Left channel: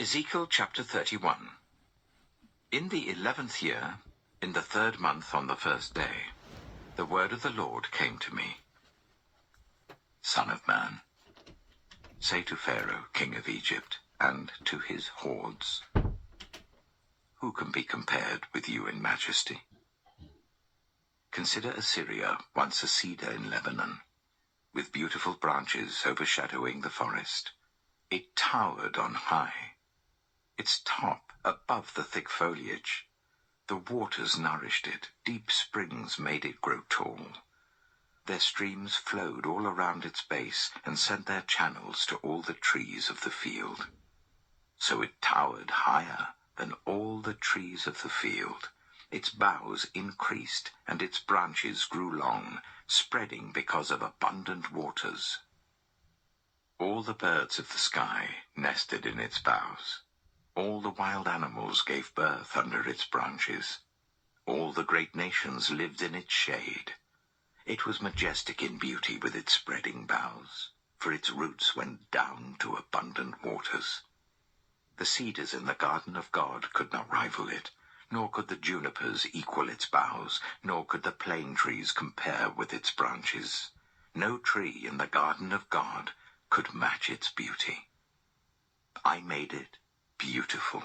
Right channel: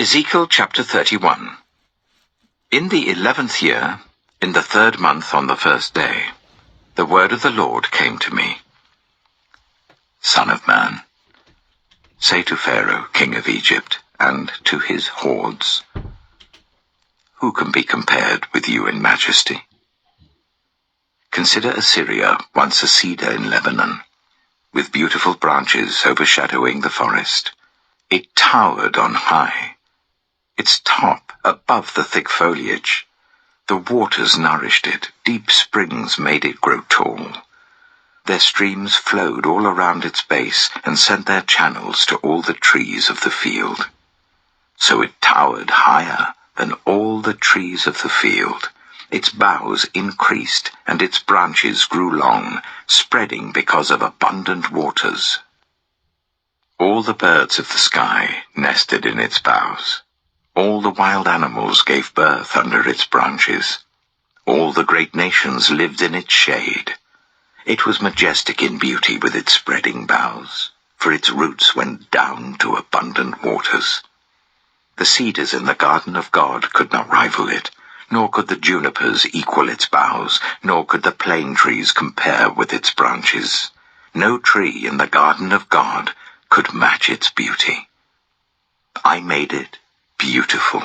Ezekiel chapter 31. In the 11th year, in the 3rd month on the 1st day, the word of the Lord came to me. Son of man, say to Pharaoh, king of Egypt, and to his hordes, who can be compared with you in majesty? Consider Assyria, once a cedar in Lebanon, with beautiful branches overshadowing the forest. It towered on high, its top above the thick foliage. The waters nourished it, deep springs made it grow tall. Their streams flowed all around its base and sent their channels to all the trees of the field. So it towered higher than all the trees of the field. Its boughs increased, and its branches grew long, spreading because of abundant waters. All the birds of the sky nested in its boughs. All the wild animals gave birth under its branches. All the great nations lived in its shade. It was majestic in beauty with its spreading boughs, for its roots went down to abundant waters. The cedars in the garden of God could not rival it, nor could the junipers equal its boughs, nor could the plane trees compare with its branches. No tree in the garden of God could match its beauty. I made it beautiful,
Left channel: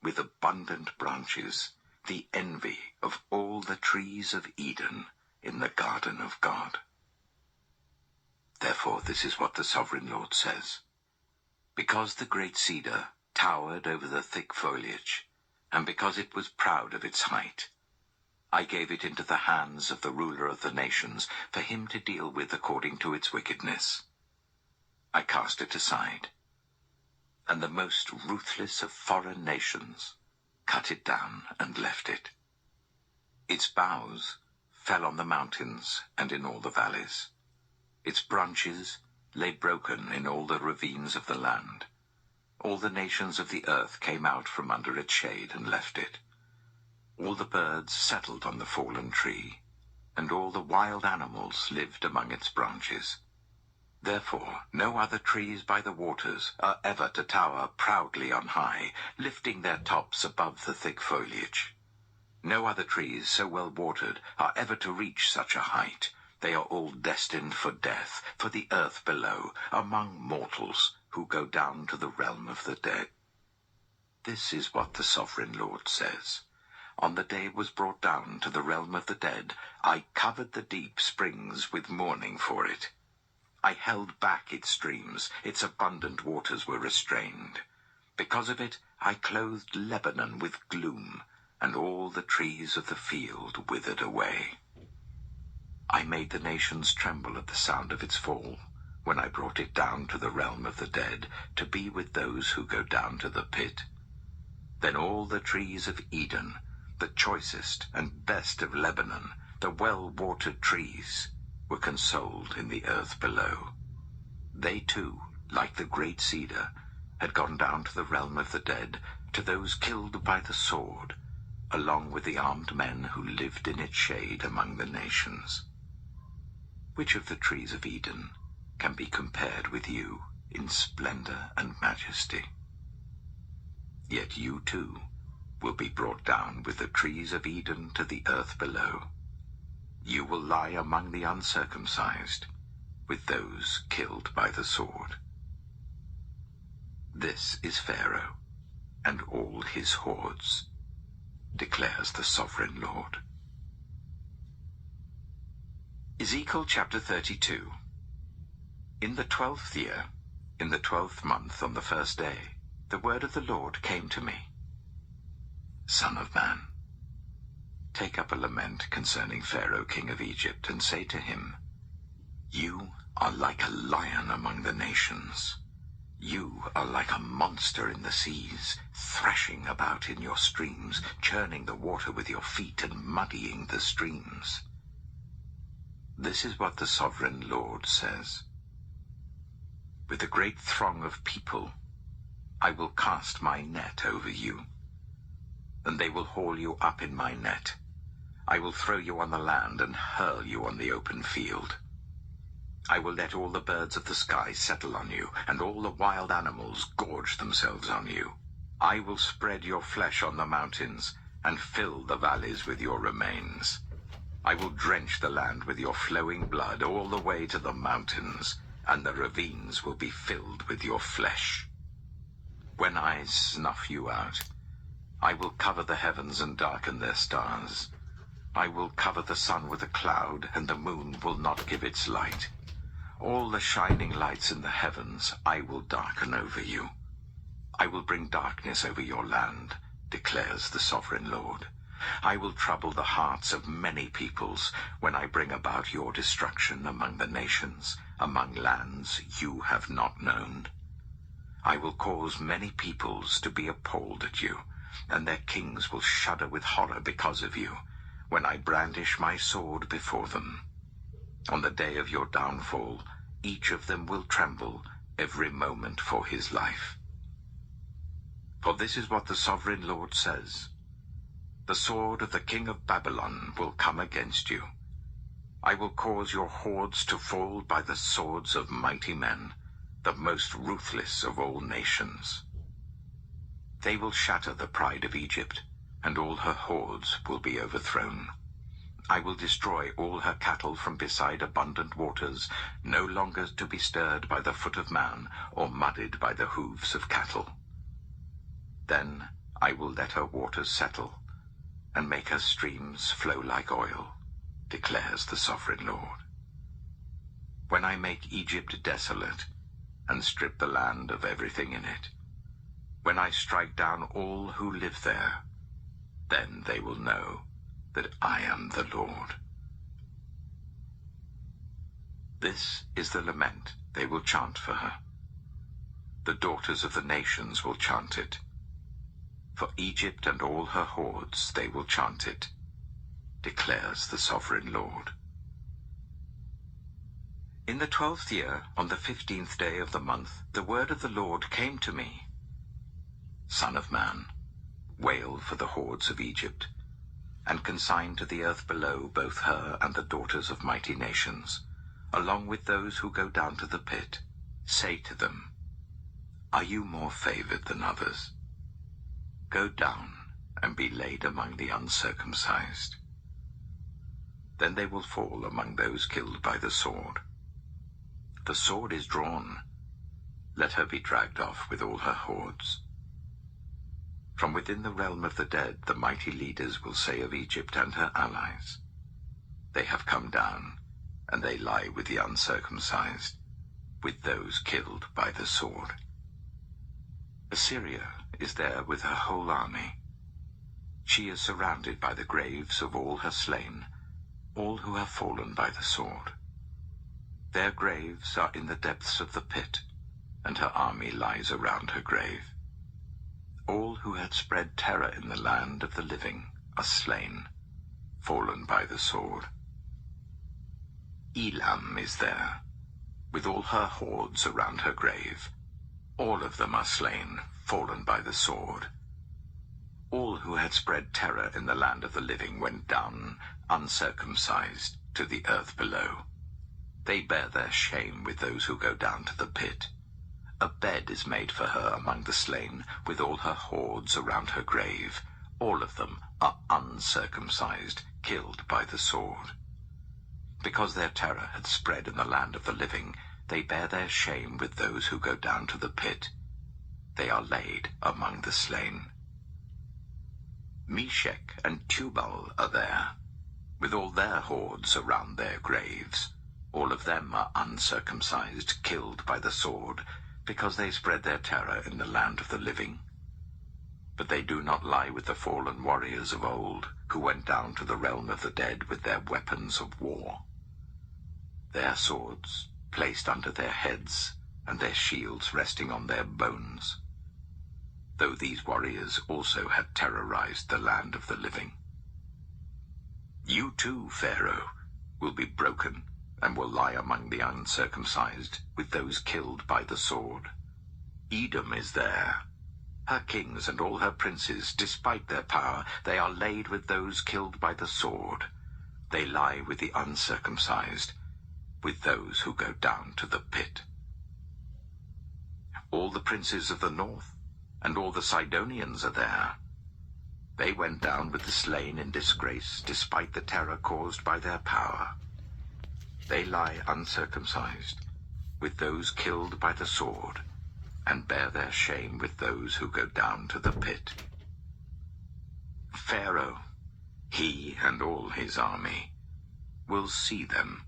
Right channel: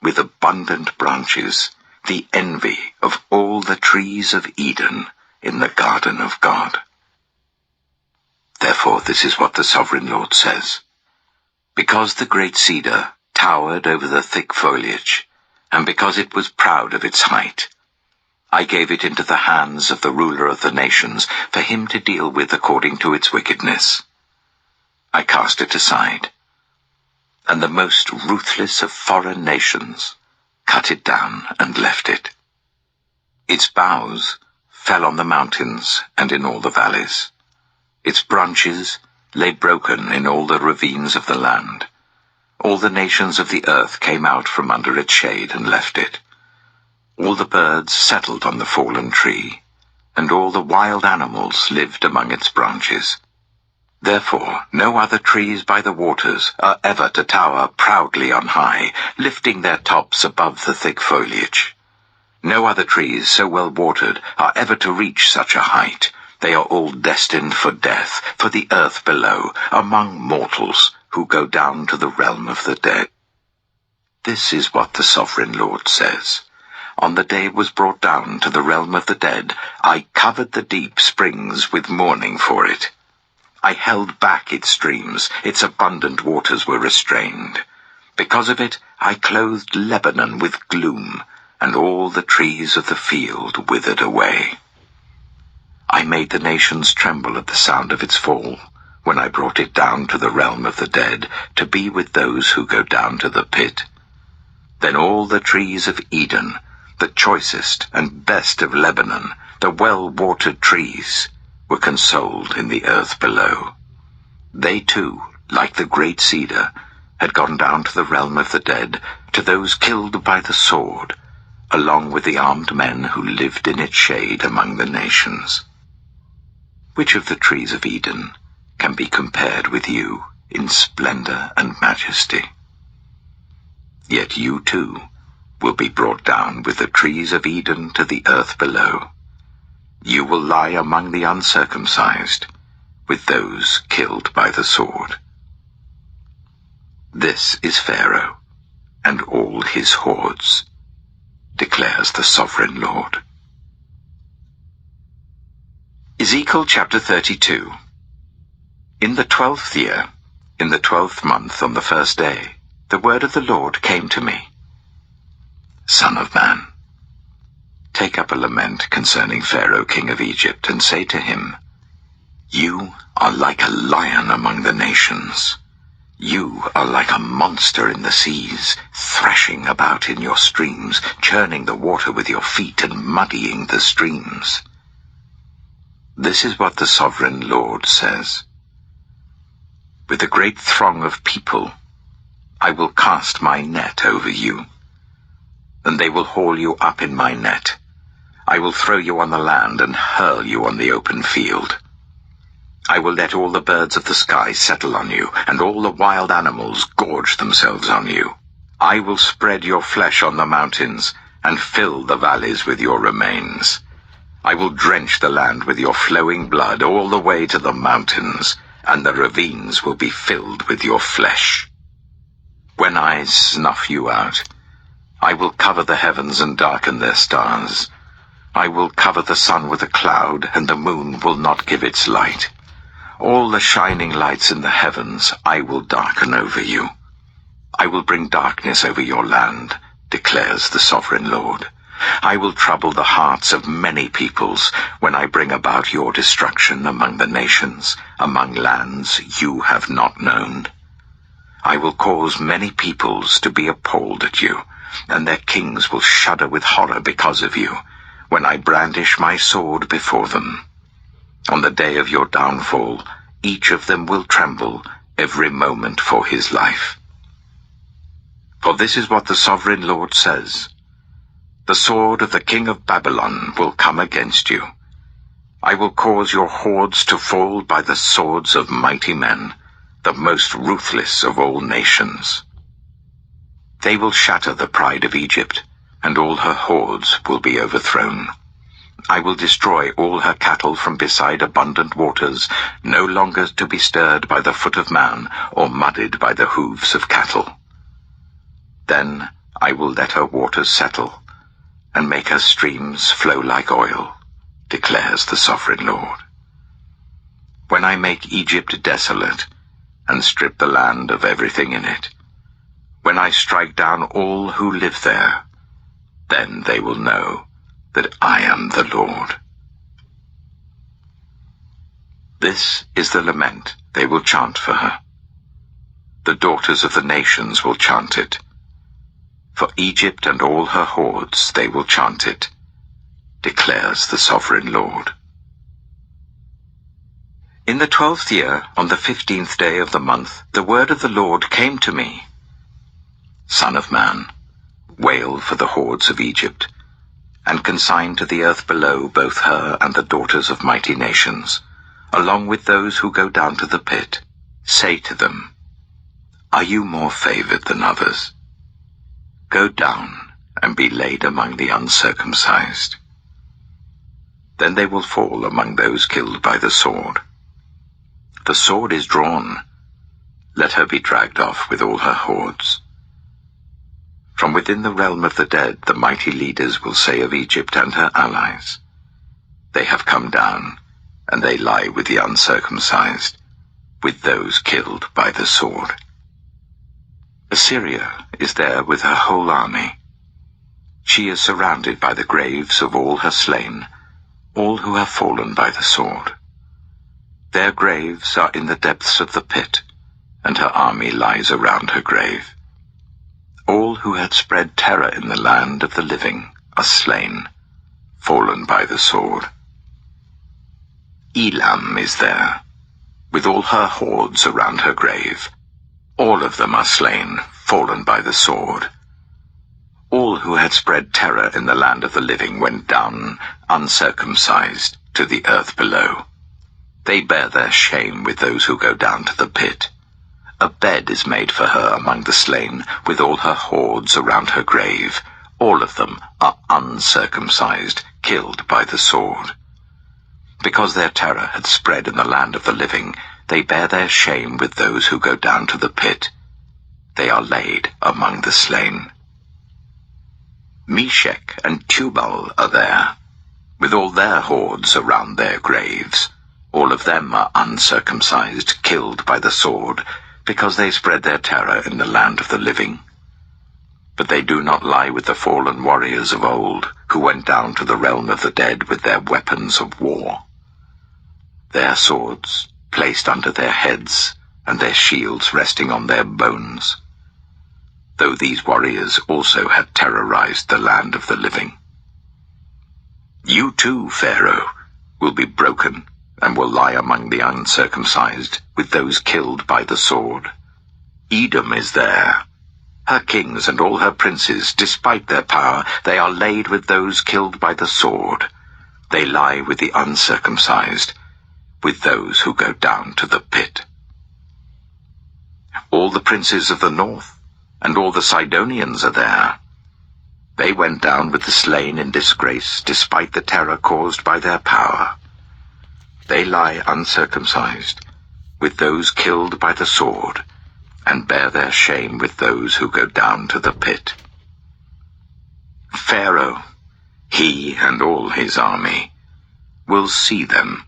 with abundant branches, the envy of all the trees of Eden in the garden of God. Therefore this is what the sovereign Lord says. Because the great cedar towered over the thick foliage, and because it was proud of its height, I gave it into the hands of the ruler of the nations, for him to deal with according to its wickedness. I cast it aside, and the most ruthless of foreign nations cut it down and left it. Its boughs fell on the mountains and in all the valleys. Its branches lay broken in all the ravines of the land. All the nations of the earth came out from under its shade and left it. All the birds settled on the fallen tree, and all the wild animals lived among its branches. Therefore no other trees by the waters are ever to tower proudly on high, lifting their tops above the thick foliage. No other trees so well watered are ever to reach such a height. They are all destined for death, for the earth below, among mortals who go down to the realm of the dead. This is what the sovereign Lord says. On the day it was brought down to the realm of the dead, I covered the deep springs with mourning for it. I held back its streams, its abundant waters were restrained. Because of it, I clothed Lebanon with gloom, and all the trees of the field withered away. I made the nations tremble at the sound of its fall, when I brought it down to the realm of the dead, to be with those who go down to the pit. Then all the trees of Eden, the choicest and best of Lebanon, the well-watered trees, were consoled in the earth below. They too, like the great cedar, had gone down to the realm of the dead, to those killed by the sword, along with the armed men who lived in its shade among the nations. Which of the trees of Eden can be compared with you in splendor and majesty? Yet you too will be brought down with the trees of Eden to the earth below. You will lie among the uncircumcised, with those killed by the sword. This is Pharaoh and all his hordes, declares the sovereign Lord. Ezekiel chapter 32. In the 12th year, in the 12th month on the 1st day, the word of the Lord came to me. Son of man, take up a lament concerning Pharaoh king of Egypt, and say to him, You are like a lion among the nations. You are like a monster in the seas, thrashing about in your streams, churning the water with your feet and muddying the streams. This is what the sovereign Lord says. With a great throng of people, I will cast my net over you, and they will haul you up in my net. I will throw you on the land and hurl you on the open field. I will let all the birds of the sky settle on you, and all the wild animals gorge themselves on you. I will spread your flesh on the mountains, and fill the valleys with your remains. I will drench the land with your flowing blood all the way to the mountains, and the ravines will be filled with your flesh. When I snuff you out, I will cover the heavens and darken their stars. I will cover the sun with a cloud, and the moon will not give its light. All the shining lights in the heavens I will darken over you. I will bring darkness over your land, declares the sovereign Lord. I will trouble the hearts of many peoples when I bring about your destruction among the nations, among lands you have not known. I will cause many peoples to be appalled at you, and their kings will shudder with horror because of you, when I brandish my sword before them. On the day of your downfall, each of them will tremble every moment for his life. For this is what the sovereign Lord says: the sword of the king of Babylon will come against you. I will cause your hordes to fall by the swords of mighty men, the most ruthless of all nations. They will shatter the pride of Egypt, and all her hordes will be overthrown. I will destroy all her cattle from beside abundant waters, no longer to be stirred by the foot of man, or muddied by the hooves of cattle. Then I will let her waters settle, and make her streams flow like oil, declares the sovereign Lord. When I make Egypt desolate, and strip the land of everything in it, when I strike down all who live there, then they will know that I am the Lord. This is the lament they will chant for her. The daughters of the nations will chant it. For Egypt and all her hordes they will chant it, declares the sovereign Lord. In the 12th year, on the 15th day of the month, the word of the Lord came to me. Son of man, wail for the hordes of Egypt, and consign to the earth below both her and the daughters of mighty nations, along with those who go down to the pit. Say to them, are you more favored than others? Go down and be laid among the uncircumcised. Then they will fall among those killed by the sword. The sword is drawn. Let her be dragged off with all her hordes. From within the realm of the dead, the mighty leaders will say of Egypt and her allies, they have come down, and they lie with the uncircumcised, with those killed by the sword. Assyria is there with her whole army. She is surrounded by the graves of all her slain, all who have fallen by the sword. Their graves are in the depths of the pit, and her army lies around her grave. All who had spread terror in the land of the living are slain, fallen by the sword. Elam is there, with all her hordes around her grave. All of them are slain, fallen by the sword. All who had spread terror in the land of the living went down, uncircumcised, to the earth below. They bear their shame with those who go down to the pit. A bed is made for her among the slain, with all her hordes around her grave. All of them are uncircumcised, killed by the sword. Because their terror had spread in the land of the living, they bear their shame with those who go down to the pit. They are laid among the slain. Meshech and Tubal are there, with all their hordes around their graves. All of them are uncircumcised, killed by the sword, because they spread their terror in the land of the living. But they do not lie with the fallen warriors of old, who went down to the realm of the dead with their weapons of war. Their swords placed under their heads, and their shields resting on their bones, though these warriors also had terrorized the land of the living. You too, Pharaoh, will be broken, and will lie among the uncircumcised, with those killed by the sword. Edom is there. Her kings and all her princes, despite their power, they are laid with those killed by the sword. They lie with the uncircumcised, with those who go down to the pit. All the princes of the north and all the Sidonians are there. They went down with the slain in disgrace, despite the terror caused by their power. They lie uncircumcised, with those killed by the sword, and bear their shame with those who go down to the pit. Pharaoh, he and all his army, will see them,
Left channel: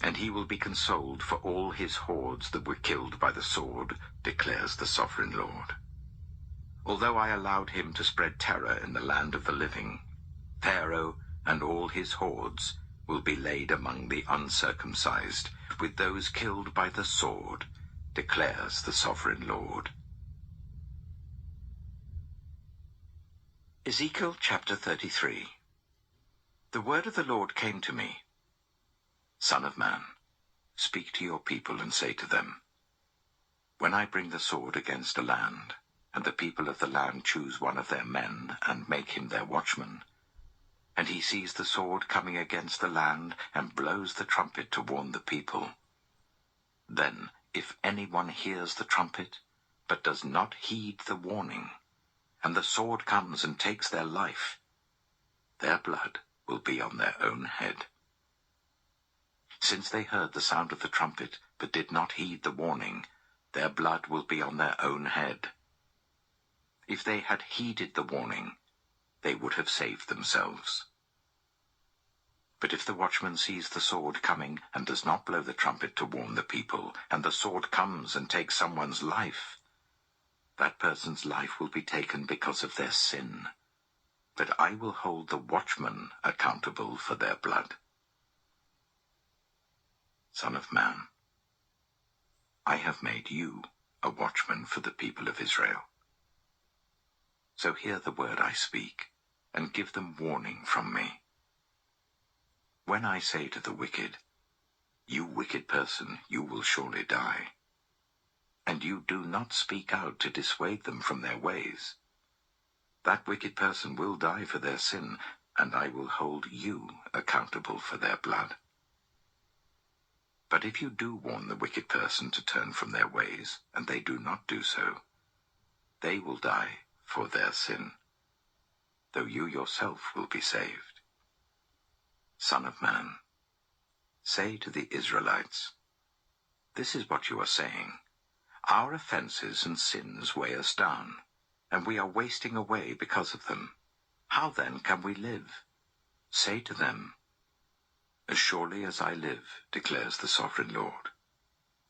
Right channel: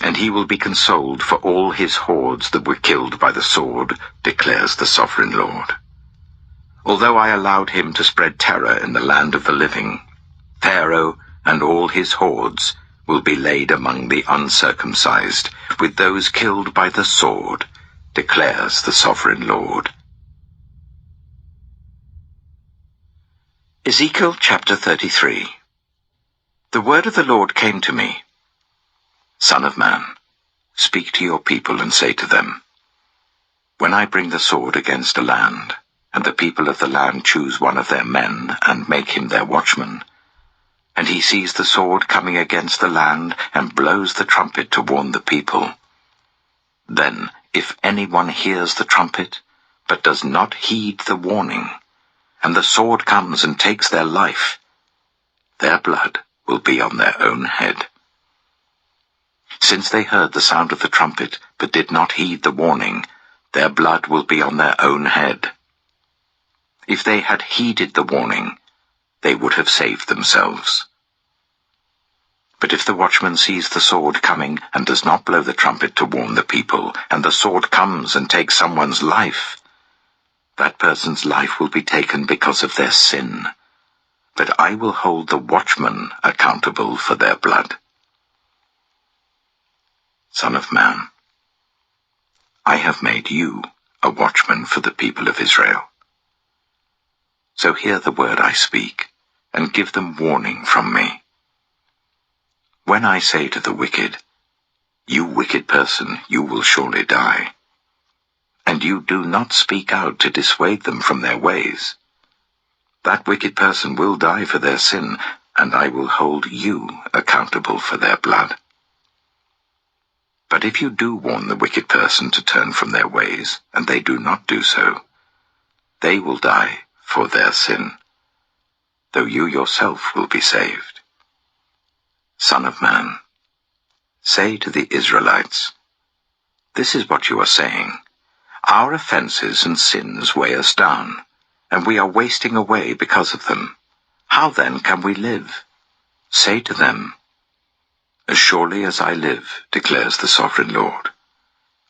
and he will be consoled for all his hordes that were killed by the sword, declares the sovereign Lord. Although I allowed him to spread terror in the land of the living, Pharaoh and all his hordes will be laid among the uncircumcised, with those killed by the sword, declares the sovereign Lord. Ezekiel chapter 33. The word of the Lord came to me. Son of man, speak to your people and say to them, when I bring the sword against a land, and the people of the land choose one of their men and make him their watchman, and he sees the sword coming against the land and blows the trumpet to warn the people, then if anyone hears the trumpet but does not heed the warning, and the sword comes and takes their life, their blood will be on their own head. Since they heard the sound of the trumpet but did not heed the warning, their blood will be on their own head. If they had heeded the warning, they would have saved themselves. But if the watchman sees the sword coming and does not blow the trumpet to warn the people, and the sword comes and takes someone's life, that person's life will be taken because of their sin. But I will hold the watchman accountable for their blood. Son of man, I have made you a watchman for the people of Israel. So hear the word I speak, and give them warning from me. When I say to the wicked, you wicked person, you will surely die, and you do not speak out to dissuade them from their ways, that wicked person will die for their sin, and I will hold you accountable for their blood. But if you do warn the wicked person to turn from their ways, and they do not do so, they will die for their sin, though you yourself will be saved. Son of man, say to the Israelites, this is what you are saying, our offenses and sins weigh us down, and we are wasting away because of them. How then can we live? Say to them, as surely as I live, declares the sovereign Lord,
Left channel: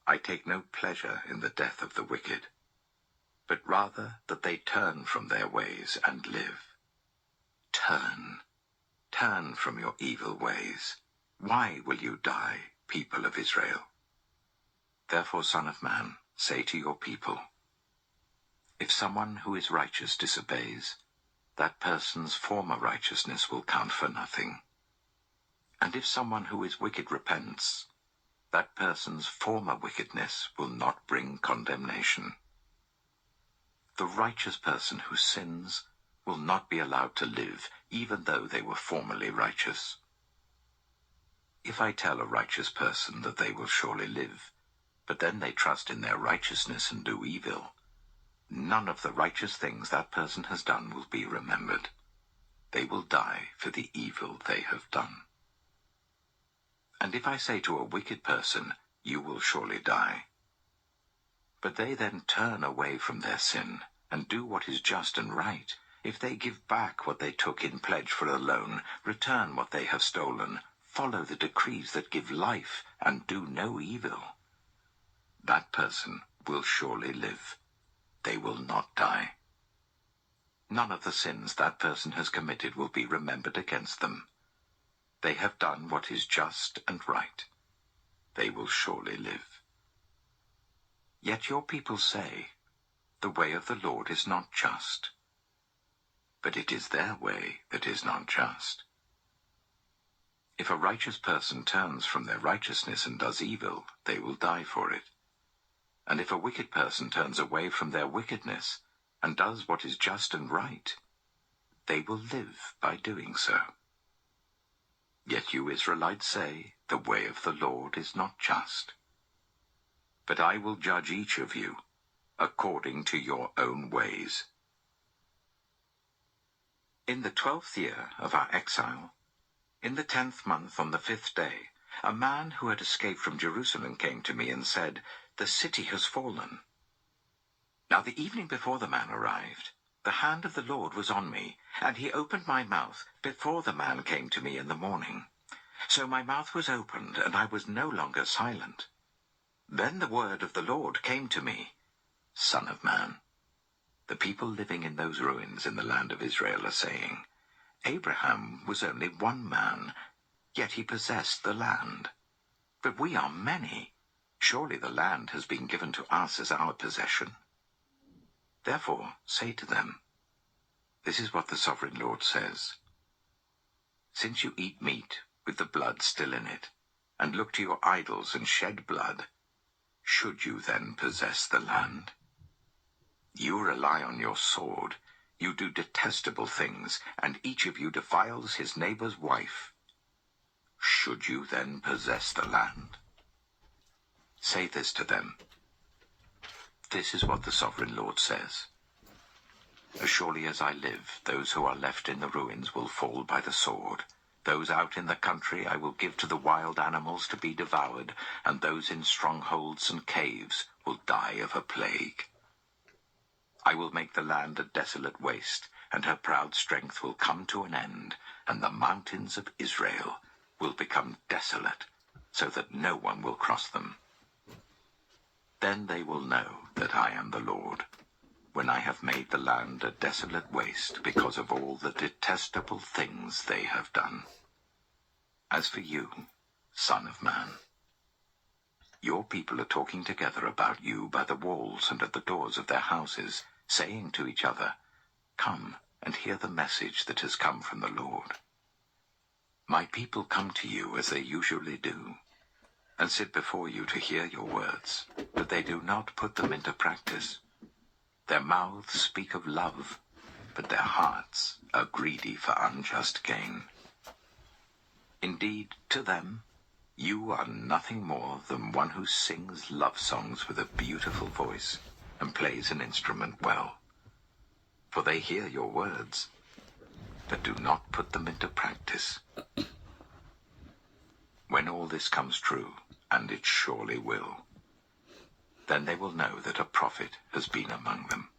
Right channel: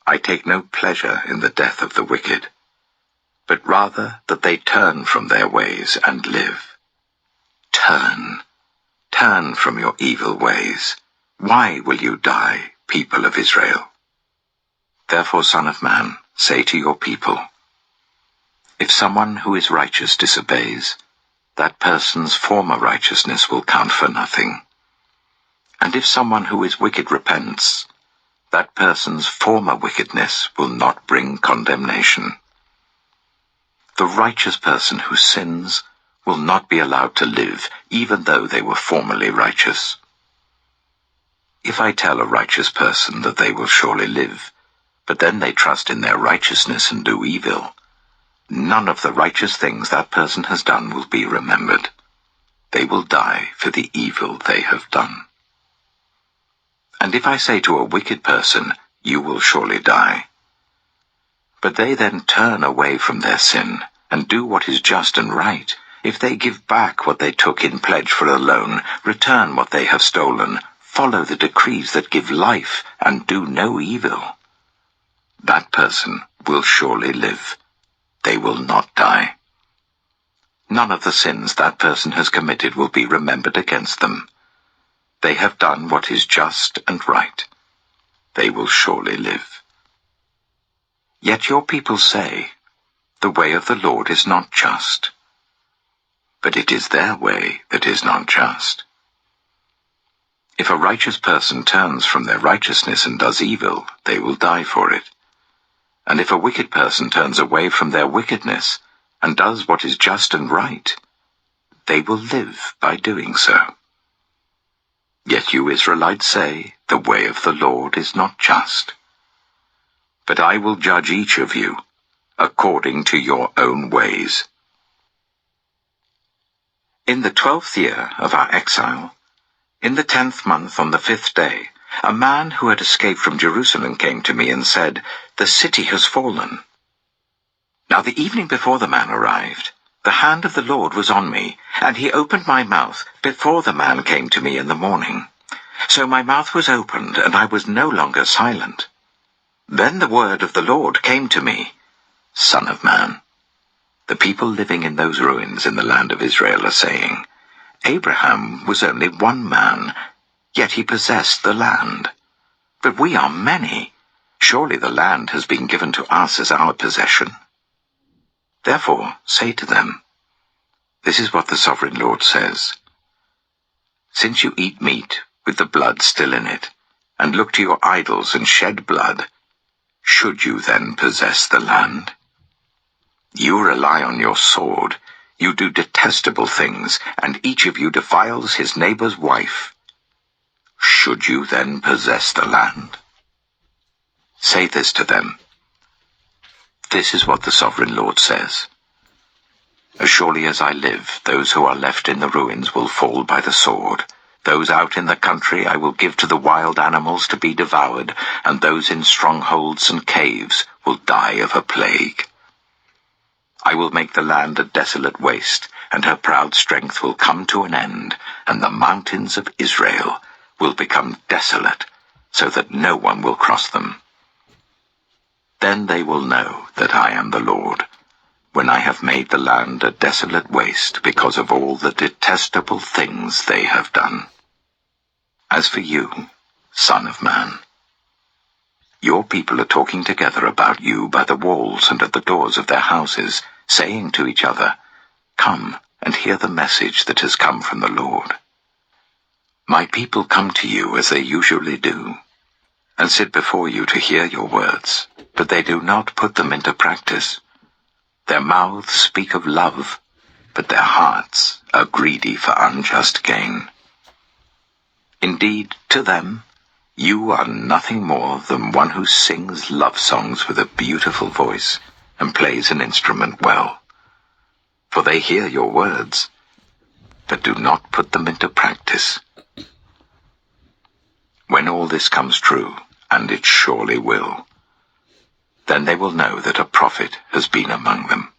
I take no pleasure in the death of the wicked, but rather that they turn from their ways and live. Turn from your evil ways. Why will you die, people of Israel? Therefore, Son of man, say to your people, if someone who is righteous disobeys, that person's former righteousness will count for nothing. And if someone who is wicked repents, that person's former wickedness will not bring condemnation. The righteous person who sins will not be allowed to live, even though they were formerly righteous. If I tell a righteous person that they will surely live, but then they trust in their righteousness and do evil, none of the righteous things that person has done will be remembered. They will die for the evil they have done. And if I say to a wicked person, you will surely die, but they then turn away from their sin and do what is just and right, if they give back what they took in pledge for a loan, return what they have stolen, follow the decrees that give life, and do no evil, that person will surely live. They will not die. None of the sins that person has committed will be remembered against them. They have done what is just and right. They will surely live. Yet your people say, the way of the Lord is not just. But it is their way that is not just. If a righteous person turns from their righteousness and does evil, they will die for it. And if a wicked person turns away from their wickedness and does what is just and right, they will live by doing so. Yet you Israelites say, the way of the Lord is not just. But I will judge each of you according to your own ways. In the 12th year of our exile, in the 10th month on the 5th day, a man who had escaped from Jerusalem came to me and said, "The city has fallen." Now the evening before the man arrived, the hand of the Lord was on me, and he opened my mouth before the man came to me in the morning. So my mouth was opened, and I was no longer silent. Then the word of the Lord came to me, "Son of man, the people living in those ruins in the land of Israel are saying, 'Abraham was only one man, yet he possessed the land. But we are many. Surely the land has been given to us as our possession.' Therefore say to them, 'This is what the sovereign Lord says. Since you eat meat with the blood still in it, and look to your idols and shed blood, should you then possess the land? You rely on your sword, you do detestable things, and each of you defiles his neighbor's wife. Should you then possess the land? Say this to them, 'This is what the sovereign Lord says. As surely as I live, those who are left in the ruins will fall by the sword. Those out in the country I will give to the wild animals to be devoured, and those in strongholds and caves will die of a plague. I will make the land a desolate waste, and her proud strength will come to an end, and the mountains of Israel will become desolate, so that no one will cross them. Then they will know that I am the Lord, when I have made the land a desolate waste because of all the detestable things they have done. As for you, son of man, your people are talking together about you by the walls and at the doors of their houses, saying to each other, 'Come and hear the message that has come from the Lord.' My people come to you as they usually do, and sit before you to hear your words, but they do not put them into practice. Their mouths speak of love, but their hearts are greedy for unjust gain. Indeed, to them, you are nothing more than one who sings love songs with a beautiful voice and plays an instrument well. For they hear your words, but do not put them into practice. When all this comes true, and it surely will, then they will know that a prophet has been among them."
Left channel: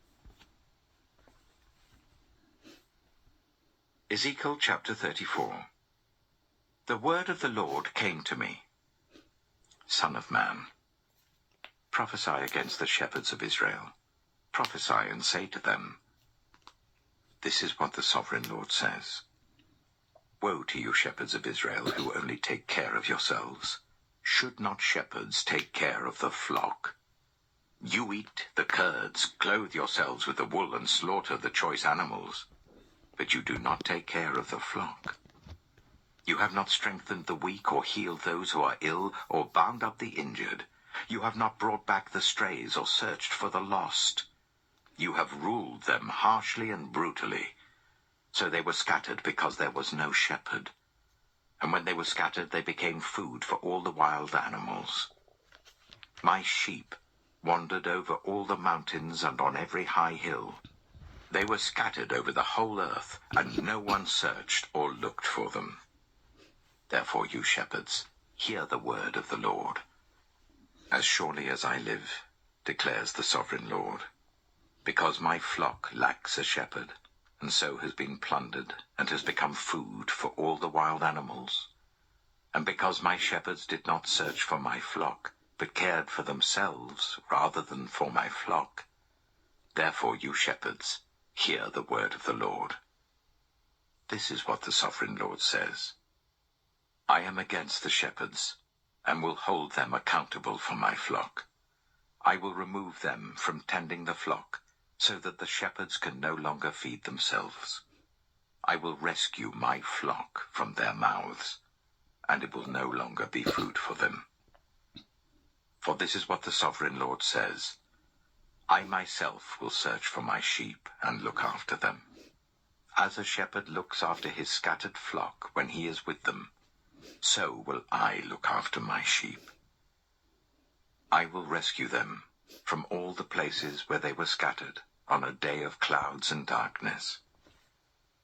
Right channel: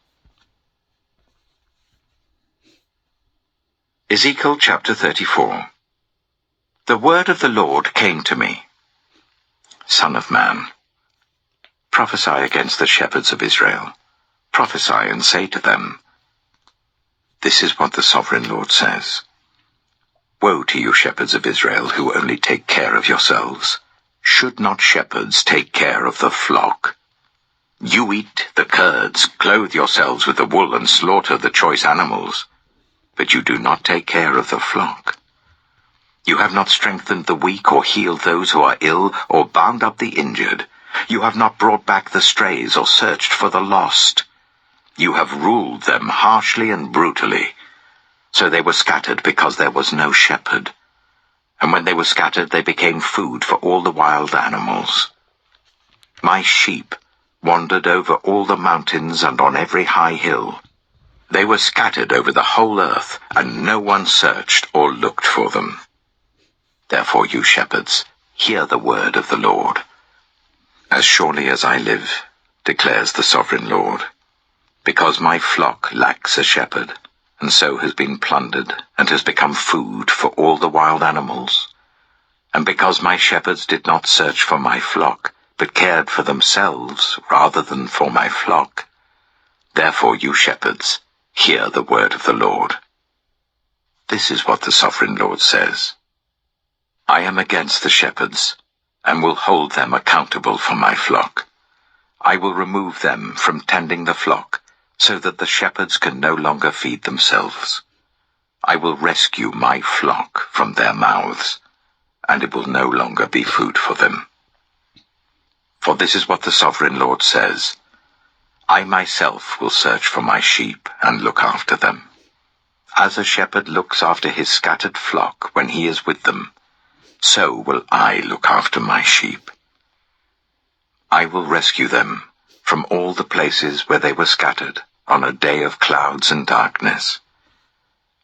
Ezekiel chapter 34. The word of the Lord came to me. Son of man, prophesy against the shepherds of Israel. Prophesy and say to them, "This is what the sovereign Lord says. Woe to you shepherds of Israel who only take care of yourselves. Should not shepherds take care of the flock? You eat the curds, clothe yourselves with the wool, and slaughter the choice animals, but you do not take care of the flock. You have not strengthened the weak or healed those who are ill or bound up the injured. You have not brought back the strays or searched for the lost. You have ruled them harshly and brutally. So they were scattered because there was no shepherd. And when they were scattered, they became food for all the wild animals. My sheep wandered over all the mountains and on every high hill. They were scattered over the whole earth, and no one searched or looked for them. Therefore, you shepherds, hear the word of the Lord. As surely as I live, declares the sovereign Lord, because my flock lacks a shepherd, and so has been plundered, and has become food for all the wild animals, and because my shepherds did not search for my flock, but cared for themselves rather than for my flock, therefore, you shepherds, hear the word of the Lord. This is what the sovereign Lord says. I am against the shepherds, and will hold them accountable for my flock. I will remove them from tending the flock, so that the shepherds can no longer feed themselves. I will rescue my flock from their mouths, and it will no longer be food for them. For this is what the sovereign Lord says, I myself will search for my sheep and look after them. As a shepherd looks after his scattered flock when he is with them, so will I look after my sheep. I will rescue them from all the places where they were scattered on a day of clouds and darkness.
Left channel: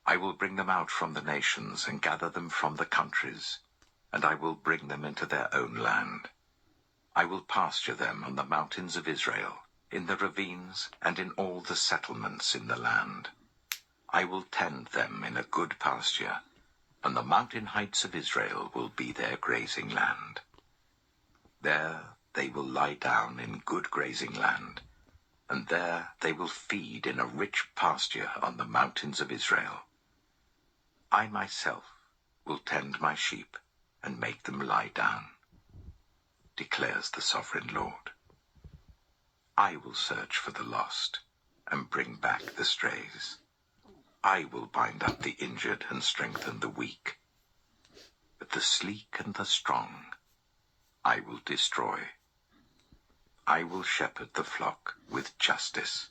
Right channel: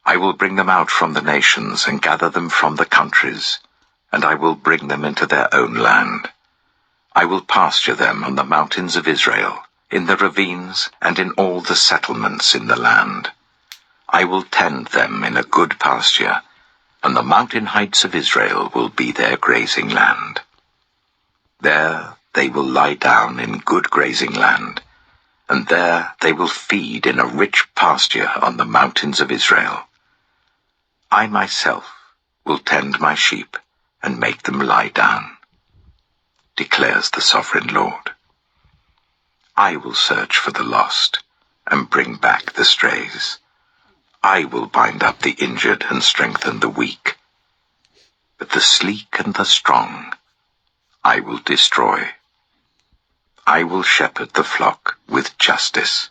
I will bring them out from the nations and gather them from the countries, and I will bring them into their own land. I will pasture them on the mountains of Israel, in the ravines and in all the settlements in the land. I will tend them in a good pasture, and the mountain heights of Israel will be their grazing land. There they will lie down in good grazing land, and there they will feed in a rich pasture on the mountains of Israel. I myself will tend my sheep and make them lie down, declares the sovereign Lord. I will search for the lost and bring back the strays. I will bind up the injured and strengthen the weak. But the sleek and the strong I will destroy. I will shepherd the flock with justice.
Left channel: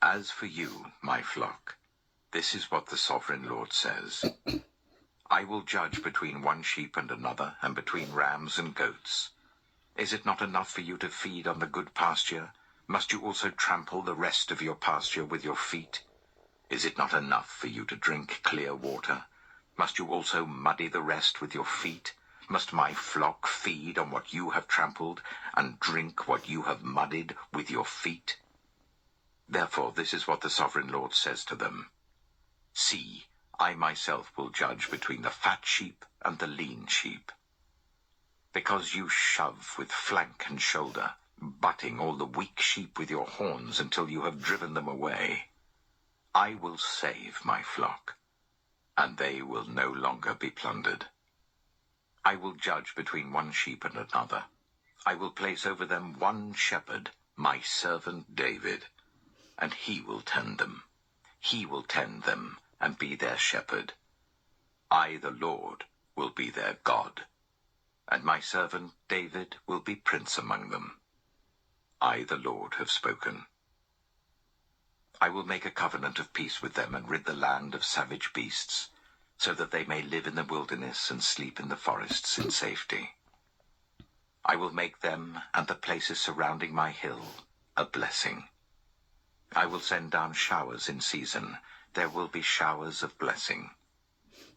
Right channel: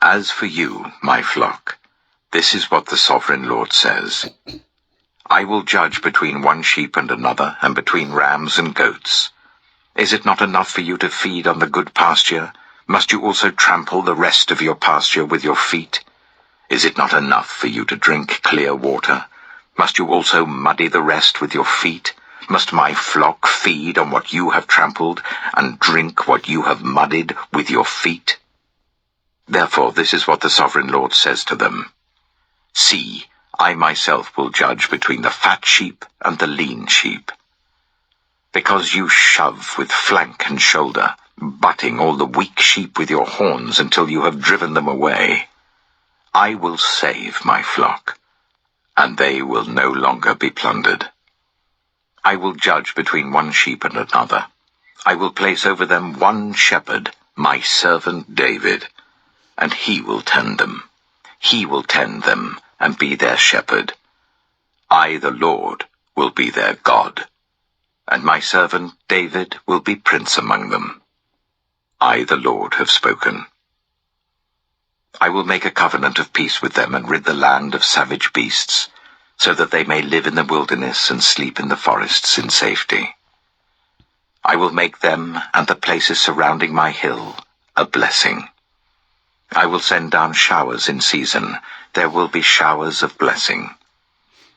As for you, my flock, this is what the sovereign Lord says. I will judge between one sheep and another, and between rams and goats. Is it not enough for you to feed on the good pasture? Must you also trample the rest of your pasture with your feet? Is it not enough for you to drink clear water? Must you also muddy the rest with your feet? Must my flock feed on what you have trampled, and drink what you have muddied with your feet? Therefore this is what the sovereign Lord says to them. See, I myself will judge between the fat sheep and the lean sheep. Because you shove with flank and shoulder, butting all the weak sheep with your horns until you have driven them away, I will save my flock, and they will no longer be plundered. I will judge between one sheep and another. I will place over them one shepherd, my servant David, and he will tend them. He will tend them and be their shepherd. I, the Lord, will be their God, and my servant David will be prince among them. I, the Lord, have spoken. I will make a covenant of peace with them and rid the land of savage beasts, so that they may live in the wilderness and sleep in the forests in safety. I will make them and the places surrounding my hill a blessing. I will send down showers in season. There will be showers of blessing.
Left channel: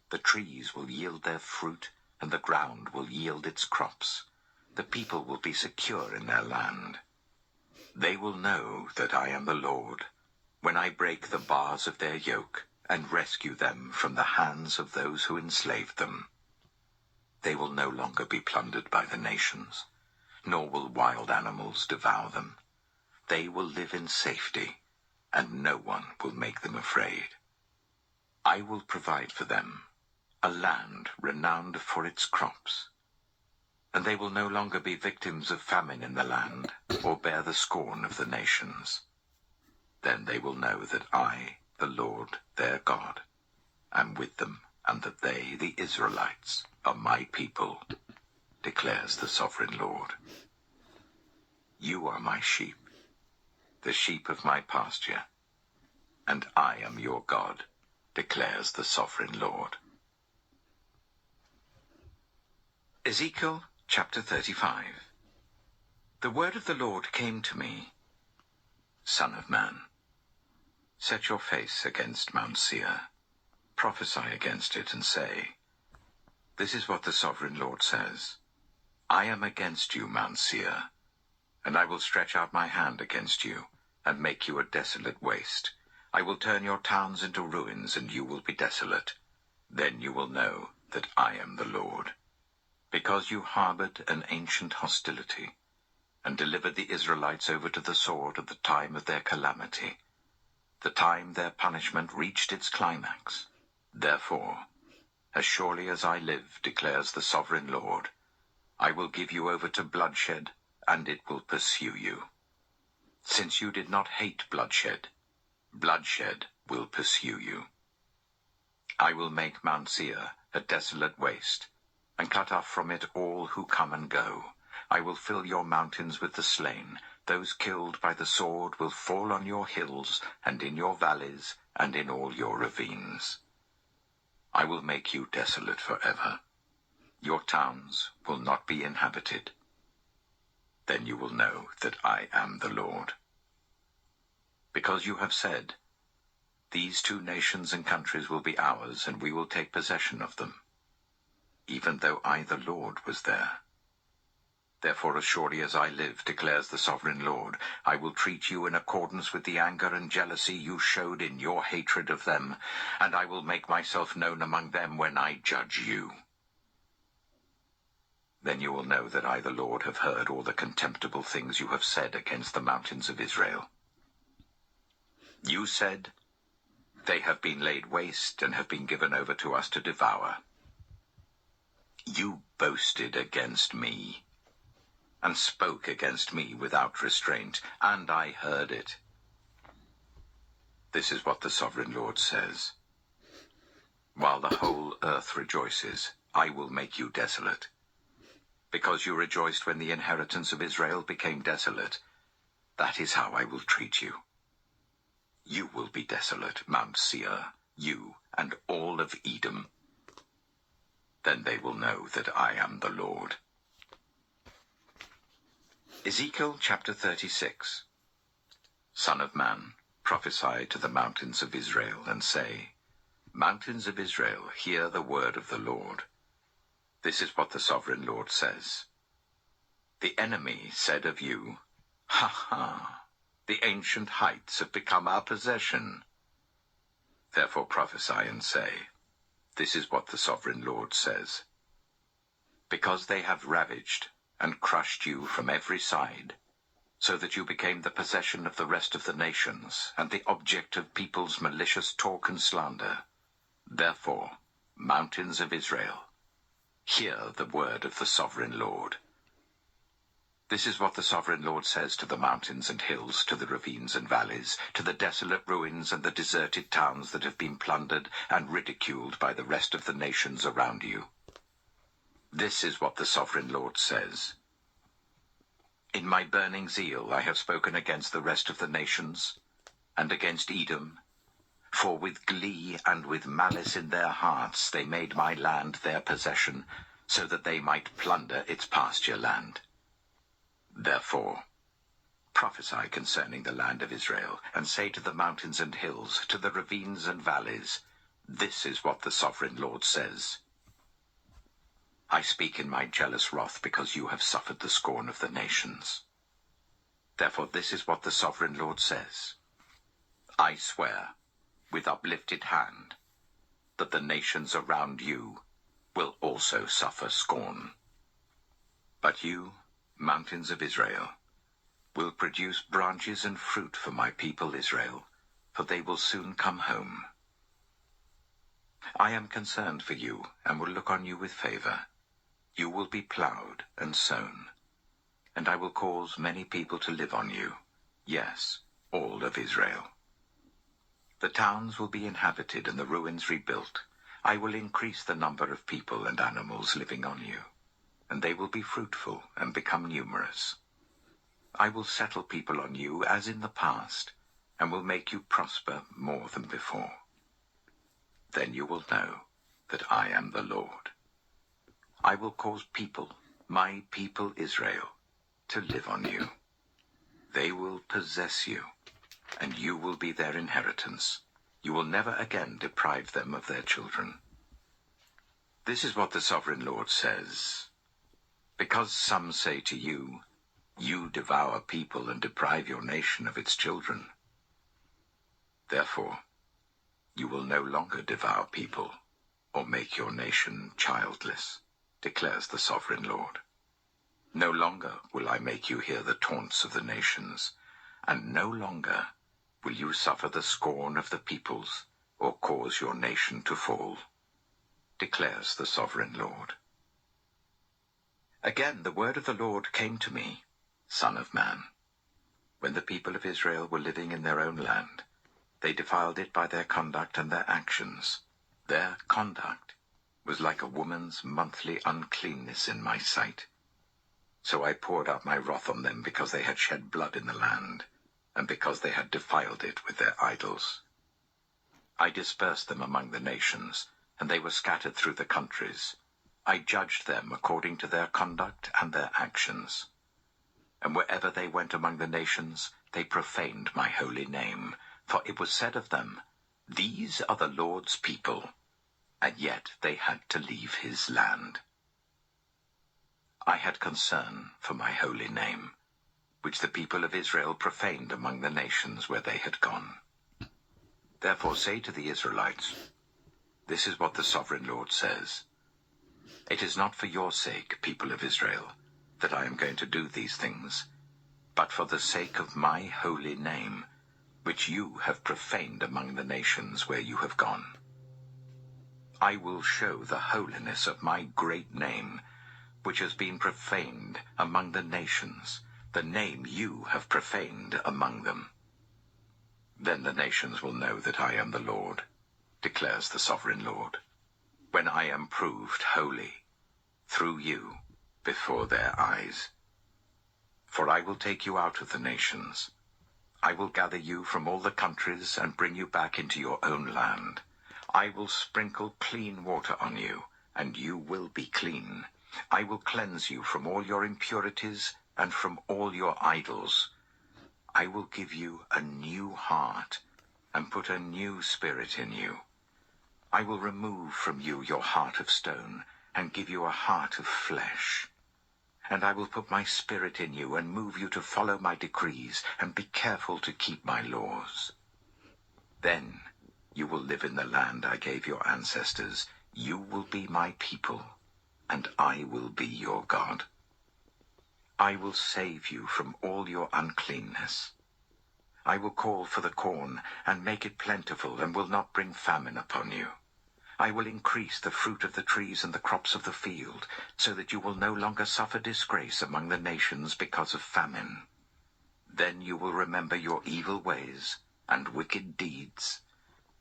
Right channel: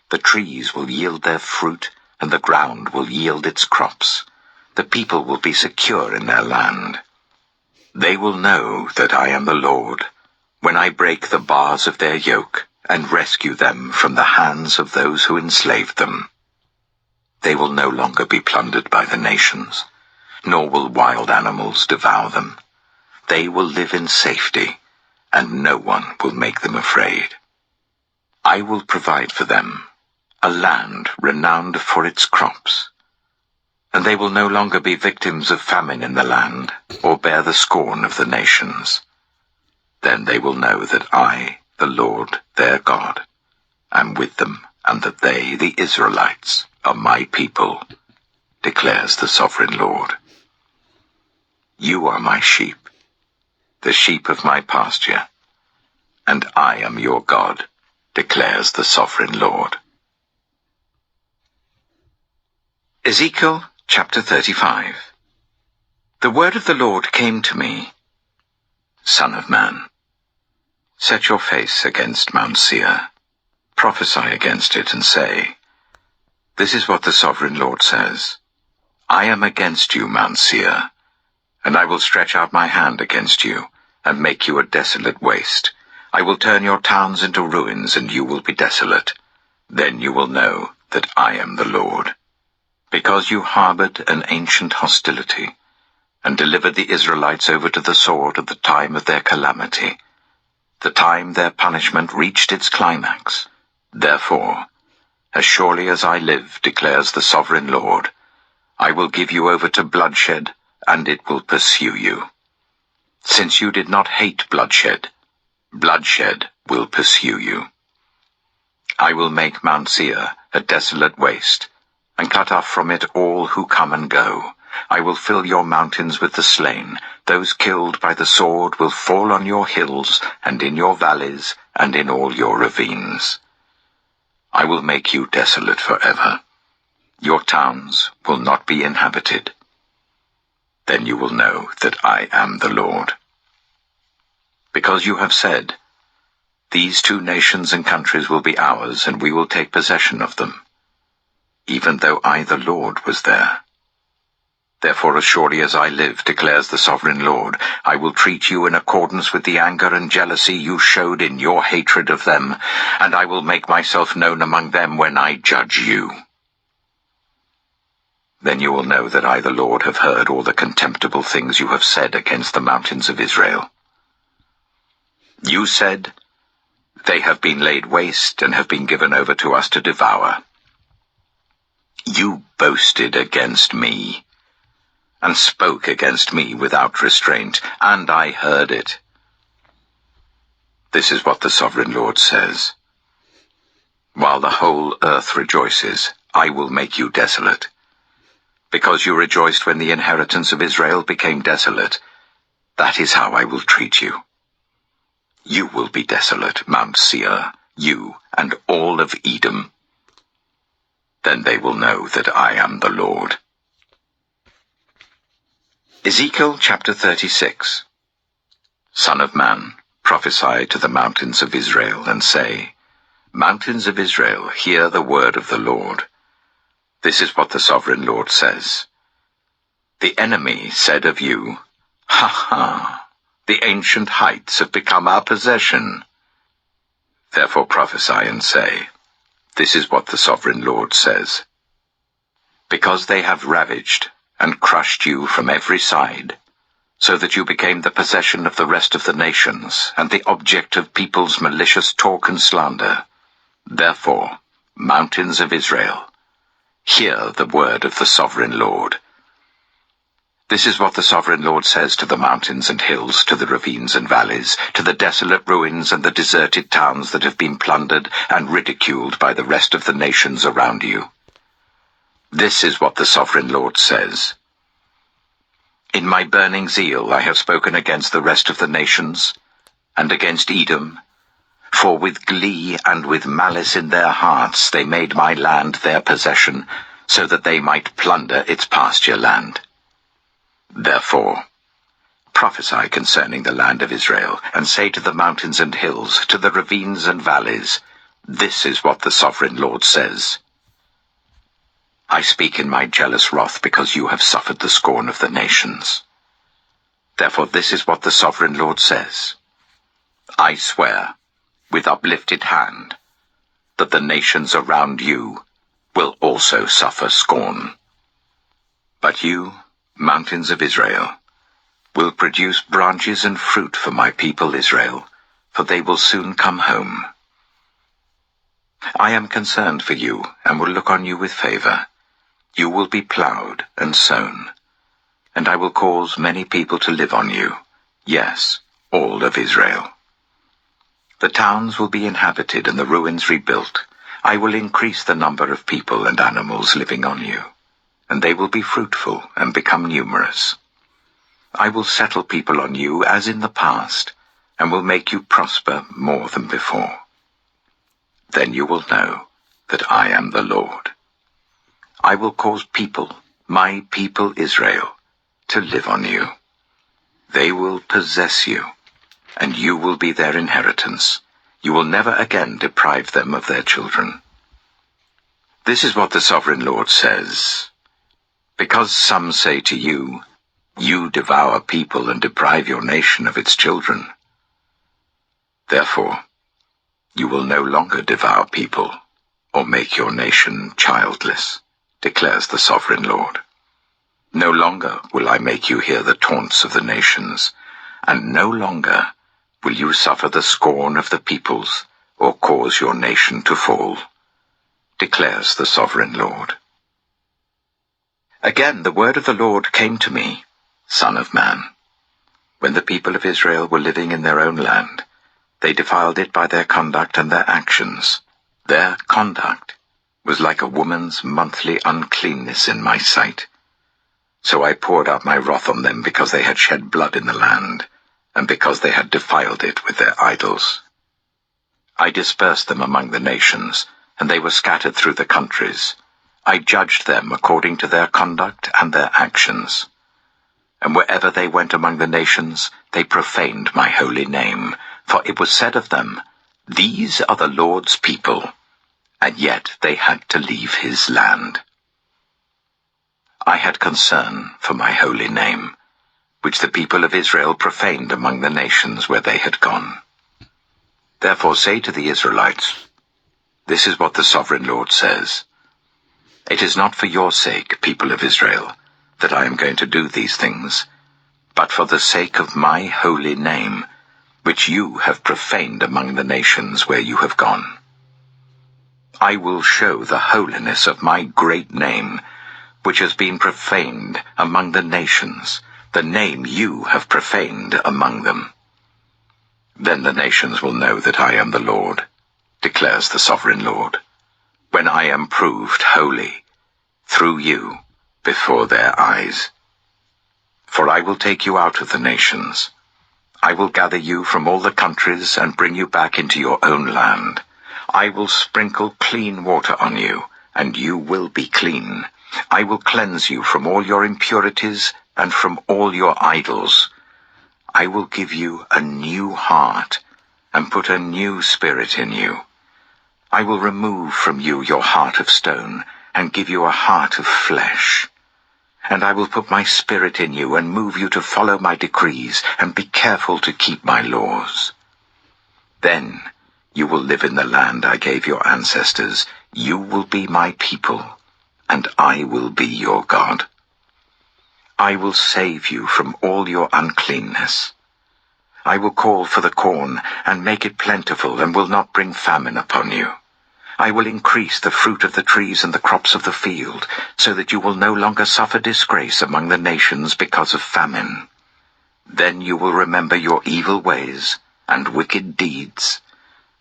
The trees will yield their fruit, and the ground will yield its crops. The people will be secure in their land. They will know that I am the Lord, when I break the bars of their yoke and rescue them from the hands of those who enslaved them. They will no longer be plundered by the nations, nor will wild animals devour them. They will live in safety, and no one will make them afraid. I will provide for them a land renowned for its crops, and they will no longer be victims of famine in the land, or bear the scorn of the nations. Then they will know that I, the Lord, their God, am with them, and that they, the Israelites, are my people, declares the sovereign Lord. You are my sheep, the sheep of my pasture, and I am your God, declares the sovereign Lord. Ezekiel chapter 35. The word of the Lord came to me. Son of man, set your face against Mount Seir, prophesy against it, and say, This is what the sovereign Lord says. I am against you, Mount Seir, and I will stretch out my hand against you, and make you a desolate waste. I will turn your towns into ruins, and you will be desolate. Then you will know that I am the Lord. Because you harbored an ancient hostility, and delivered the Israelites over to the sword at the time of their calamity, the time their punishment reached its climax. Therefore, as surely as I live, declares the sovereign Lord, I will give you over to bloodshed, and it will pursue you. Since you did not hate bloodshed, bloodshed will pursue you. I will make Mount Seir a desolate waste, and cut off from it all who come and go. I will fill your mountains with the slain. Those killed by the sword will fall on your hills, and in your valleys, and in all your ravines. I will make you desolate forever. Your towns will not be inhabited. Then you will know that I am the Lord. Because you have said, these 2 nations and countries will be ours, and we will take possession of them, even though I, the Lord, was there. Therefore, as surely as I live, declares the sovereign Lord, I will treat you in accordance with the anger and jealousy you showed in your hatred of them, and I will make myself known among them when I judge you. Then you will know that I, the Lord, have heard all the contemptible things you have said against the mountains of Israel. You said, they have been laid waste and have been given over to us to devour. You boasted against me, and spoke against me without restraint, and I heard it. This is what the sovereign Lord says. While the whole earth rejoices, I will make you desolate. Because you rejoiced when the inheritance of Israel became desolate, that is how I will treat you. You will be desolate, Mount Seir, you and all of Edom. Then they will know that I am the Lord. Ezekiel chapter 36. Son of man, prophesy to the mountains of Israel, and say, Mountains of Israel, hear the word of the Lord. This is what the sovereign Lord says. The enemy said of you, Ha ha! The ancient heights have become our possession. Therefore prophesy and say, This is what the sovereign Lord says. Because they have ravaged and crushed you from every side, so that you became the possession of the rest of the nations, and the object of people's malicious talk and slander. Therefore, mountains of Israel, hear the word of the sovereign Lord. This is what the sovereign Lord says to the mountains and hills, to the ravines and valleys, to the desolate ruins and the deserted towns that have been plundered and ridiculed by the rest of the nations around you. This is what the sovereign Lord says. In my burning zeal I have spoken against the rest of the nations, and against Edom, for with glee and with malice in their hearts they made my land their possession, so that they might plunder its pasture land. Therefore, prophesy concerning the land of Israel, and say to the mountains and hills, to the ravines and valleys, This is what the sovereign Lord says. I speak in my jealous wrath because you have suffered the scorn of the nations. Therefore this is what the sovereign Lord says. I swear, with uplifted hand, that the nations around you will also suffer scorn. But you, mountains of Israel, will produce branches and fruit for my people Israel, for they will soon come home. I am concerned for you, and will look on you with favor. You will be plowed and sown, and I will cause many people to live on you, yes, all of Israel. The towns will be inhabited and the ruins rebuilt. I will increase the number of people and animals living on you, and they will be fruitful and become numerous. I will settle people on you as in the past, and will make you prosper more than before. Then you will know that I am the Lord. I will cause people, my people Israel, to live on you. They will possess you, and you will be their inheritance. You will never again deprive them of their children. This is what the sovereign Lord says. Because some say to you, You devour people and deprive your nation of its children. Therefore, you will no longer devour people or make your nation childless, declares the sovereign Lord. No longer will I make you hear the taunts of the nations, and no longer will you suffer the scorn of the peoples or cause your nation to fall, declares the sovereign Lord. Again the word of the Lord came to me, Son of man. When the people of Israel were living in their own land, they defiled it by their conduct and their actions. Their conduct was like a woman's monthly uncleanness in my sight. So I poured out my wrath on them because they had shed blood in the land, and because they had defiled it with their idols. I dispersed them among the nations, and they were scattered through the countries, I judged them according to their conduct and their actions. And wherever they went among the nations, they profaned my holy name. For it was said of them, 'These are the Lord's people,' and yet they had to leave his land. I had concern for my holy name, which the people of Israel profaned among the nations where they had gone. Therefore say to the Israelites, 'This is what the sovereign Lord says. It is not for your sake, people of Israel, that I am going to do these things, but for the sake of my holy name, which you have profaned among the nations where you have gone. I will show the holiness of my great name, which has been profaned among the nations, the name you have profaned among them. Then the nations will know that I am the Lord, declares the sovereign Lord, when I am proved holy through you before their eyes. For I will take you out of the nations. I will gather you from all the countries and bring you back into your own land. I will sprinkle clean water on you, and you will be clean. I will cleanse you from all your impurities and from all your idols. I will give you a new heart and put a new spirit in you. I will remove from you your heart of stone and give you a heart of flesh. And I will put my spirit in you and move you to follow my decrees and be careful to keep my laws. Then you will live in the land I gave your ancestors. You will be my people, and I will be your God. I will save you from all your uncleanness. I will call for the corn and make it plentiful and will not bring famine upon you. I will increase the fruit of the trees and the crops of the field, so that you will no longer suffer disgrace among the nations because of famine. Then you will remember your evil ways and wicked deeds,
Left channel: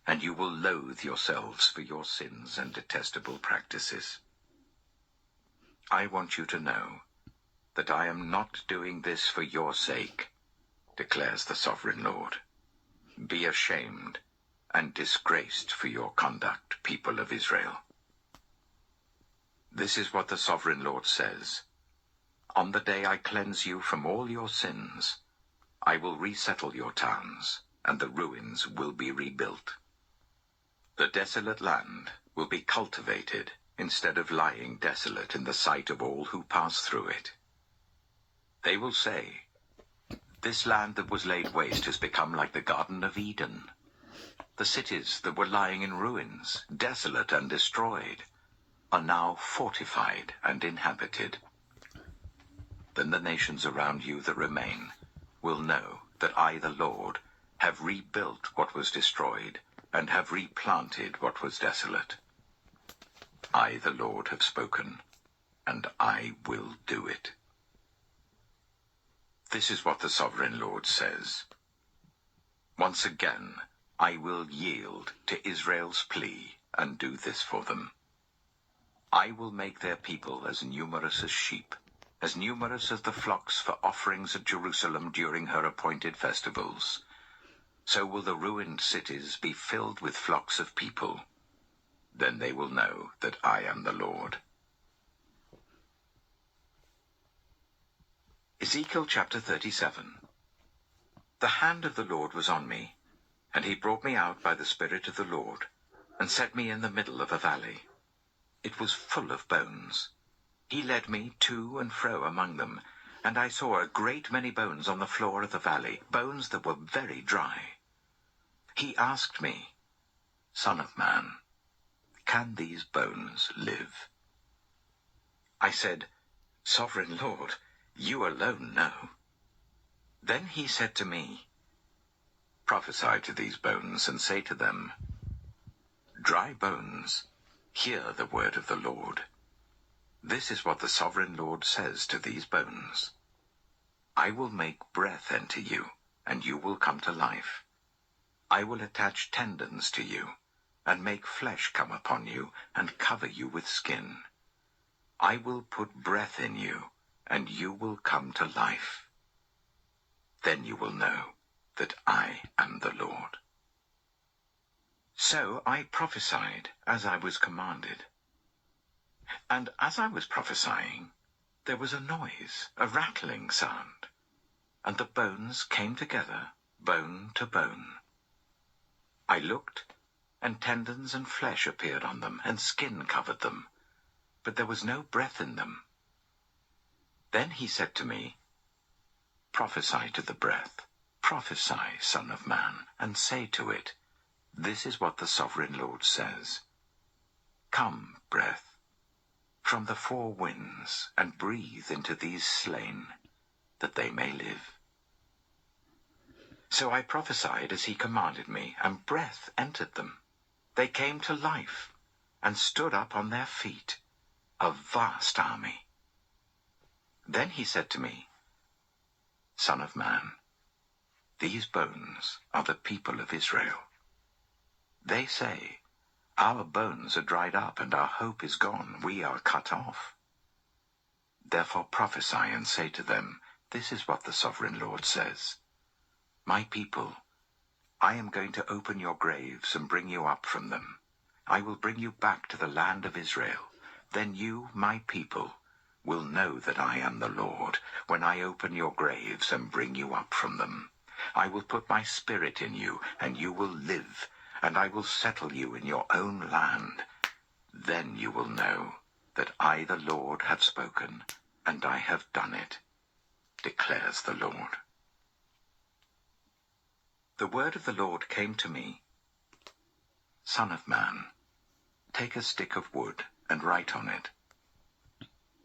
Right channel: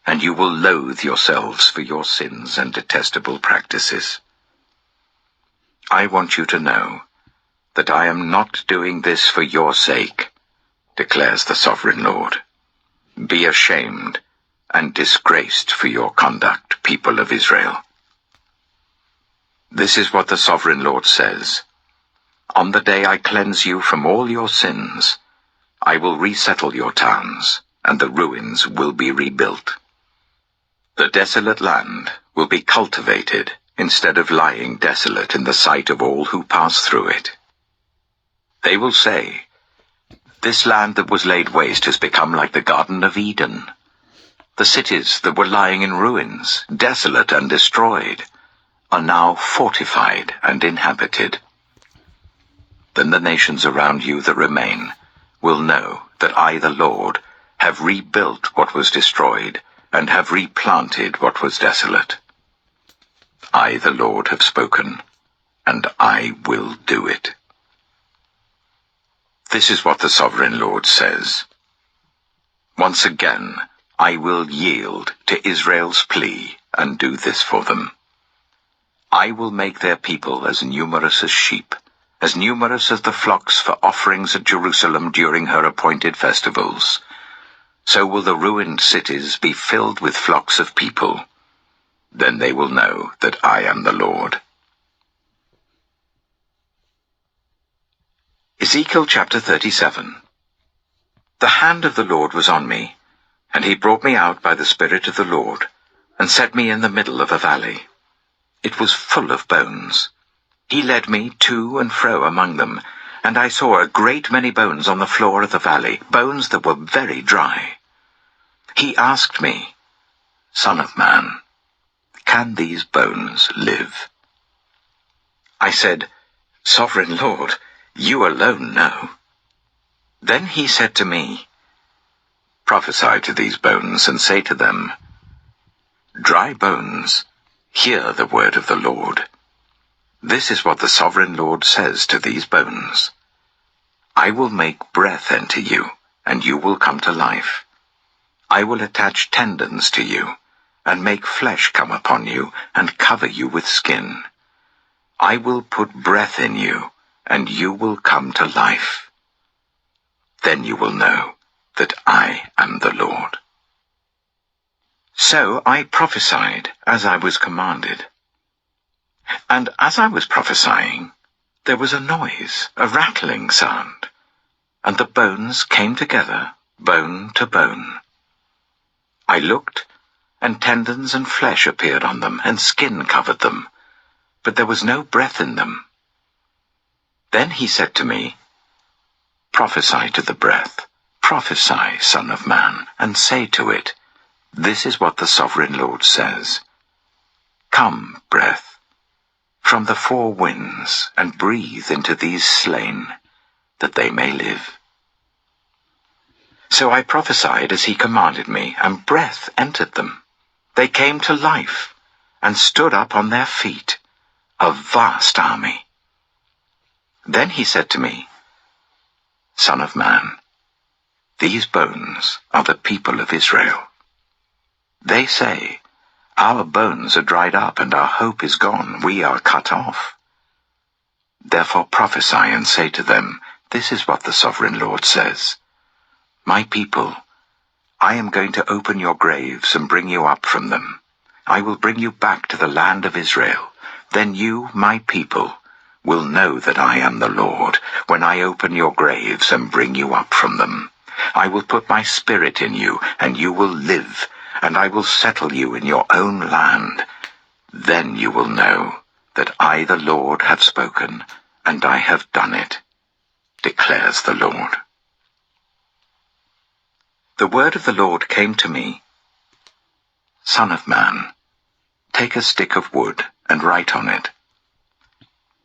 and you will loathe yourselves for your sins and detestable practices. I want you to know that I am not doing this for your sake, declares the sovereign Lord. Be ashamed and disgraced for your conduct, people of Israel. This is what the sovereign Lord says. On the day I cleanse you from all your sins, I will resettle your towns, and the ruins will be rebuilt. The desolate land will be cultivated instead of lying desolate in the sight of all who pass through it. They will say, 'This land that was laid waste has become like the Garden of Eden.' The cities that were lying in ruins, desolate and destroyed, are now fortified and inhabited. Then the nations around you that remain will know that I, the Lord, have rebuilt what was destroyed and have replanted what was desolate. I, the Lord, have spoken, and I will do it. This is what the sovereign Lord says. Once again, I will yield to Israel's plea and do this for them. I will make their people as numerous as sheep, as numerous as the flocks for offerings at Jerusalem during her appointed festivals. So will the ruined cities be filled with flocks of people. Then they will know that I am the Lord. Ezekiel chapter 37. The hand of the Lord was on me, and he brought me out by the Spirit of the Lord, and set me in the middle of a valley. It was full of bones. He led me to and fro among them, and I saw a great many bones on the floor of the valley, bones that were very dry. He asked me, Son of man, can these bones live? I said, Sovereign Lord, you alone know. Then he said to me, Prophesy to these bones, and say to them, Dry bones, hear the word of the Lord. This is what the sovereign Lord says to these bones. I will make breath enter you, and you will come to life. I will attach tendons to you, and make flesh come upon you, and cover you with skin. I will put breath in you, and you will come to life. Then you will know that I am the Lord. So I prophesied as I was commanded. And as I was prophesying, there was a noise, a rattling sound, and the bones came together, bone to bone. I looked, and tendons and flesh appeared on them, and skin covered them, but there was no breath in them. Then he said to me, "Prophesy to the breath, prophesy, Son of Man, and say to it, this is what the Sovereign Lord says. Come, breath, from the four winds, and breathe into these slain, that they may live." So I prophesied as he commanded me, and breath entered them. They came to life, and stood up on their feet, a vast army. Then he said to me, "Son of man, these bones are the people of Israel. They say, our bones are dried up, and our hope is gone. We are cut off. Therefore prophesy and say to them, this is what the Sovereign Lord says. My people, I am going to open your graves and bring you up from them. I will bring you back to the land of Israel. Then you, my people, will know that I am the Lord, when I open your graves and bring you up from them. I will put my spirit in you, and you will live, and I will settle you in your own land. Then you will know that I, the Lord, have spoken, and I have done it, declares the Lord. The word of the Lord came to me, "Son of man, take a stick of wood and write on it,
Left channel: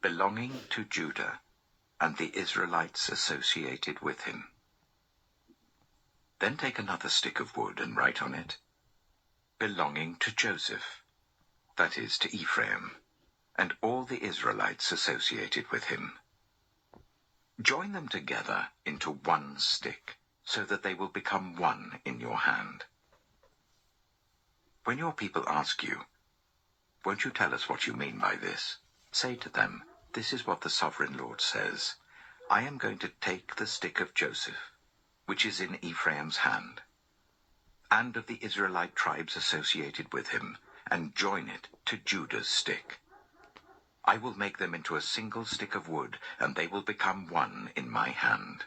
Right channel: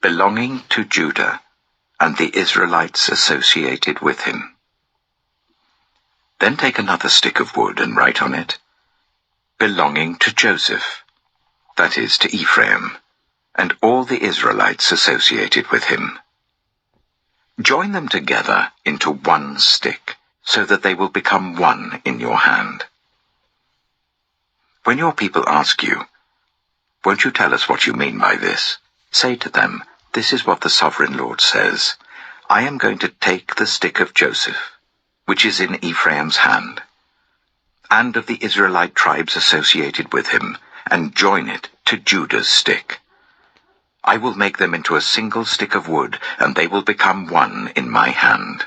belonging to Judah and the Israelites associated with him. Then take another stick of wood and write on it, belonging to Joseph, that is, to Ephraim, and all the Israelites associated with him. Join them together into one stick, so that they will become one in your hand. When your people ask you, 'Won't you tell us what you mean by this?' say to them, 'This is what the Sovereign Lord says. I am going to take the stick of Joseph, which is in Ephraim's hand, and of the Israelite tribes associated with him, and join it to Judah's stick. I will make them into a single stick of wood, and they will become one in my hand.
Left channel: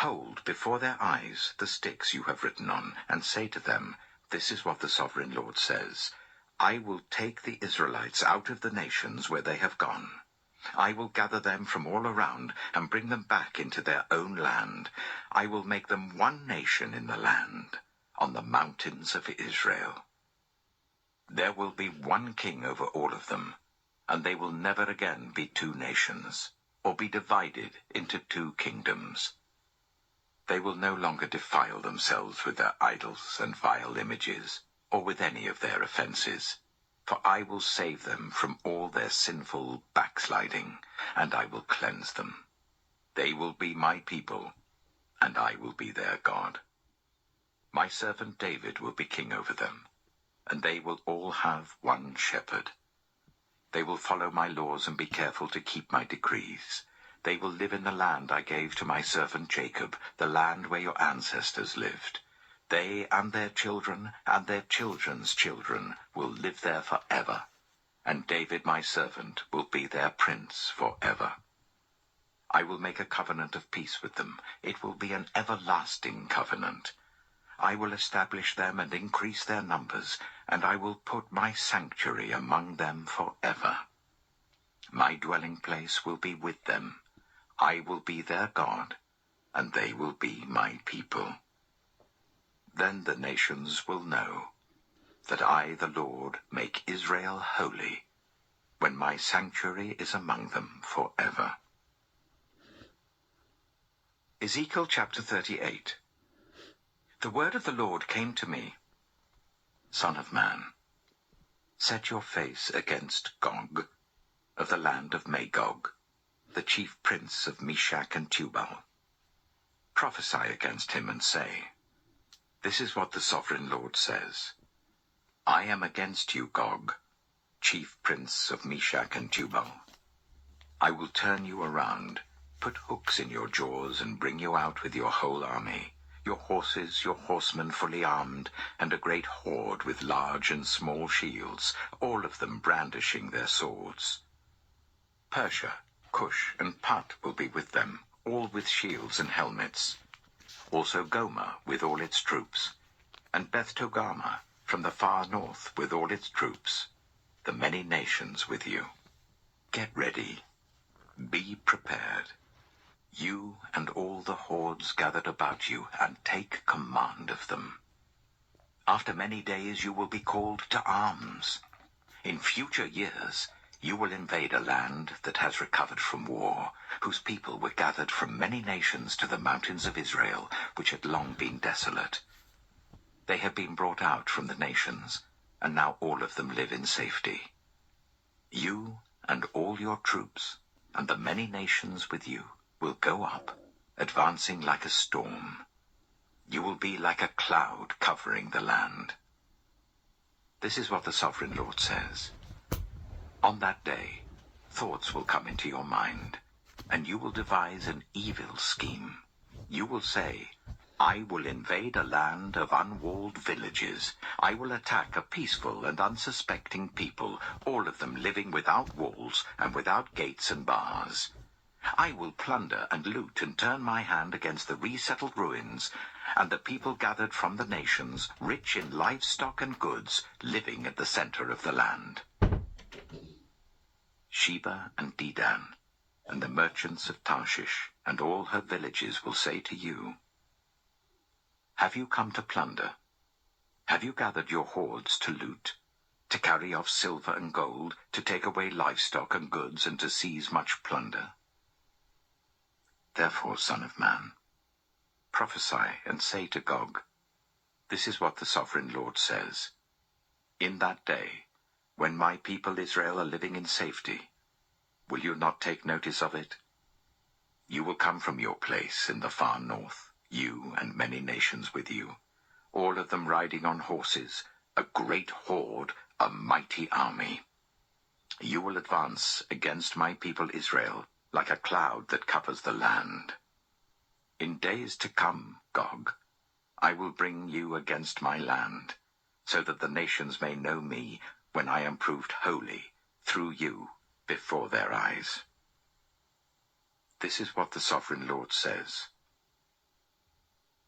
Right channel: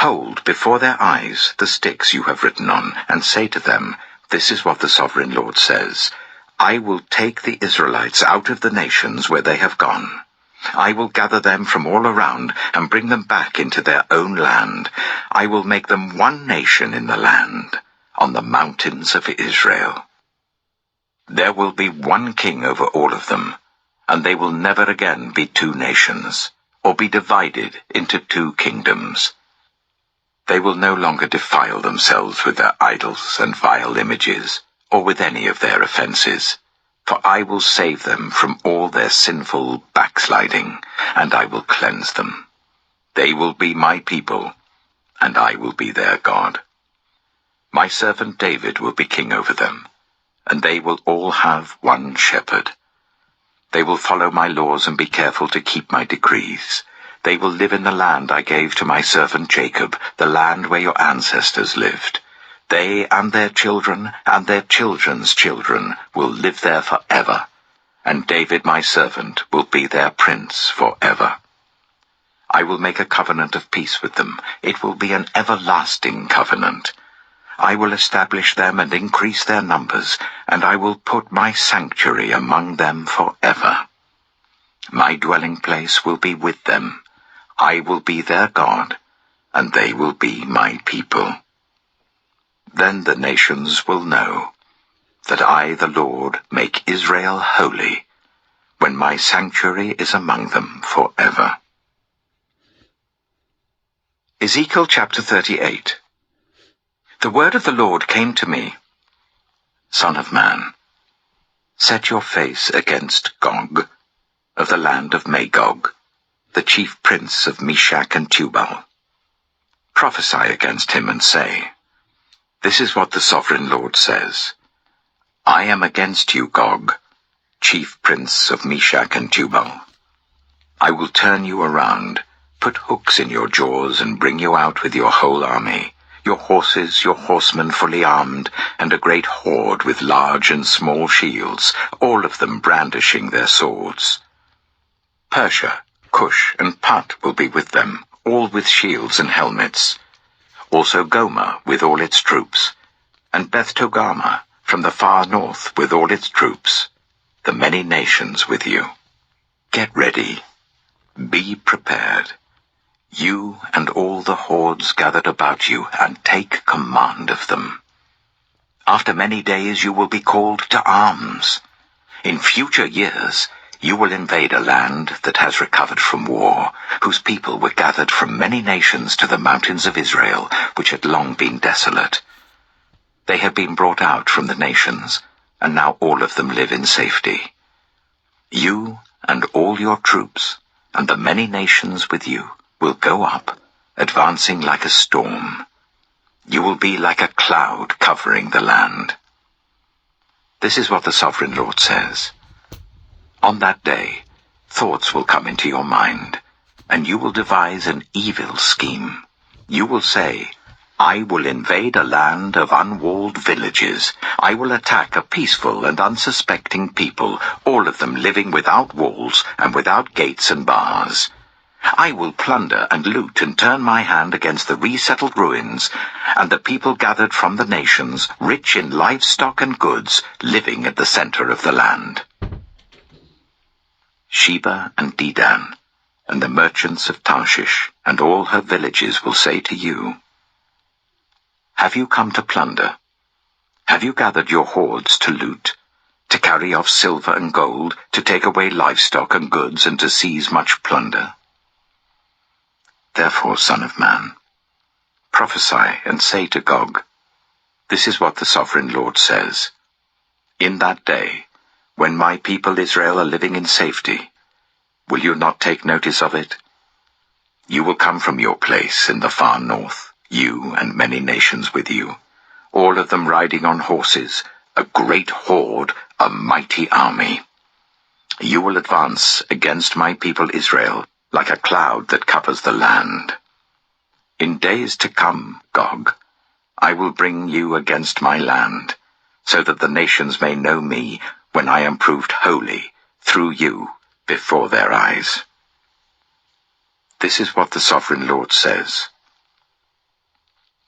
Hold before their eyes the sticks you have written on, and say to them, this is what the Sovereign Lord says. I will take the Israelites out of the nations where they have gone. I will gather them from all around and bring them back into their own land. I will make them one nation in the land, on the mountains of Israel. There will be one king over all of them, and they will never again be two nations, or be divided into two kingdoms. They will no longer defile themselves with their idols and vile images, or with any of their offenses. For I will save them from all their sinful backsliding, and I will cleanse them. They will be my people, and I will be their God. My servant David will be king over them, and they will all have one shepherd. They will follow my laws and be careful to keep my decrees. They will live in the land I gave to my servant Jacob, the land where your ancestors lived. They and their children and their children's children will live there forever, and David my servant will be their prince forever. I will make a covenant of peace with them. It will be an everlasting covenant. I will establish them and increase their numbers, and I will put my sanctuary among them forever. My dwelling place will be with them. I will be their God, and they will be my people. Then the nations will know that I, the Lord, make Israel holy, when my sanctuary is among them forever." Ezekiel chapter 38. The word of the Lord came to me, "Son of man, set your face against Gog, of the land of Magog, the chief prince of Meshach and Tubal. Prophesy against him and say, this is what the Sovereign Lord says. I am against you, Gog, chief prince of Meshach and Tubal. I will turn you around, put hooks in your jaws, and bring you out with your whole army, your horses, your horsemen fully armed, and a great horde with large and small shields, all of them brandishing their swords. Persia, Cush, and Put will be with them, all with shields and helmets. Also Gomer with all its troops, and Beth Togarmah from the far north with all its troops, the many nations with you. Get ready. Be prepared. You and all the hordes gathered about you, and take command of them. After many days you will be called to arms. In future years you will invade a land that has recovered from war, whose people were gathered from many nations to the mountains of Israel, which had long been desolate. They had been brought out from the nations, and now all of them live in safety. You and all your troops, and the many nations with you, will go up, advancing like a storm. You will be like a cloud covering the land. This is what the Sovereign Lord says. On that day, thoughts will come into your mind, and you will devise an evil scheme. You will say, I will invade a land of unwalled villages. I will attack a peaceful and unsuspecting people, all of them living without walls and without gates and bars. I will plunder and loot and turn my hand against the resettled ruins, and the people gathered from the nations, rich in livestock and goods, living at the center of the land. Sheba and Dedan, and the merchants of Tarshish, and all her villages will say to you, Have you come to plunder? Have you gathered your hordes to loot, to carry off silver and gold, to take away livestock and goods, and to seize much plunder? Therefore, Son of Man, prophesy and say to Gog, This is what the Sovereign Lord says. In that day, when my people Israel are living in safety, will you not take notice of it? You will come from your place in the far north, you and many nations with you, all of them riding on horses, a great horde, a mighty army. You will advance against my people Israel, like a cloud that covers the land. In days to come, Gog, I will bring you against my land, so that the nations may know me when I am proved holy through you before their eyes. This is what the Sovereign Lord says.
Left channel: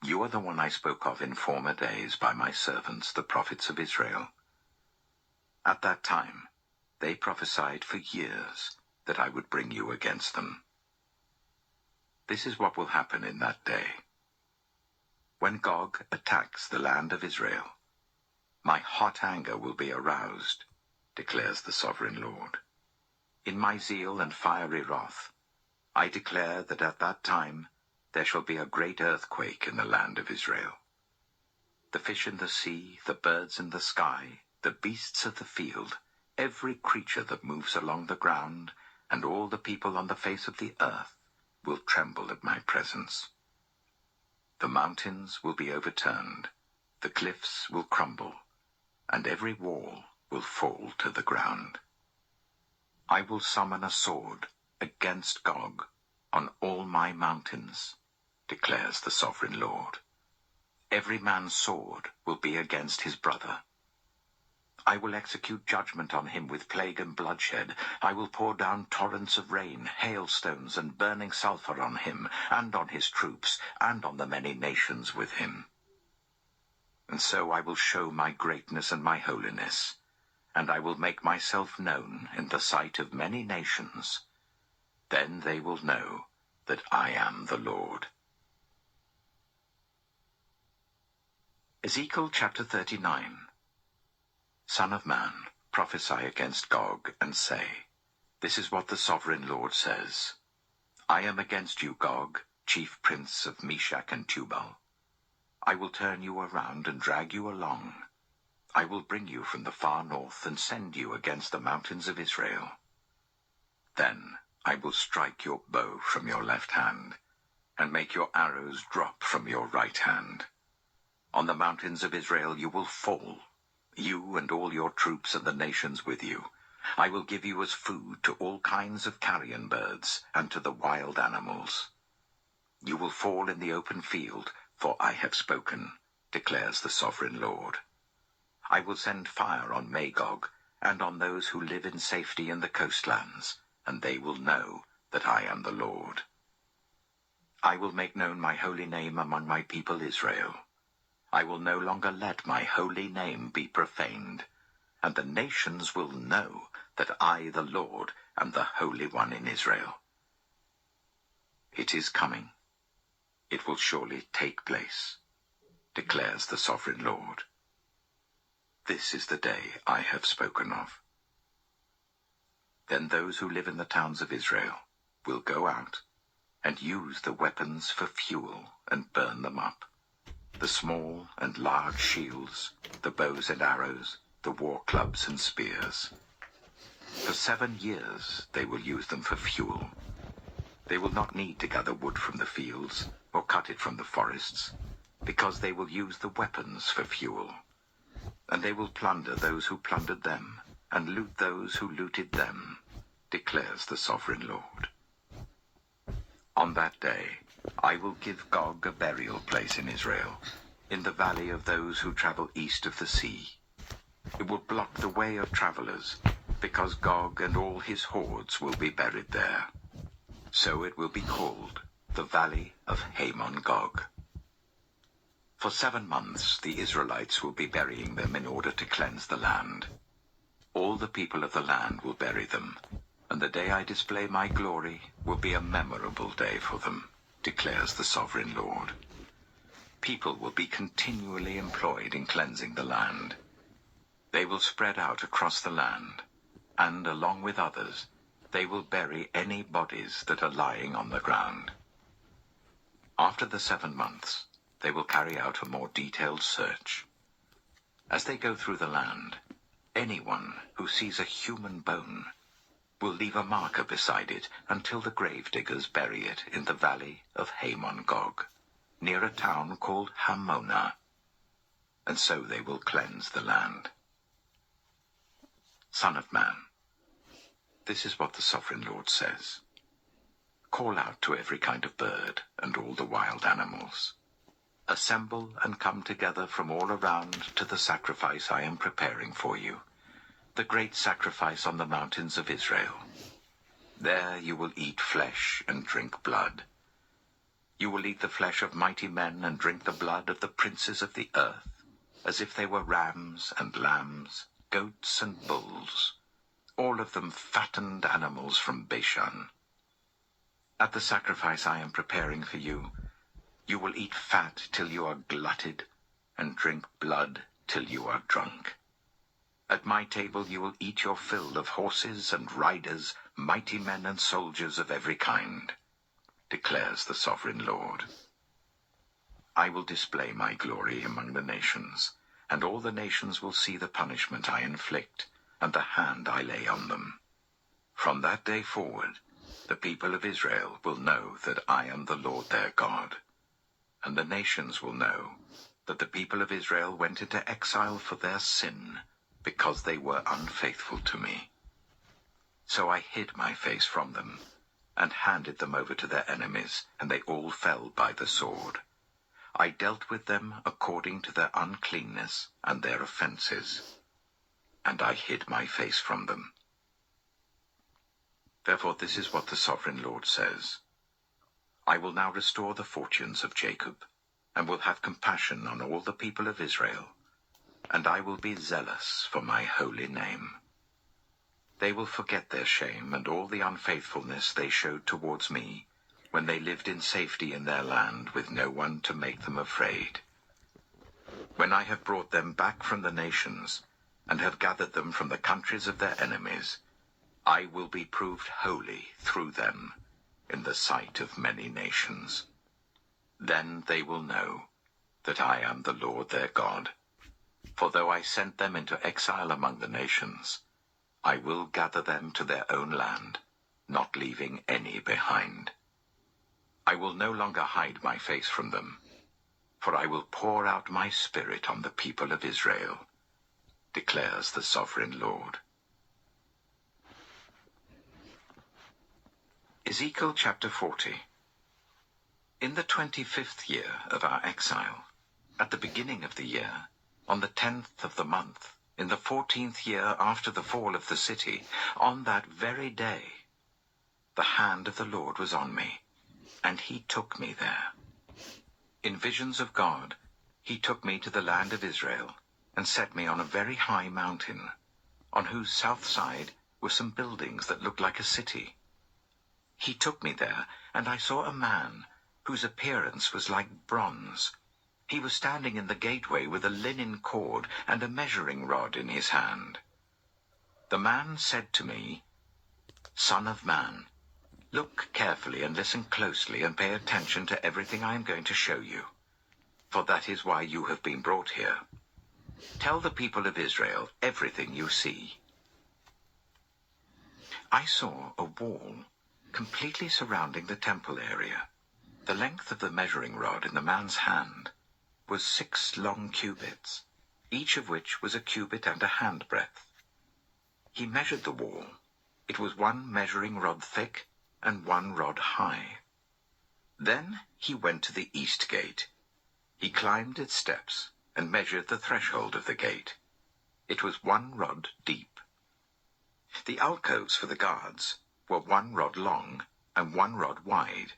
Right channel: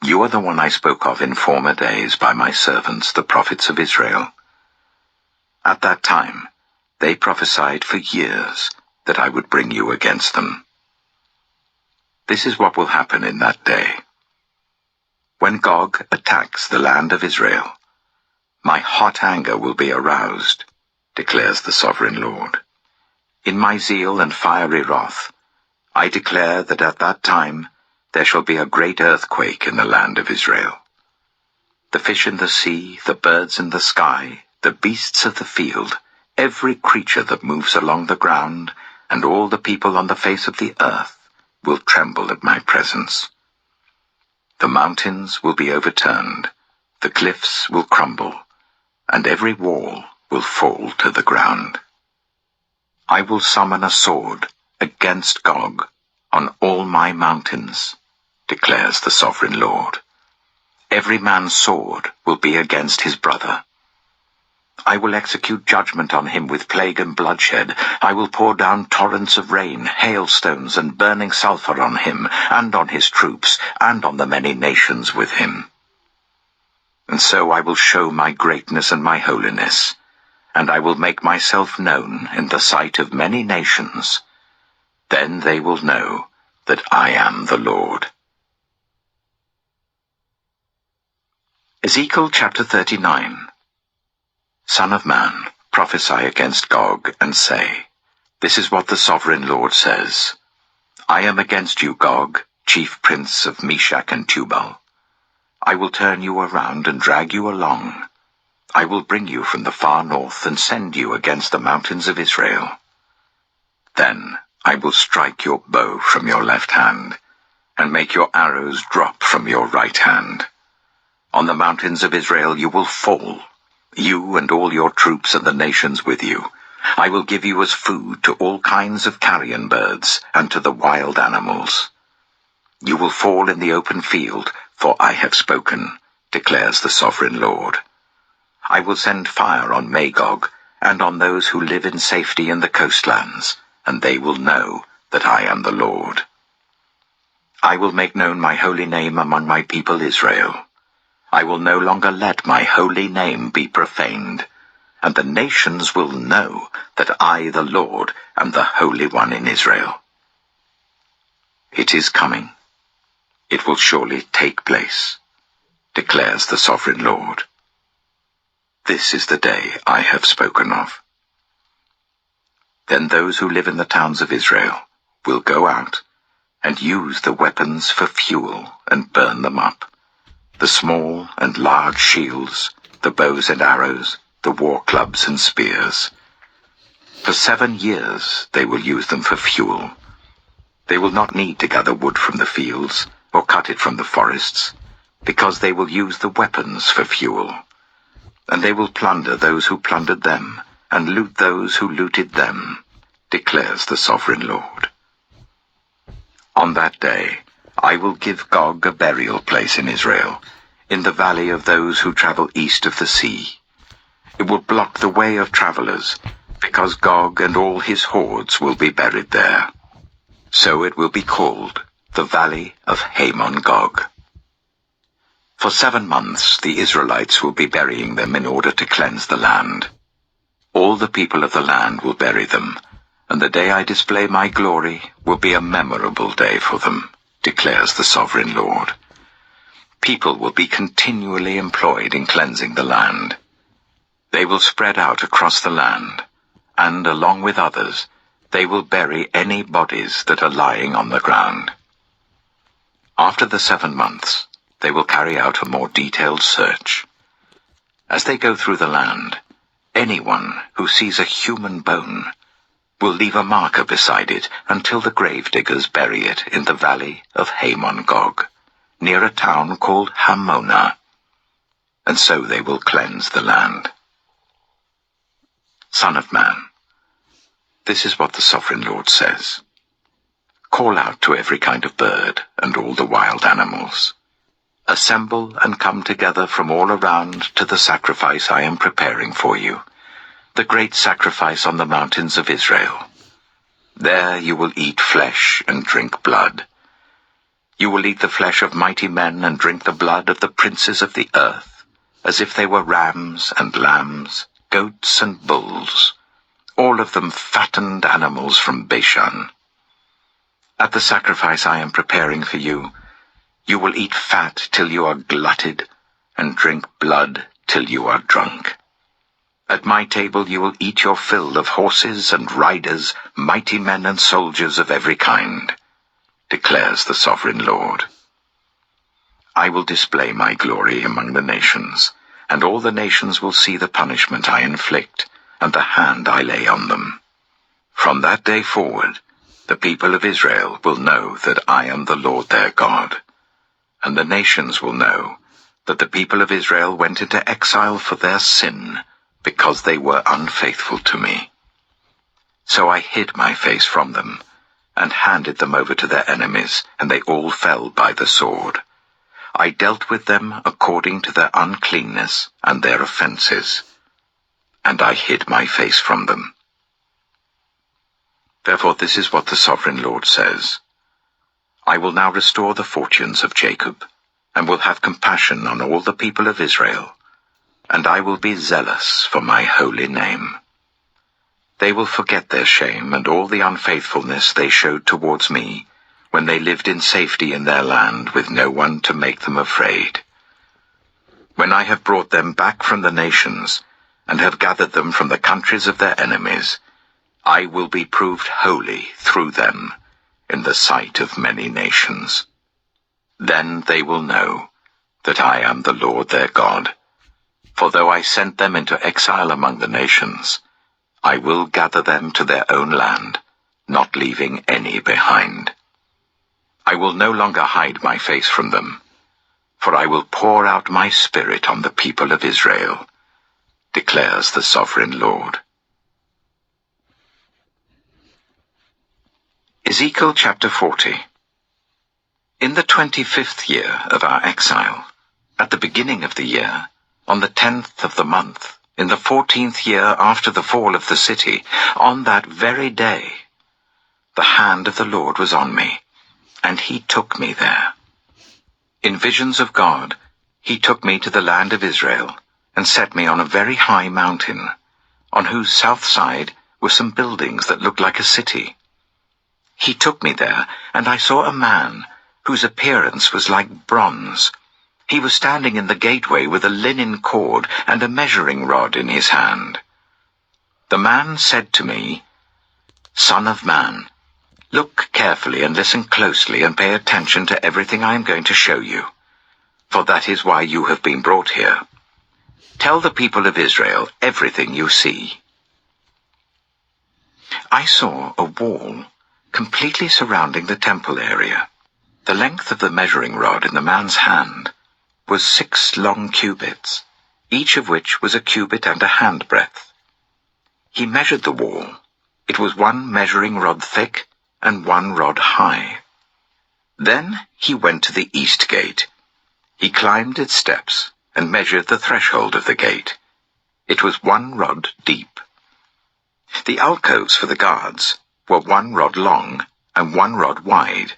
You are the one I spoke of in former days by my servants, the prophets of Israel. At that time, they prophesied for years that I would bring you against them. This is what will happen in that day. When Gog attacks the land of Israel, my hot anger will be aroused, declares the Sovereign Lord. In my zeal and fiery wrath, I declare that at that time there shall be a great earthquake in the land of Israel. The fish in the sea, the birds in the sky, the beasts of the field, every creature that moves along the ground, and all the people on the face of the earth will tremble at my presence. The mountains will be overturned, the cliffs will crumble, and every wall will fall to the ground. I will summon a sword against Gog on all my mountains, declares the Sovereign Lord. Every man's sword will be against his brother. I will execute judgment on him with plague and bloodshed. I will pour down torrents of rain, hailstones, and burning sulfur on him, and on his troops, and on the many nations with him. And so I will show my greatness and my holiness, and I will make myself known in the sight of many nations. Then they will know that I am the Lord. Ezekiel chapter 39. Son of man, prophesy against Gog, and say, This is what the Sovereign Lord says. I am against you, Gog, chief prince of Meshach and Tubal. I will turn you around and drag you along. I will bring you from the far north and send you against the mountains of Israel. Then I will strike your bow from your left hand, and make your arrows drop from your right hand. On the mountains of Israel you will fall, you and all your troops and the nations with you. I will give you as food to all kinds of carrion birds and to the wild animals. You will fall in the open field, For I have spoken, declares the sovereign Lord. I will send fire on Magog and on those who live in safety in the coastlands, and they will know that I am the Lord. I will make known my holy name among my people Israel. I will no longer let my holy name be profaned, and the nations will know that I, the Lord, am the Holy One in Israel. It is coming. It will surely take place, declares the sovereign Lord. This is the day I have spoken of. Then those who live in the towns of Israel will go out and use the weapons for fuel and burn them up, the small and large shields, the bows and arrows, the war clubs and spears. For 7 years they will use them for fuel. They will not need to gather wood from the fields or cut it from the forests, because they will use the weapons for fuel. And they will plunder those who plundered them, and loot those who looted them, declares the sovereign Lord. On that day I will give Gog a burial place in Israel, in the valley of those who travel east of the sea. It will block the way of travelers, because Gog and all his hordes will be buried there. So it will be called the Valley of Hamon-Gog. For 7 months the Israelites will be burying them in order to cleanse the land. All the people of the land will bury them, and the day I display my glory will be a memorable day for them, declares the sovereign Lord. People will be continually employed in cleansing the land. They will spread out across the land, and along with others, they will bury any bodies that are lying on the ground. After the 7 months, they will carry out a more detailed search. As they go through the land, anyone who sees a human bone will leave a marker beside it until the gravediggers bury it in the valley of Hamon-Gog, near a town called Hamona, and so they will cleanse the land. Son of man, this is what the sovereign Lord says. Call out to every kind of bird and all the wild animals. Assemble and come together from all around to the sacrifice I am preparing for you, the great sacrifice on the mountains of Israel. There you will eat flesh and drink blood. You will eat the flesh of mighty men and drink the blood of the princes of the earth, as if they were rams and lambs, goats and bulls, all of them fattened animals from Bashan. At the sacrifice I am preparing for you, you will eat fat till you are glutted, and drink blood till you are drunk. At my table you will eat your fill of horses and riders, mighty men and soldiers of every kind, declares the sovereign Lord. I will display my glory among the nations, and all the nations will see the punishment I inflict, and the hand I lay on them. From that day forward, the people of Israel will know that I am the Lord their God, and the nations will know that the people of Israel went into exile for their sin, because they were unfaithful to me. So I hid my face from them, and handed them over to their enemies, and they all fell by the sword. I dealt with them according to their uncleanness and their offenses, and I hid my face from them. Therefore this is what the sovereign Lord says. I will now restore the fortunes of Jacob, and will have compassion on all the people of Israel, and I will be zealous for my holy name. They will forget their shame and all the unfaithfulness they showed towards me, when they lived in safety in their land with no one to make them afraid. When I have brought them back from the nations, and have gathered them from the countries of their enemies, I will be proved holy through them in the sight of many nations. Then they will know that I am the Lord their God. For though I sent them into exile among the nations, I will gather them to their own land, not leaving any behind. I will no longer hide my face from them, for I will pour out my spirit on the people of Israel, declares the sovereign Lord. Ezekiel chapter 40. In the 25th year of our exile, at the beginning of the year, on the 10th of the month, in the 14th year after the fall of the city, on that very day, the hand of the Lord was on me, and he took me there. In visions of God, he took me to the land of Israel, and set me on a very high mountain, on whose south side were some buildings that looked like a city. He took me there, and I saw a man, whose appearance was like bronze. He was standing in the gateway with a linen cord and a measuring rod in his hand. The man said to me, "Son of man, look carefully and listen closely and pay attention to everything I am going to show you, for that is why you have been brought here. Tell the people of Israel everything you see." I saw a wall completely surrounding the temple area. The length of the measuring rod in the man's hand was 6 long cubits, each of which was a cubit and a handbreadth. He measured the wall. It was 1 measuring rod thick and 1 rod high. Then he went to the east gate. He climbed its steps and measured the threshold of the gate. It was 1 rod deep. The alcoves for the guards were 1 rod long and 1 rod wide,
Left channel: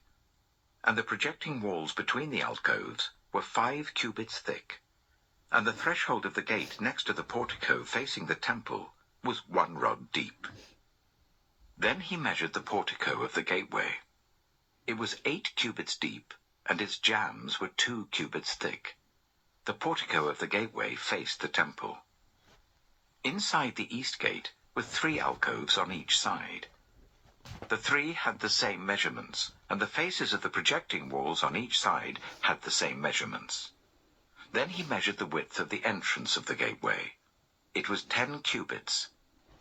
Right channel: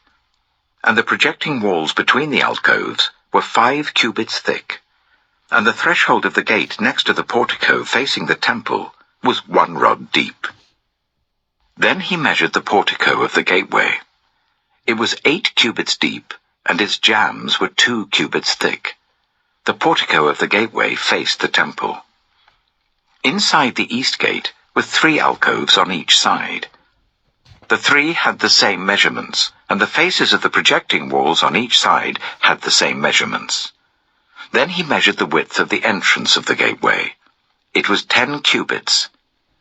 and the projecting walls between the alcoves were 5 cubits thick, and the threshold of the gate next to the portico facing the temple was 1 rod deep. Then he measured the portico of the gateway. It was 8 cubits deep, and its jambs were 2 cubits thick. The portico of the gateway faced the temple. Inside the east gate were 3 alcoves on each side. The 3 had the same measurements, and the faces of the projecting walls on each side had the same measurements. Then he measured the width of the entrance of the gateway. It was 10 cubits,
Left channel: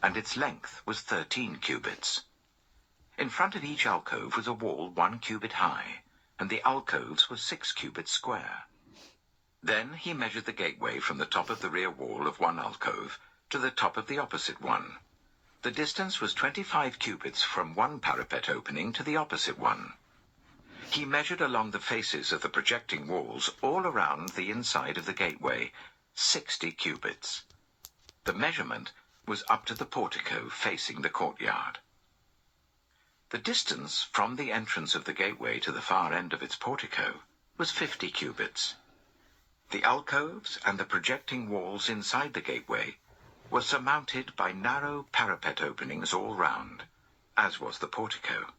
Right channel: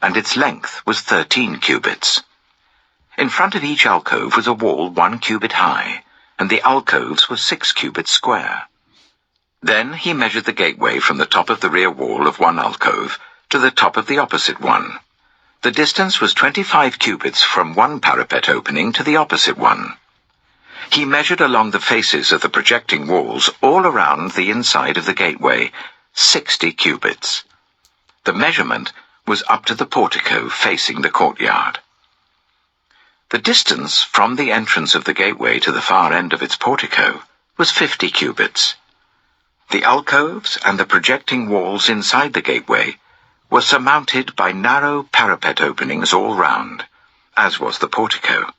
and its length was 13 cubits. In front of each alcove was a wall 1 cubit high, and the alcoves were 6 cubits square. Then he measured the gateway from the top of the rear wall of one alcove to the top of the opposite one. The distance was 25 cubits from one parapet opening to the opposite one. He measured along the faces of the projecting walls all around the inside of the gateway 60 cubits. The measurement was up to the portico facing the courtyard. The distance from the entrance of the gateway to the far end of its portico was 50 cubits. The alcoves and the projecting walls inside the gateway were surmounted by narrow parapet openings all round, as was the portico.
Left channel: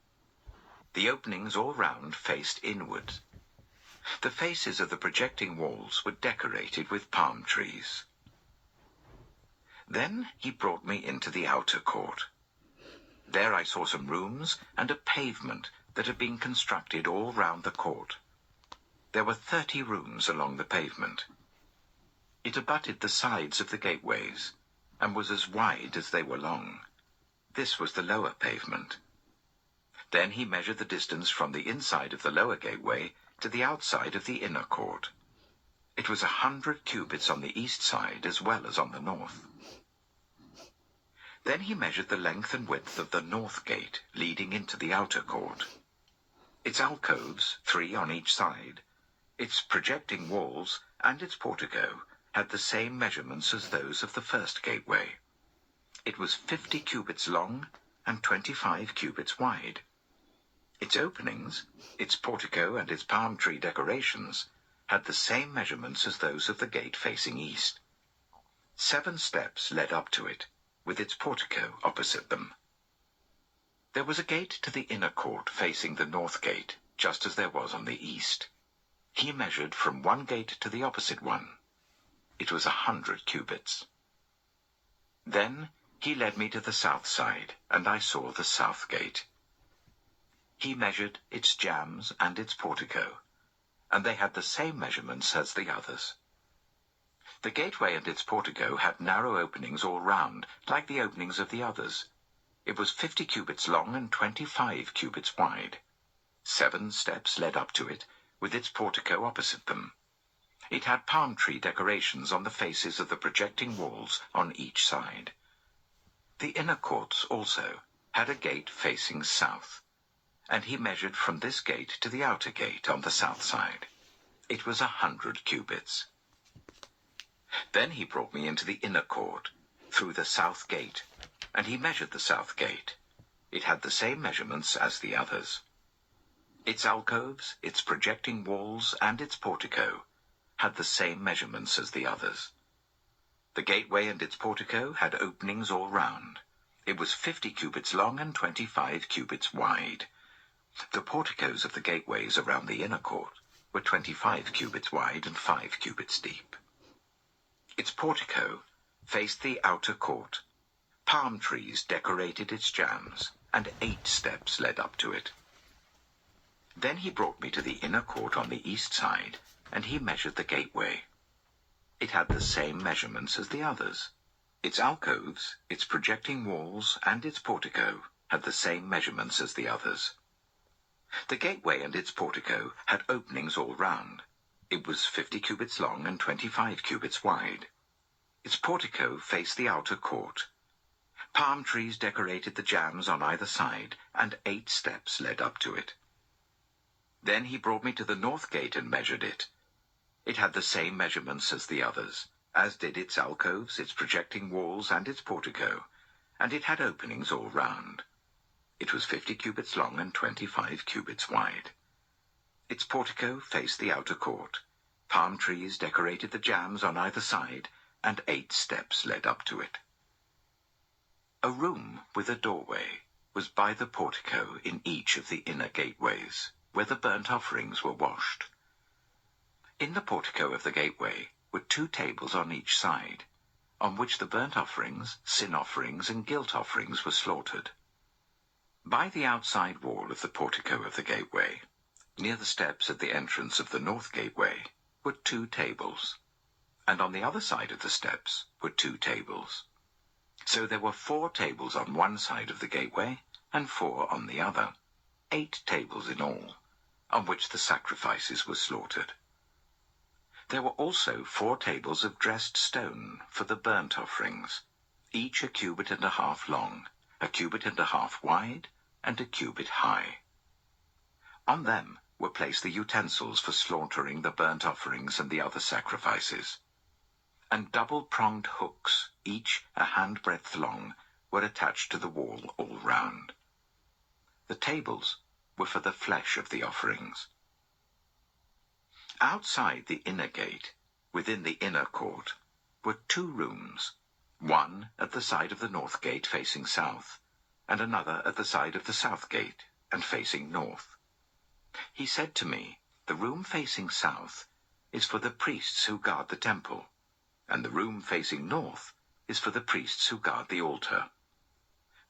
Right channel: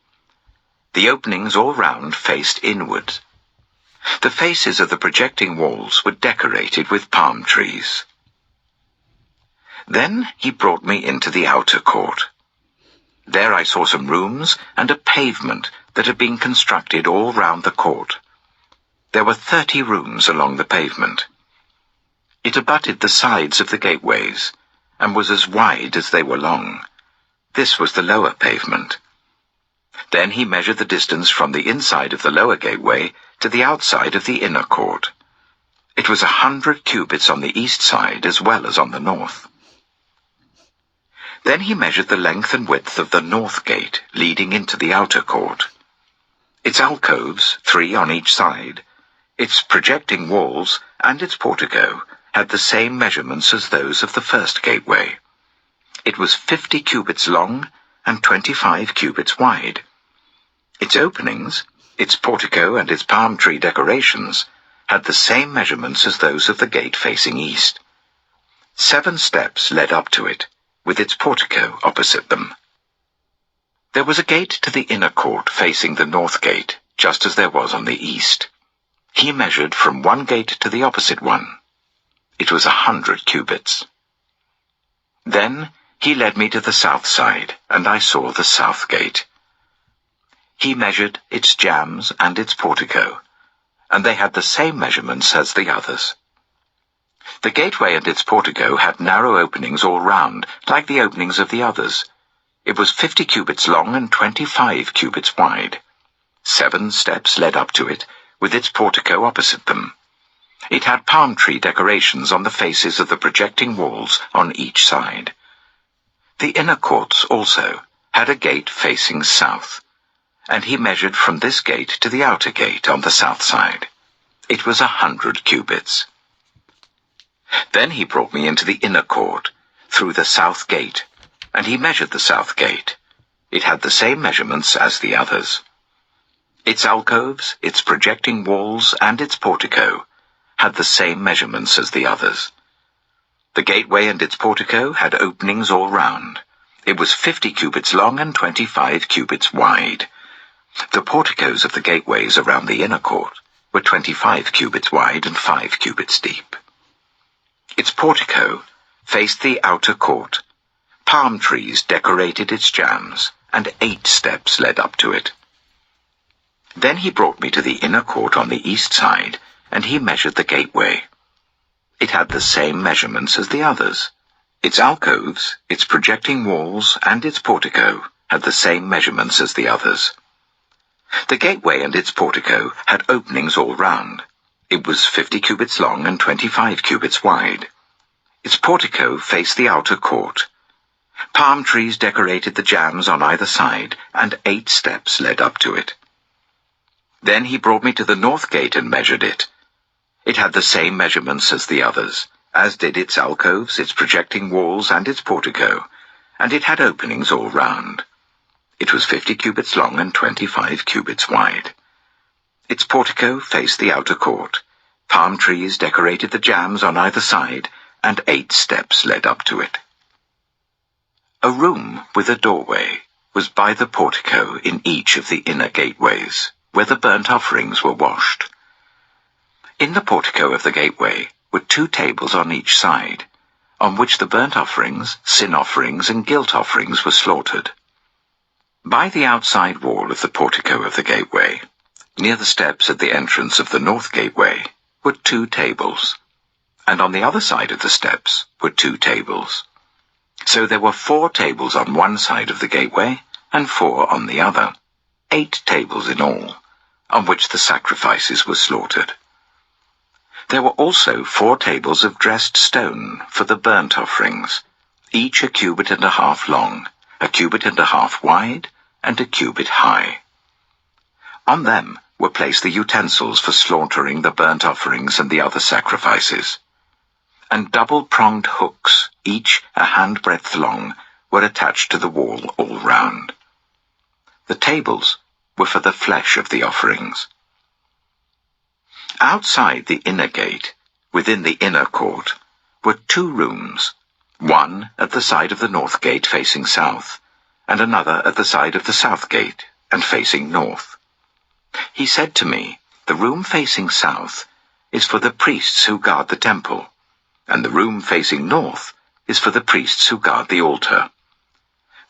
The openings all round faced inward. The faces of the projecting walls were decorated with palm trees. Then he brought me into the outer court. There I saw some rooms and a pavement that had been constructed all round the court. There were 30 rooms along the pavement. It abutted the sides of the gateways, and was as wide as they were long. This was the lower pavement. Then he measured the distance from the inside of the lower gateway to the outside of the inner court. It was 100 cubits on the east side as well as on the north. Then he measured the length and width of the north gate leading into the outer court. Its alcoves, 3 on each side, its projecting walls, and its portico had the same measurements as those of the first gateway. It was 50 cubits long and 25 cubits wide. Its openings, its portico and its palm tree decorations had the same measurements as those of the gate facing east. 7 steps led up to it, with its portico opposite them. There was a gate to the inner court facing the north gate, just as there was on the east. He measured from one gate to the opposite one. It was 100 cubits. Then he led me to the south side, and I saw the south gate. He measured its jambs and its portico, and they had the same measurements as the others. The gateway and its portico had narrow openings all round, like the openings of the others. It was 50 cubits long and 25 cubits wide. 7 steps led up to it, with its portico opposite them. It had palm tree decorations on the faces of the projecting walls on each side. The inner courts also had a gate facing south. and he measured from this gate to the outer gate on the south side. It was 100 cubits. Then he brought me into the inner court, through the south gate, and he measured the south gate. It had the same measurements as the others. Its alcoves, its projecting walls, and its portico had the same measurements as the others. The gateway and its portico had openings all round. It was 50 cubits long and 25 cubits wide. The porticos of the gateways around the inner court were 25 cubits wide and 5 cubits deep. Its portico faced the outer court. Palm trees decorated its jambs, and 8 steps led up to it. Then he brought me to the inner court on the east side, and he measured the gateway. It had the same measurements as the others. Its alcoves, its projecting walls, and its portico had the same measurements as the others. The gateway and its portico had openings all round. It was 50 cubits long and 25 cubits wide. Its portico faced the outer court. Palm trees decorated the jambs on either side, and 8 steps led up to it. Then he brought me to the north gate and measured it. It had the same measurements as the others, as did its alcoves, its projecting walls, and its portico, and it had openings all round. It was 50 cubits long and 25 cubits wide. Its portico faced the outer court. Palm trees decorated the jambs on either side, and 8 steps led up to it. A room with a doorway was by the portico in each of the inner gateways, where the burnt offerings were washed. In the portico of the gateway were 2 tables on each side, on which the burnt offerings, sin offerings, and guilt offerings were slaughtered. By the outside wall of the portico of the gateway, near the steps at the entrance of the north gateway, were 2 tables, and on the other side of the steps were 2 tables. So there were 4 tables on one side of the gateway, and 4 on the other, 8 tables in all, on which the sacrifices were slaughtered. There were also 4 tables of dressed stone for the burnt offerings, each 1.5 cubits long, 1.5 cubits wide, and 1 cubit high. On them were placed the utensils for slaughtering the burnt offerings and the other sacrifices. And double-pronged hooks, each 1 handbreadth long, were attached to the wall all round. The tables were for the flesh of the offerings. Outside the inner gate, within the inner court, were 2 rooms, one at the side of the north gate facing south, and another at the side of the south gate and facing north. He said to me, "The room facing south is for the priests who guard the temple, and the room facing north is for the priests who guard the altar.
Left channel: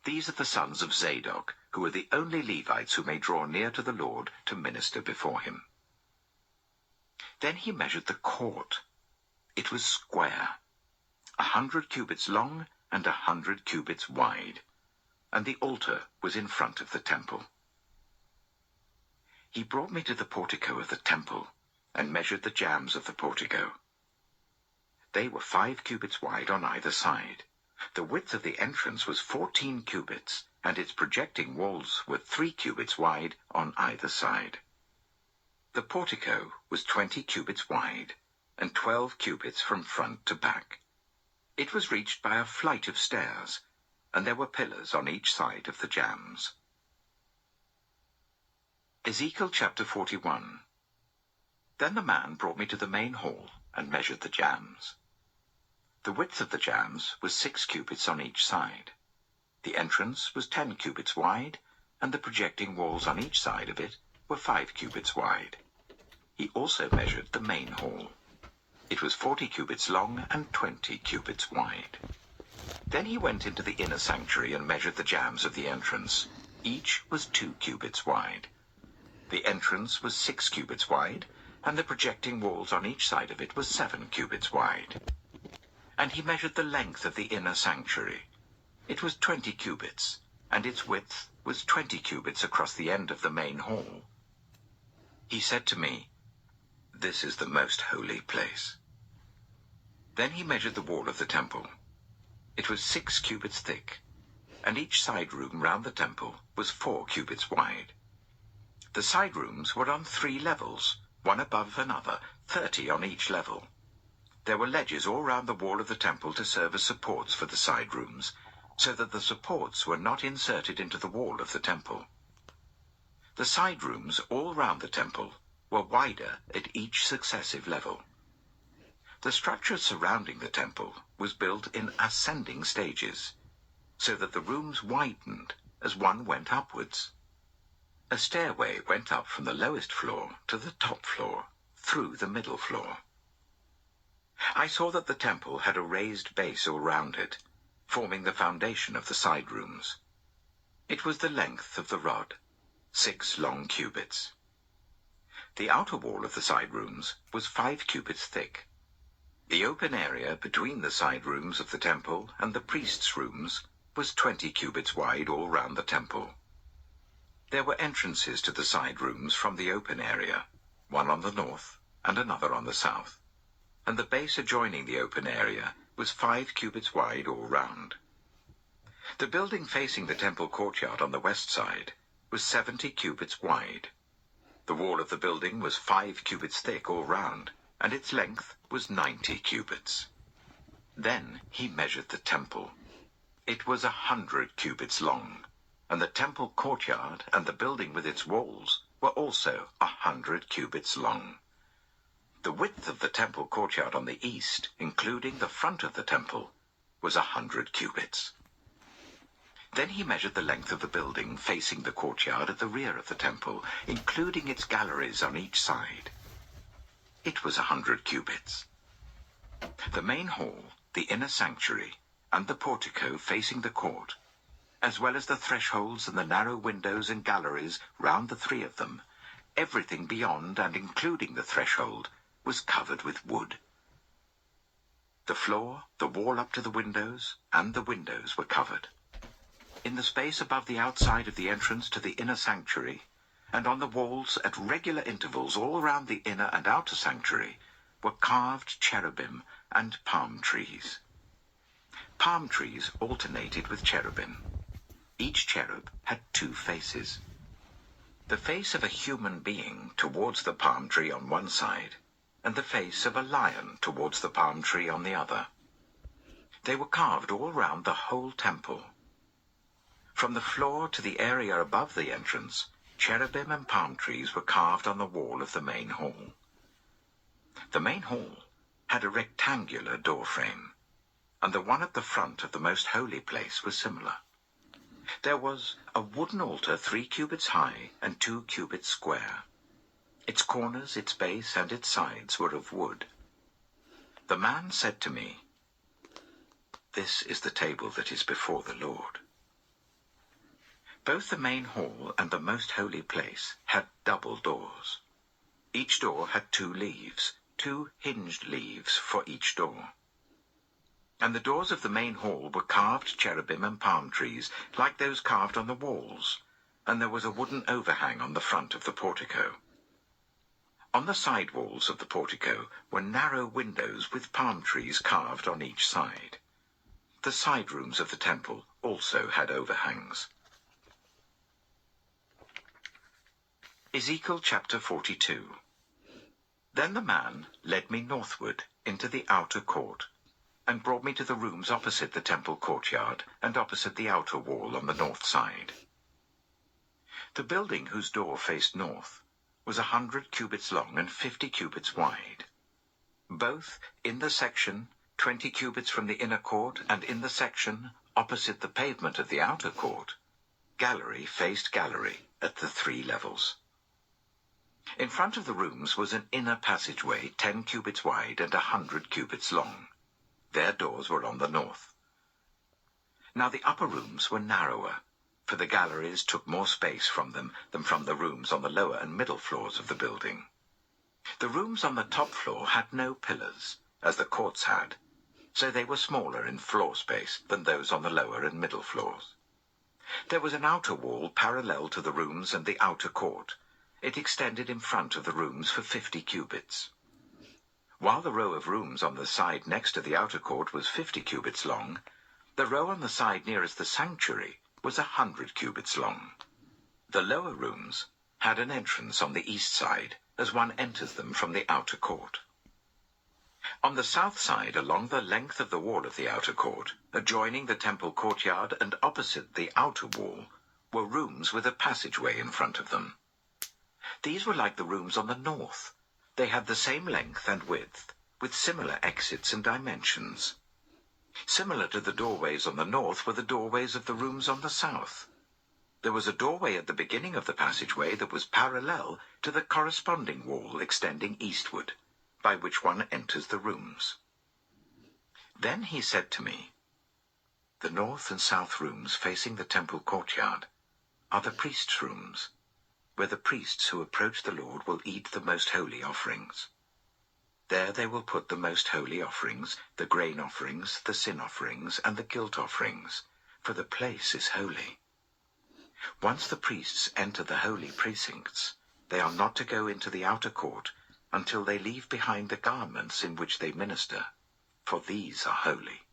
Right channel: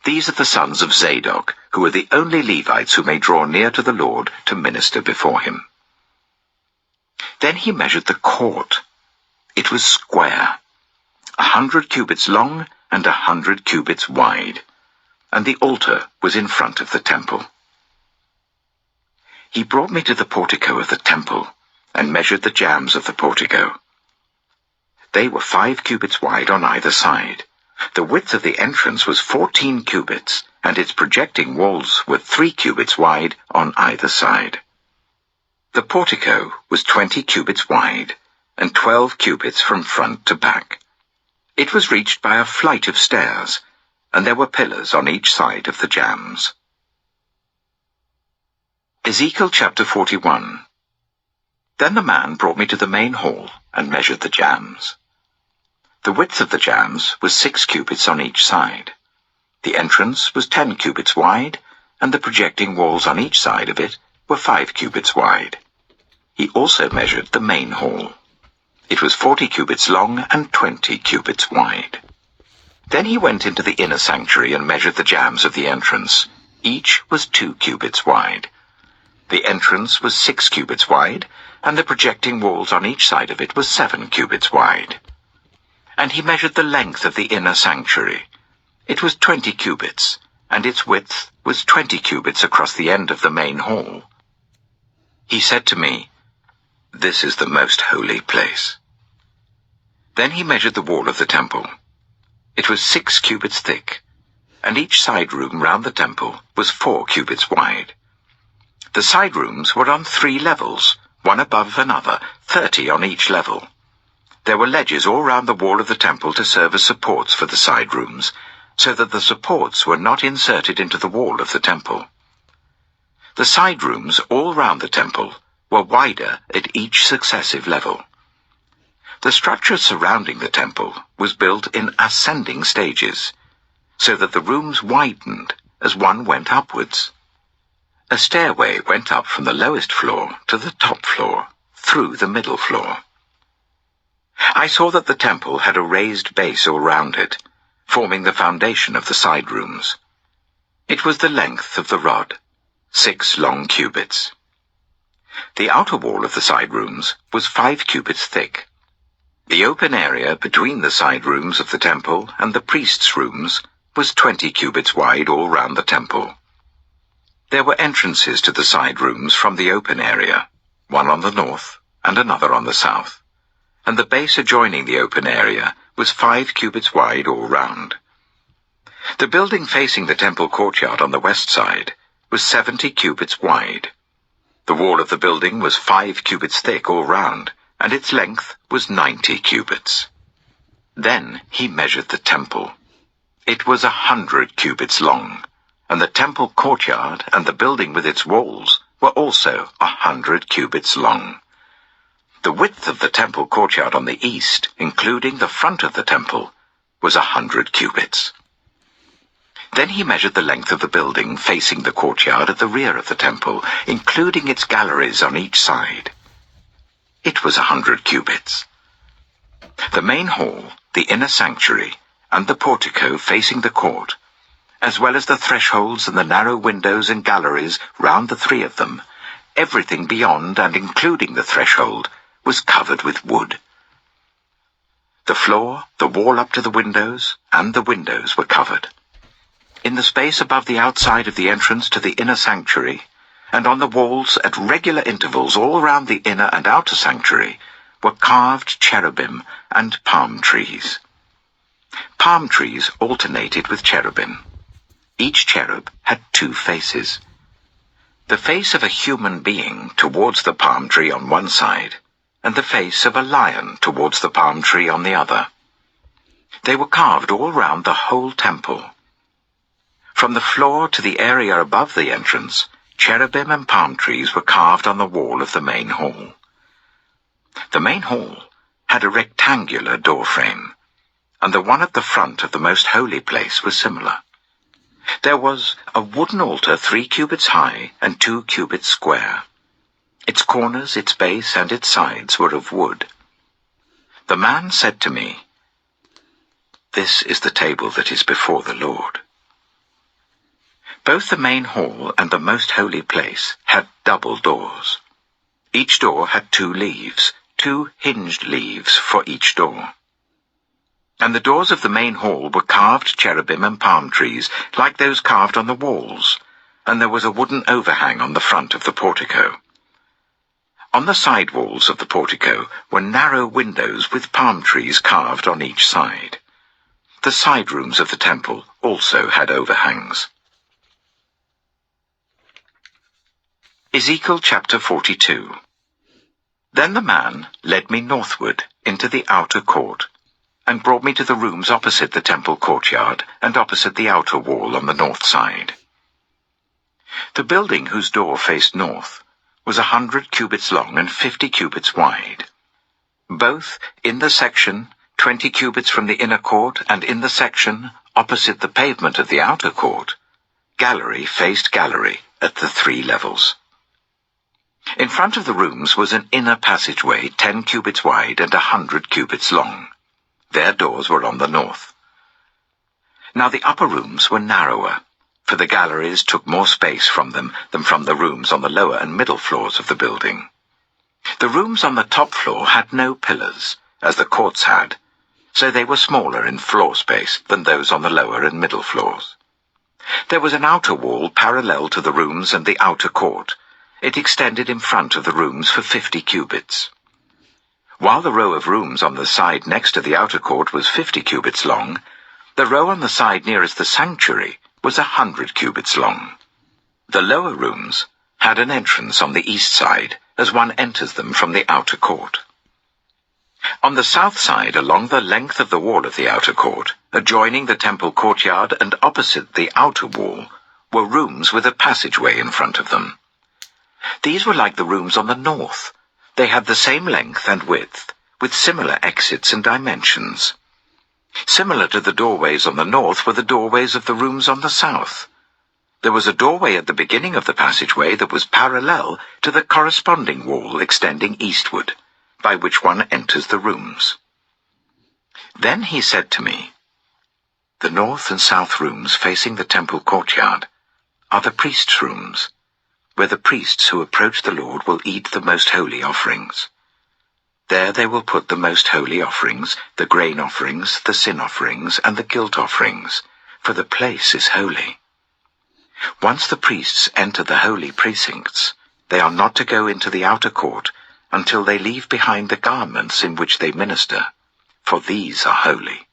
These are the sons of Zadok, who are the only Levites who may draw near to the Lord to minister before him." Then he measured the court. It was square, 100 cubits long and 100 cubits wide, and the altar was in front of the temple. He brought me to the portico of the temple, and measured the jambs of the portico. They were 5 cubits wide on either side. The width of the entrance was 14 cubits, and its projecting walls were 3 cubits wide on either side. The portico was 20 cubits wide, and 12 cubits from front to back. It was reached by a flight of stairs, and there were pillars on each side of the jambs. Ezekiel chapter 41. Then the man brought me to the main hall, and measured the jambs. The width of the jambs was 6 cubits on each side. The entrance was 10 cubits wide, and the projecting walls on each side of it were 5 cubits wide. He also measured the main hall. It was 40 cubits long and 20 cubits wide. Then he went into the inner sanctuary and measured the jambs of the entrance. Each was 2 cubits wide. The entrance was 6 cubits wide, and the projecting walls on each side of it were 7 cubits wide. And he measured the length of the inner sanctuary. It was 20 cubits, and its width was 20 cubits across the end of the main hall. He said to me, "This is the most holy place." Then he measured the wall of the temple. It was 6 cubits thick, and each side room round the temple was 4 cubits wide. The side rooms were on 3 levels, one above another, 30 on each level. There were ledges all round the wall of the temple to serve as supports for the side rooms, so that the supports were not inserted into the wall of the temple. The side rooms all round the temple were wider at each successive level. The structure surrounding the temple was built in ascending stages, so that the rooms widened as one went upwards. A stairway went up from the lowest floor to the top floor, through the middle floor. I saw that the temple had a raised base all round it, forming the foundation of the side rooms. It was the length of the rod, 6 long cubits. The outer wall of the side rooms was 5 cubits thick. The open area between the side rooms of the temple and the priests' rooms was 20 cubits wide all round the temple. There were entrances to the side rooms from the open area, one on the north and another on the south, and the base adjoining the open area was 5 cubits wide all round. The building facing the temple courtyard on the west side was 70 cubits wide. The wall of the building was 5 cubits thick all round, and its length was 90 cubits. Then he measured the temple. It was 100 cubits long, and the temple courtyard and the building with its walls were also 100 cubits long. The width of the temple courtyard on the east, including the front of the temple, was 100 cubits. Then he measured the length of the building facing the courtyard at the rear of the temple, including its galleries on each side. It was 100 cubits. The main hall, the inner sanctuary, and the portico facing the court, as well as the thresholds and the narrow windows and galleries round the 3 of them, everything beyond and including the threshold, was covered with wood. The floor, the wall up to the windows, and the windows were covered. In the space above the outside of the entrance to the inner sanctuary, and on the walls at regular intervals all round the inner and outer sanctuary, were carved cherubim and palm trees. Palm trees alternated with cherubim. Each cherub had 2 faces. The face of a human being towards the palm tree on one side, and the face of a lion towards the palm tree on the other. They were carved all round the whole temple. From the floor to the area above the entrance, cherubim and palm trees were carved on the wall of the main hall. The main hall had a rectangular door frame, and the one at the front of the most holy place was similar. There was a wooden altar 3 cubits high and 2 cubits square. Its corners, its base, and its sides were of wood. The man said to me, "This is the table that is before the Lord." Both the main hall and the most holy place had double doors. Each door had 2 leaves, 2 hinged leaves for each door. And the doors of the main hall were carved cherubim and palm trees, like those carved on the walls, and there was a wooden overhang on the front of the portico. On the side walls of the portico were narrow windows with palm trees carved on each side. The side rooms of the temple also had overhangs. Ezekiel chapter 42. Then the man led me northward into the outer court, and brought me to the rooms opposite the temple courtyard and opposite the outer wall on the north side. The building whose door faced north was 100 cubits long and 50 cubits wide. Both in the section 20 cubits from the inner court and in the section opposite the pavement of the outer court, gallery faced gallery at the 3 levels. In front of the rooms was an inner passageway 10 cubits wide and 100 cubits long. Their doors were on the north. Now the upper rooms were narrower, for the galleries took more space from them than from the rooms on the lower and middle floors of the building. The rooms on the top floor had no pillars, as the courts had, so they were smaller in floor space than those on the lower and middle floors. There was an outer wall parallel to the rooms and the outer court. It extended in front of the rooms for 50 cubits. While the row of rooms on the side next to the outer court was 50 cubits long, the row on the side nearest the sanctuary was 100 cubits long. The lower rooms had an entrance on the east side, as one enters them from the outer court. On the south side, along the length of the wall of the outer court, adjoining the temple courtyard and opposite the outer wall, were rooms with a passageway in front of them. These were like the rooms on the north. They had the same length and width, with similar exits and dimensions. Similar to the doorways on the north were the doorways of the rooms on the south. There was a doorway at the beginning of the passageway that was parallel to the corresponding wall extending eastward, by which one enters the rooms. Then he said to me, "The north and south rooms facing the temple courtyard are the priests' rooms, where the priests who approach the Lord will eat the most holy offerings. There they will put the most holy offerings, the grain offerings, the sin offerings, and the guilt offerings, for the place is holy. Once the priests enter the holy precincts, they are not to go into the outer court until they leave behind the garments in which they minister, for these are holy.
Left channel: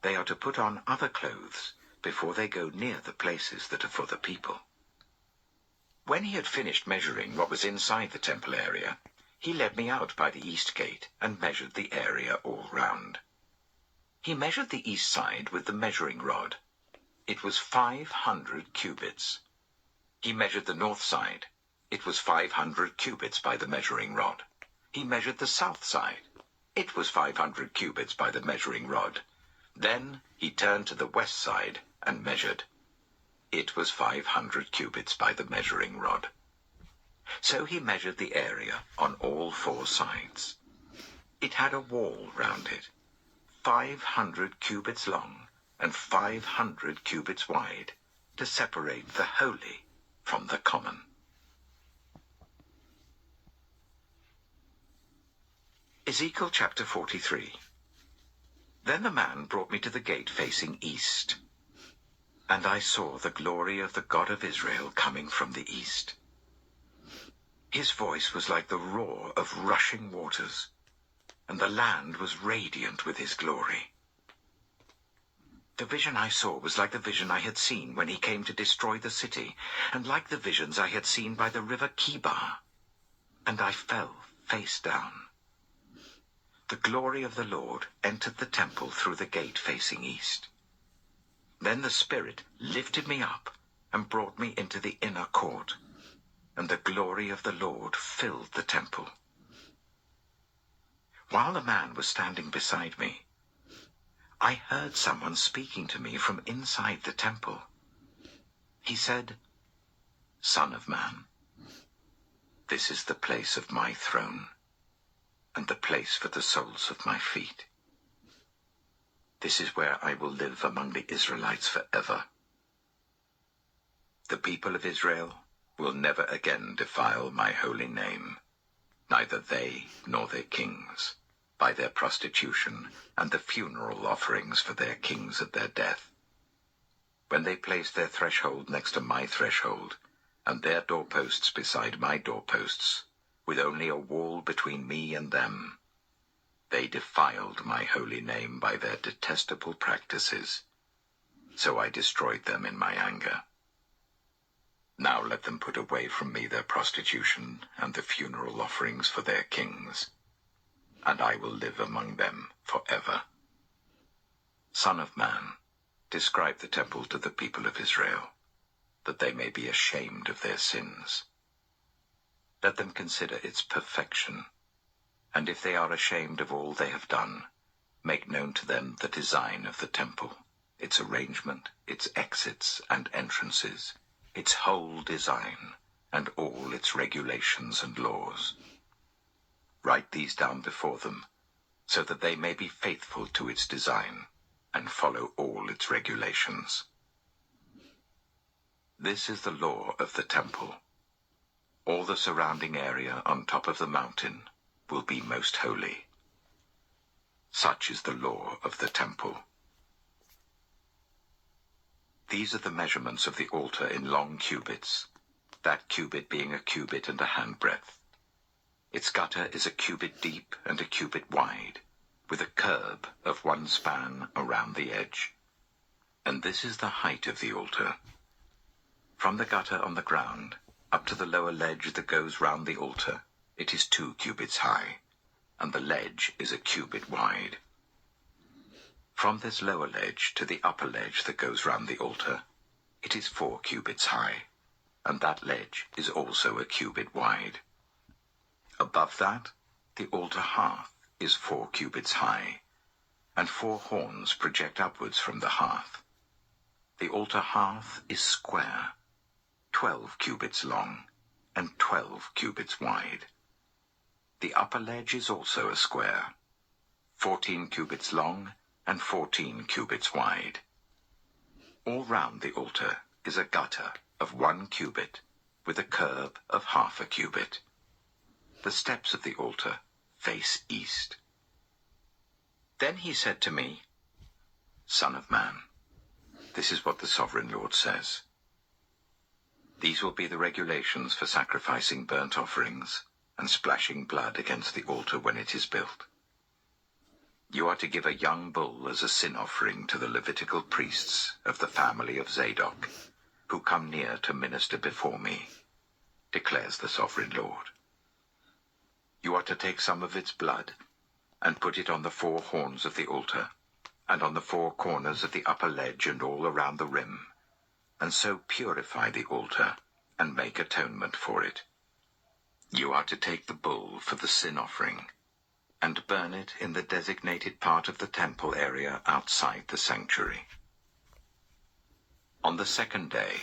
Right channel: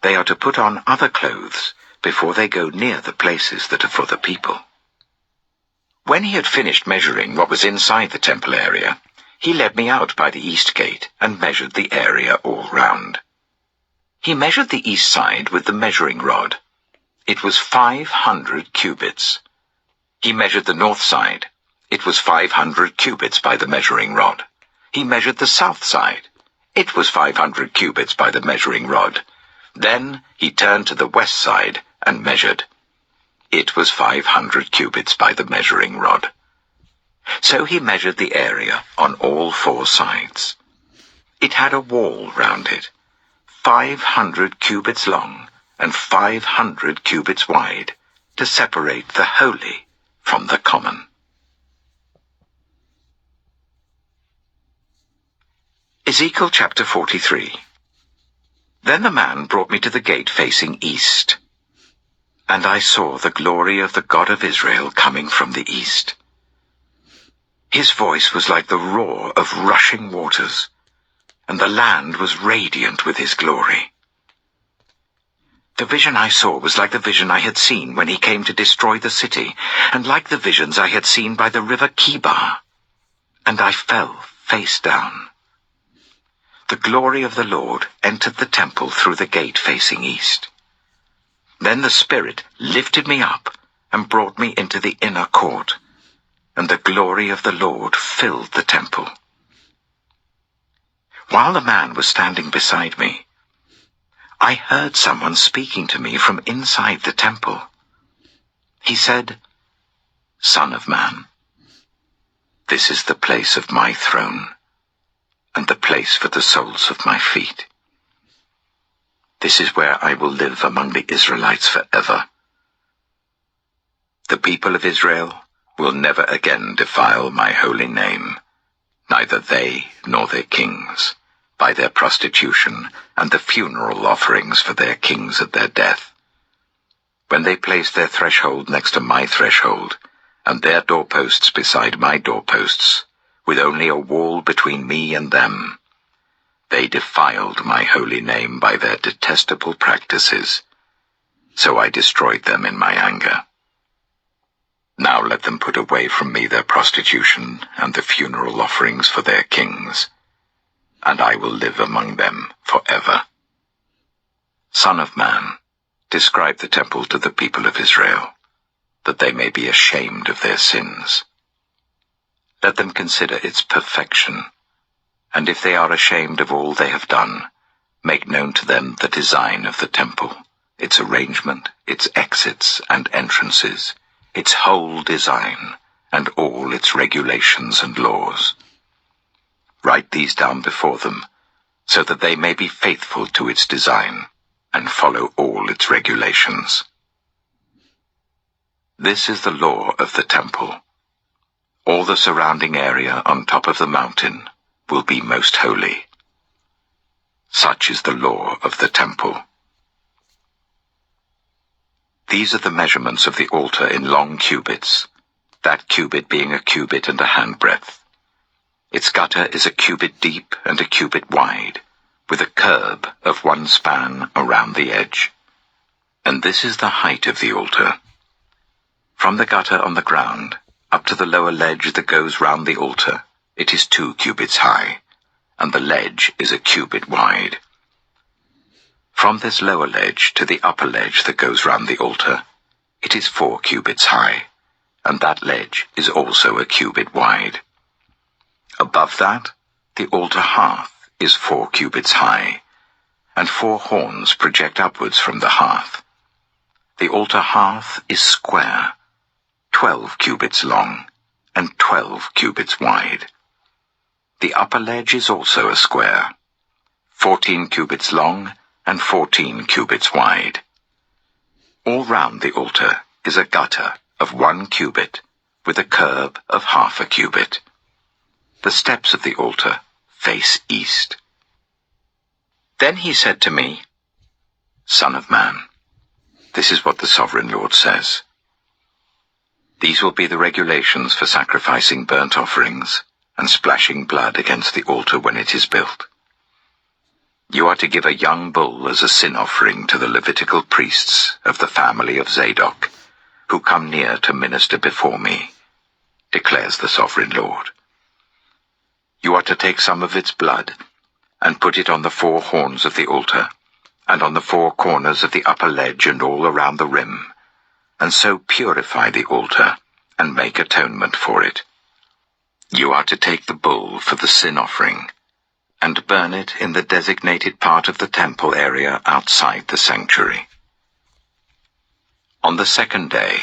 They are to put on other clothes before they go near the places that are for the people." When he had finished measuring what was inside the temple area, he led me out by the east gate and measured the area all round. He measured the east side with the measuring rod. It was 500 cubits. He measured the north side. It was 500 cubits by the measuring rod. He measured the south side. It was 500 cubits by the measuring rod. Then he turned to the west side and measured. It was 500 cubits by the measuring rod. So he measured the area on all four sides. It had a wall round it, 500 cubits long and 500 cubits wide, to separate the holy from the common. Ezekiel chapter 43. Then the man brought me to the gate facing east, and I saw the glory of the God of Israel coming from the east. His voice was like the roar of rushing waters, and the land was radiant with his glory. The vision I saw was like the vision I had seen when he came to destroy the city, and like the visions I had seen by the river Kibar, and I fell face down. The glory of the Lord entered the temple through the gate facing east. Then the Spirit lifted me up and brought me into the inner court, and the glory of the Lord filled the temple. While the man was standing beside me, I heard someone speaking to me from inside the temple. He said, "Son of man, this is the place of my throne, and the place for the soles of my feet. This is where I will live among the Israelites forever. The people of Israel will never again defile my holy name, neither they nor their kings, by their prostitution and the funeral offerings for their kings at their death. When they place their threshold next to my threshold, and their doorposts beside my doorposts, with only a wall between me and them, they defiled my holy name by their detestable practices, so I destroyed them in my anger. Now let them put away from me their prostitution and the funeral offerings for their kings, and I will live among them forever. Son of man, describe the temple to the people of Israel, that they may be ashamed of their sins. Let them consider its perfection, and if they are ashamed of all they have done, make known to them the design of the temple, its arrangement, its exits and entrances, its whole design, and all its regulations and laws. Write these down before them, so that they may be faithful to its design, and follow all its regulations. This is the law of the temple. All the surrounding area on top of the mountain will be most holy. Such is the law of the temple. These are the measurements of the altar in long cubits, that cubit being a cubit and a handbreadth. Its gutter is a cubit deep and a cubit wide, with a curb of 1 span around the edge. And this is the height of the altar. From the gutter on the ground up to the lower ledge that goes round the altar, it is 2 cubits high, and the ledge is a cubit wide. From this lower ledge to the upper ledge that goes round the altar, it is 4 cubits high, and that ledge is also a cubit wide. Above that, the altar hearth is 4 cubits high, and 4 horns project upwards from the hearth. The altar hearth is square, 12 cubits long, and 12 cubits wide. The upper ledge is also a square, 14 cubits long and 14 cubits wide. All round the altar is a gutter of 1 cubit, with a curb of half a cubit. The steps of the altar face east. Then he said to me, Son of man, this is what the Sovereign Lord says. These will be the regulations for sacrificing burnt offerings and splashing blood against the altar when it is built. You are to give a young bull as a sin offering to the Levitical priests of the family of Zadok, who come near to minister before me, declares the Sovereign Lord. You are to take some of its blood and put it on the 4 horns of the altar, and on the 4 corners of the upper ledge and all around the rim, and so purify the altar and make atonement for it. You are to take the bull for the sin offering, and burn it in the designated part of the temple area outside the sanctuary. On the 2nd day,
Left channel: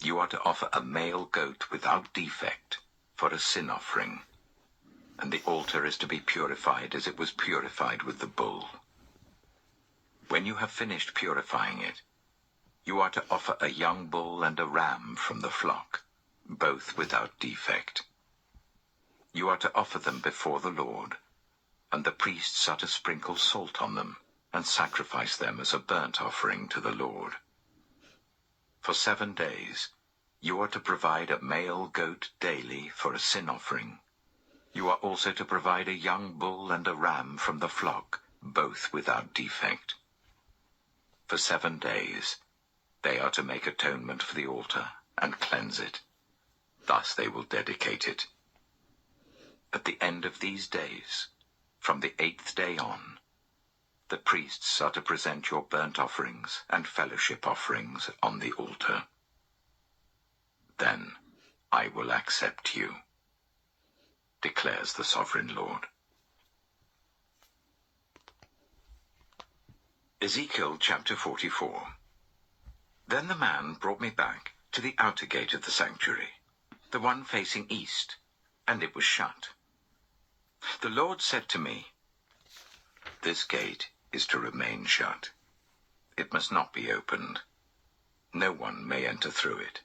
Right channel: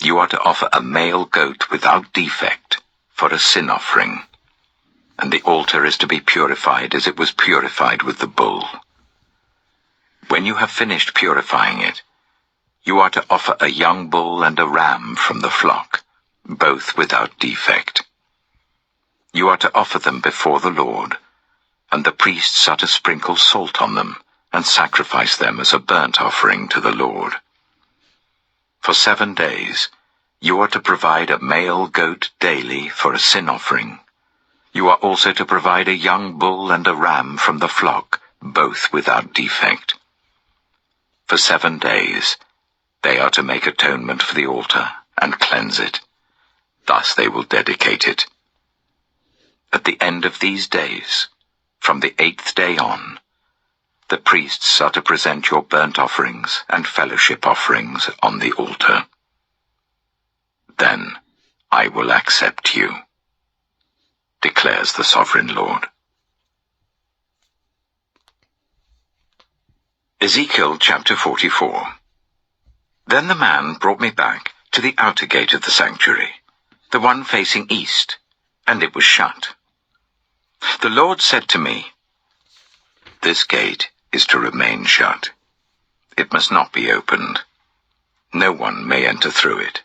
you are to offer a male goat without defect for a sin offering, and the altar is to be purified as it was purified with the bull. When you have finished purifying it, you are to offer a young bull and a ram from the flock, both without defect. You are to offer them before the Lord, and the priests are to sprinkle salt on them and sacrifice them as a burnt offering to the Lord. For 7 days, you are to provide a male goat daily for a sin offering. You are also to provide a young bull and a ram from the flock, both without defect. For 7 days, they are to make atonement for the altar and cleanse it. Thus they will dedicate it. At the end of these days, from the 8th day on, the priests are to present your burnt offerings and fellowship offerings on the altar. Then I will accept you, declares the Sovereign Lord. Ezekiel chapter 44. Then the man brought me back to the outer gate of the sanctuary, the one facing east, and it was shut. The Lord said to me, This gate is to remain shut. It must not be opened. No one may enter through it.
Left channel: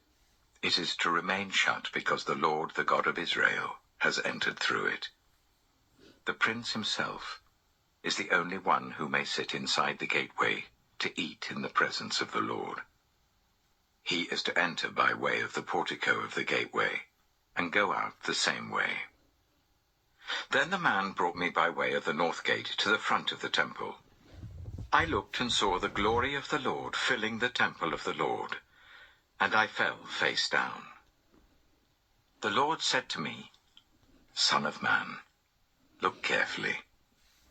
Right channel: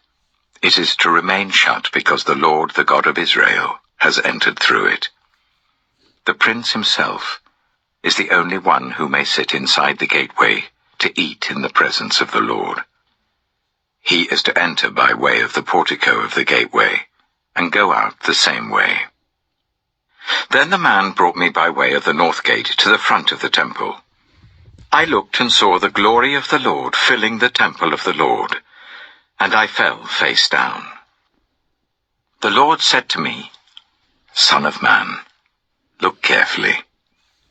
It is to remain shut because the Lord, the God of Israel, has entered through it. The prince himself is the only one who may sit inside the gateway to eat in the presence of the Lord. He is to enter by way of the portico of the gateway and go out the same way. Then the man brought me by way of the north gate to the front of the temple. I looked and saw the glory of the Lord filling the temple of the Lord, and I fell face down. The Lord said to me, Son of man, look carefully.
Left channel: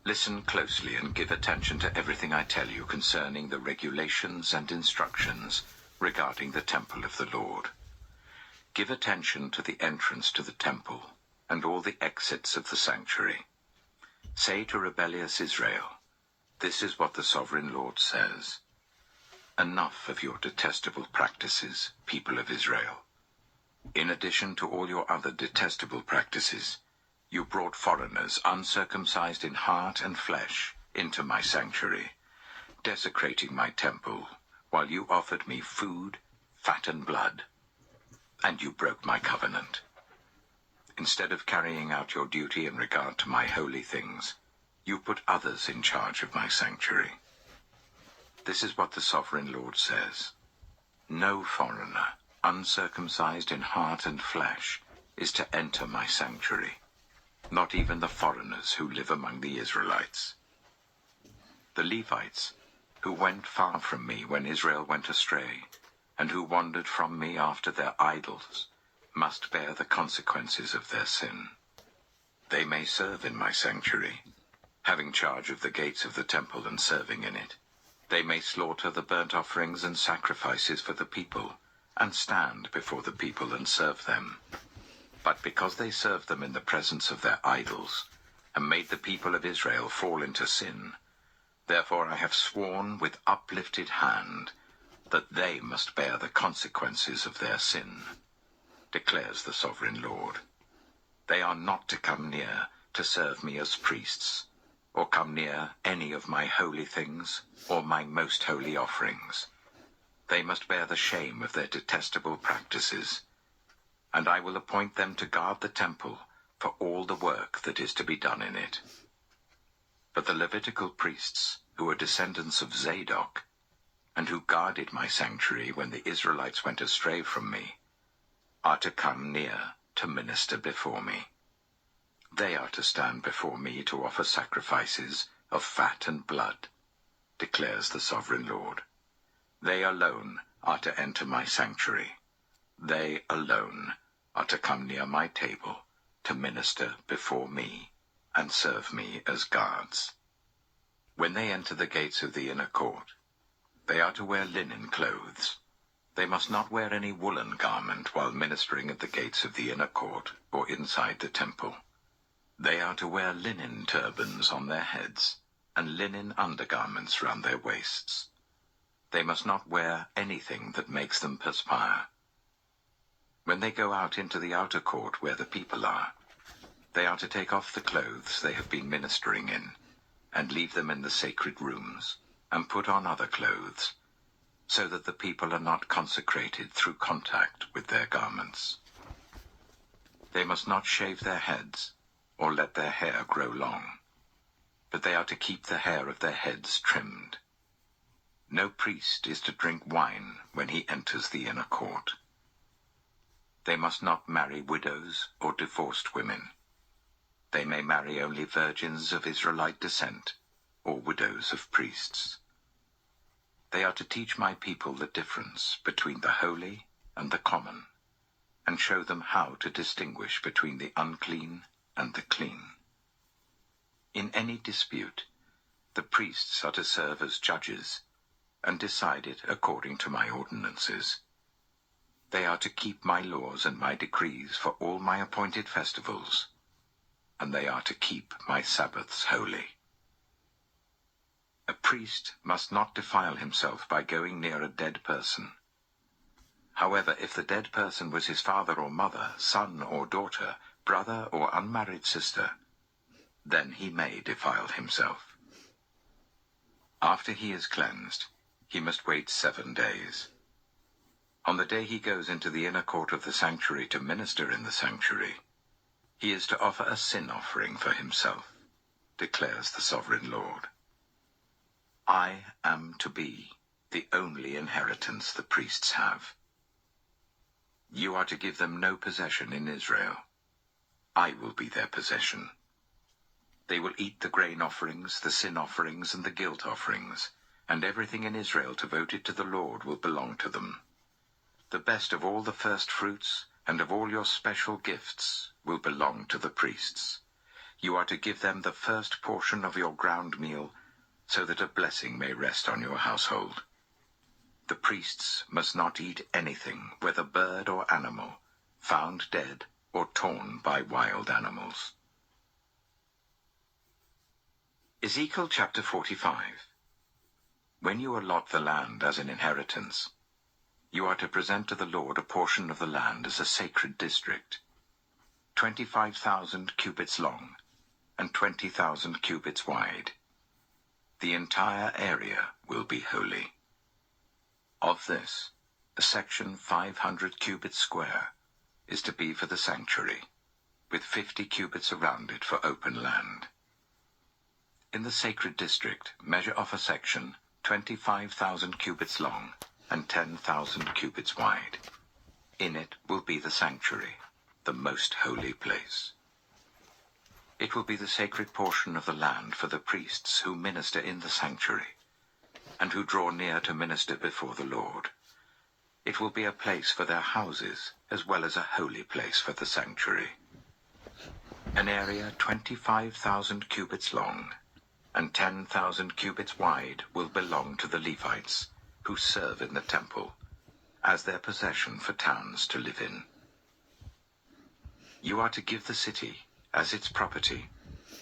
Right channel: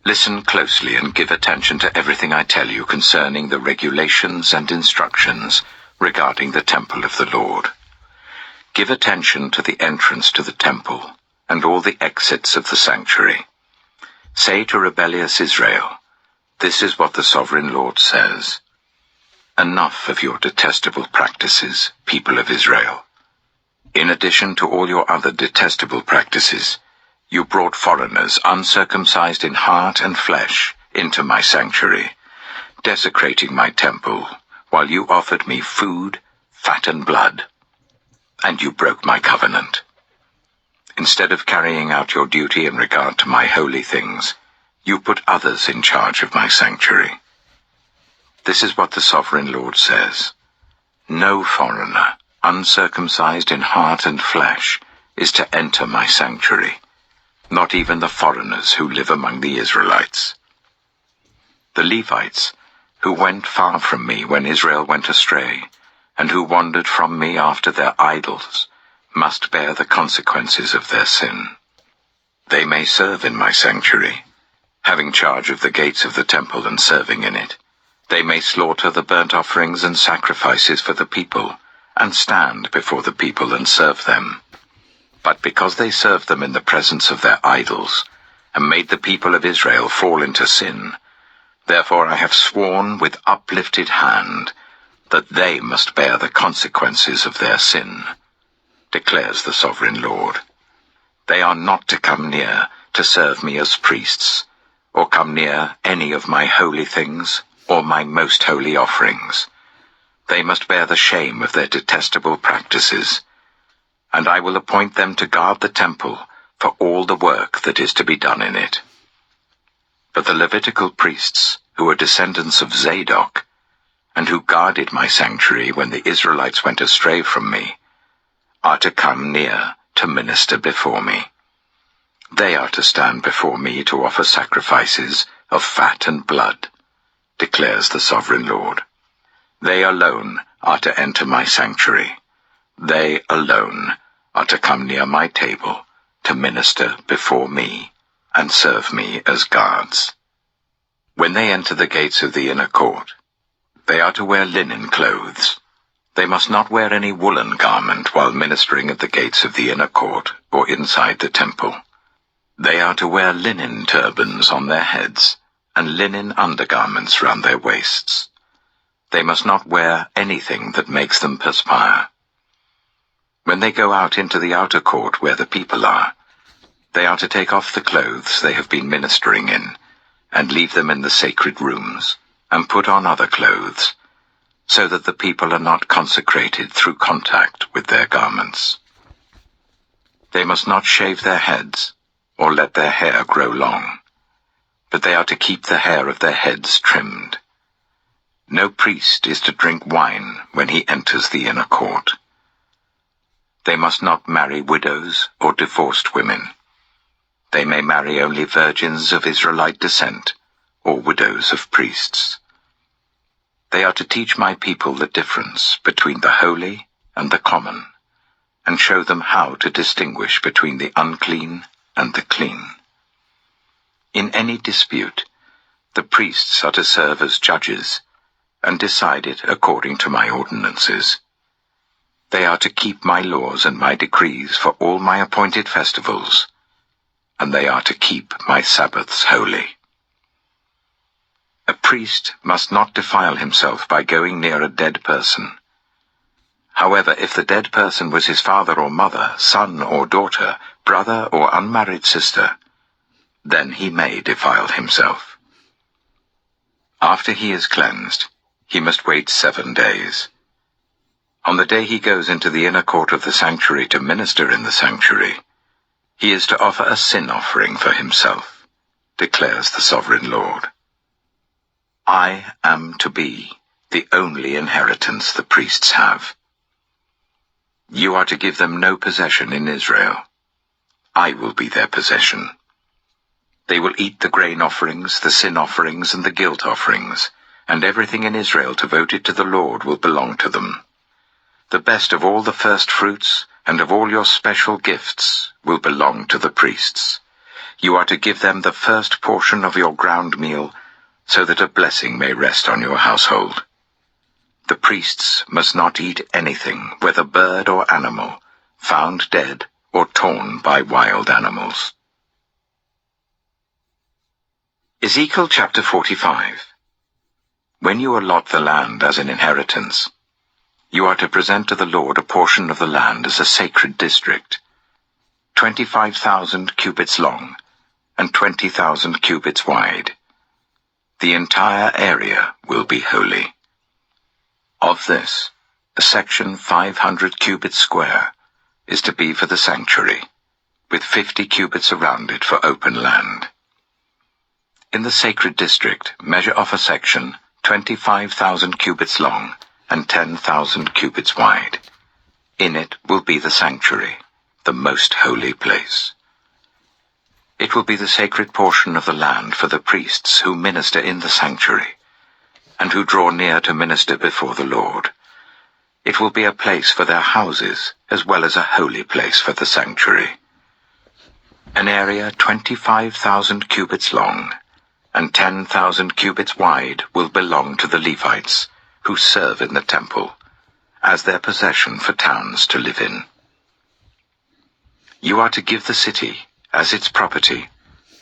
Listen closely and give attention to everything I tell you concerning the regulations and instructions regarding the temple of the Lord. Give attention to the entrance to the temple and all the exits of the sanctuary. Say to rebellious Israel, This is what the Sovereign Lord says. Enough of your detestable practices, people of Israel. In addition to all your other detestable practices, you brought foreigners uncircumcised in heart and flesh into my sanctuary, desecrating my temple, while you offered me food, fat and blood, and you broke my covenant. Instead of carrying out your duty in regard to my holy things, you put others in charge of my sanctuary. This is what the Sovereign Lord says. No foreigner, uncircumcised in heart and flesh, is to enter my sanctuary, not even the foreigners who live among the Israelites. The Levites, who went far from me when Israel went astray, and who wandered from me after their idols, must bear the consequences of their sin. They may serve in my sanctuary, having charge of the gates of the temple and serving in it. They may slaughter the burnt offerings and sacrifices for the people, and stand before the people and serve them. But because they served them in the presence of their idols, and made the people of Israel fall into sin, therefore I have sworn with uplifted hand that they must bear the consequences of their sin, declares the sovereign Lord. They are not to come near to serve me as priests, or come near any of my holy things or my most holy offerings. They must bear the shame of their detestable practices, and I will appoint them to guard the temple for all the work that is to be done in it. But the Levitical priests, who are descendants of Zadok, and who guarded my sanctuary when the Israelites went astray from me, are to come near to minister before me. They are to stand before me to offer sacrifices of fat and blood, declares the sovereign Lord. They alone are to enter my sanctuary. They alone are to come near my table to minister before me and serve me as guards. When they enter the gates of the inner court, they are to wear linen clothes. They must not wear any woolen garment while ministering at the gates of the inner court or inside the temple. They are to wear linen turbans on their heads and linen undergarments round their waists. They must not wear anything that makes them perspire. When they go out into the outer court where the people are, they are to take off the clothes they have been ministering in, and leave them in the sacred rooms, and put on other clothes, so that the people are not consecrated through contact with their garments. They must not shave their heads, or let their hair grow long, but they are to keep the hair of their heads trimmed. No priest is to drink wine when he enters the inner court. They must not marry widows or divorced women. They may marry only virgins of Israelite descent, or widows of priests. They are to teach my people the difference between the holy and the common, and show them how to distinguish between the unclean and the clean. In any dispute, the priests are to serve as judges, and decide it according to my ordinances. They are to keep my laws and my decrees for all my appointed festivals, and they are to keep my Sabbaths holy. A priest must not defile himself by going near a dead person. However, if the dead person was his father or mother, son or daughter, brother or unmarried sister, then he may defile himself. After he is cleansed, he must wait 7 days. On the day he goes into the inner court of the sanctuary to minister in the sanctuary, he is to offer a sin offering for himself, declares the sovereign Lord. I am to be the only inheritance the priests have. You are to give them no possession in Israel. I will be their possession. They will eat the grain offerings, the sin offerings, and the guilt offerings, and everything in Israel devoted to the Lord will belong to them. The best of all the first fruits and of all your special gifts will belong to the priests. You are to give them the first portion of your ground meal, so that a blessing may rest on your household. The priests must not eat anything, whether bird or animal, found dead or torn by wild animals. Ezekiel chapter 45. When you allot the land as an inheritance, you are to present to the Lord a portion of the land as a sacred district, 25,000 cubits long and 20,000 cubits wide. The entire area will be holy. Of this, a section 500 cubits square is to be for the sanctuary, with 50 cubits around it for open land. In the sacred district, measure off a section 25,000 cubits long and 10,000 cubits wide. In it will be the sanctuary, the most holy place. It will be the sacred portion of the land for the priests who minister in the sanctuary, and who draw near to minister before the Lord. It will be a place for their houses, as well as a holy place for the sanctuary. An area 25,000 cubits long and 10,000 cubits wide will belong to the Levites, who serve in the temple, as their possession for towns to live in. You are to give the city, as its property,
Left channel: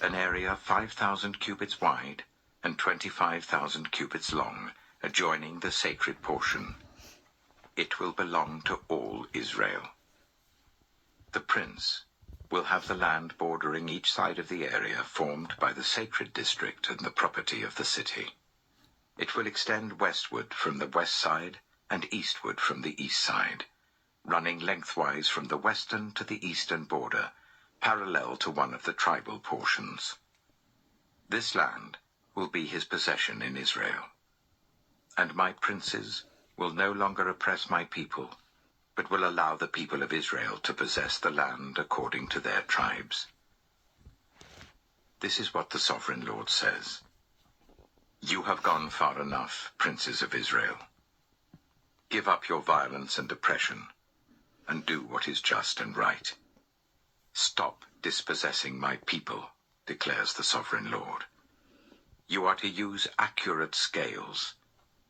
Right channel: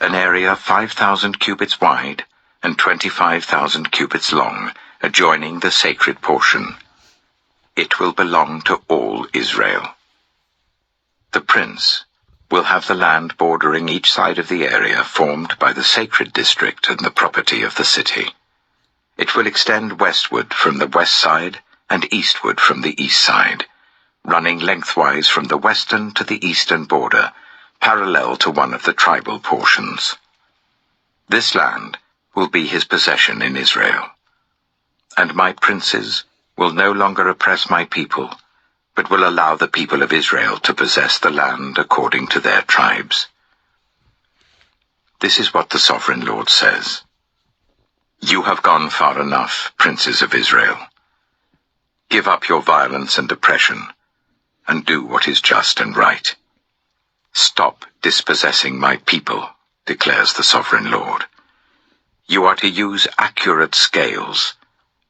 an area 5,000 cubits wide and 25,000 cubits long, adjoining the sacred portion. It will belong to all Israel. The prince will have the land bordering each side of the area formed by the sacred district and the property of the city. It will extend westward from the west side and eastward from the east side, running lengthwise from the western to the eastern border, parallel to one of the tribal portions. This land will be his possession in Israel. And my princes will no longer oppress my people, but will allow the people of Israel to possess the land according to their tribes. This is what the Sovereign Lord says. You have gone far enough, princes of Israel. Give up your violence and oppression, and do what is just and right. Stop dispossessing my people, declares the Sovereign Lord. You are to use accurate scales,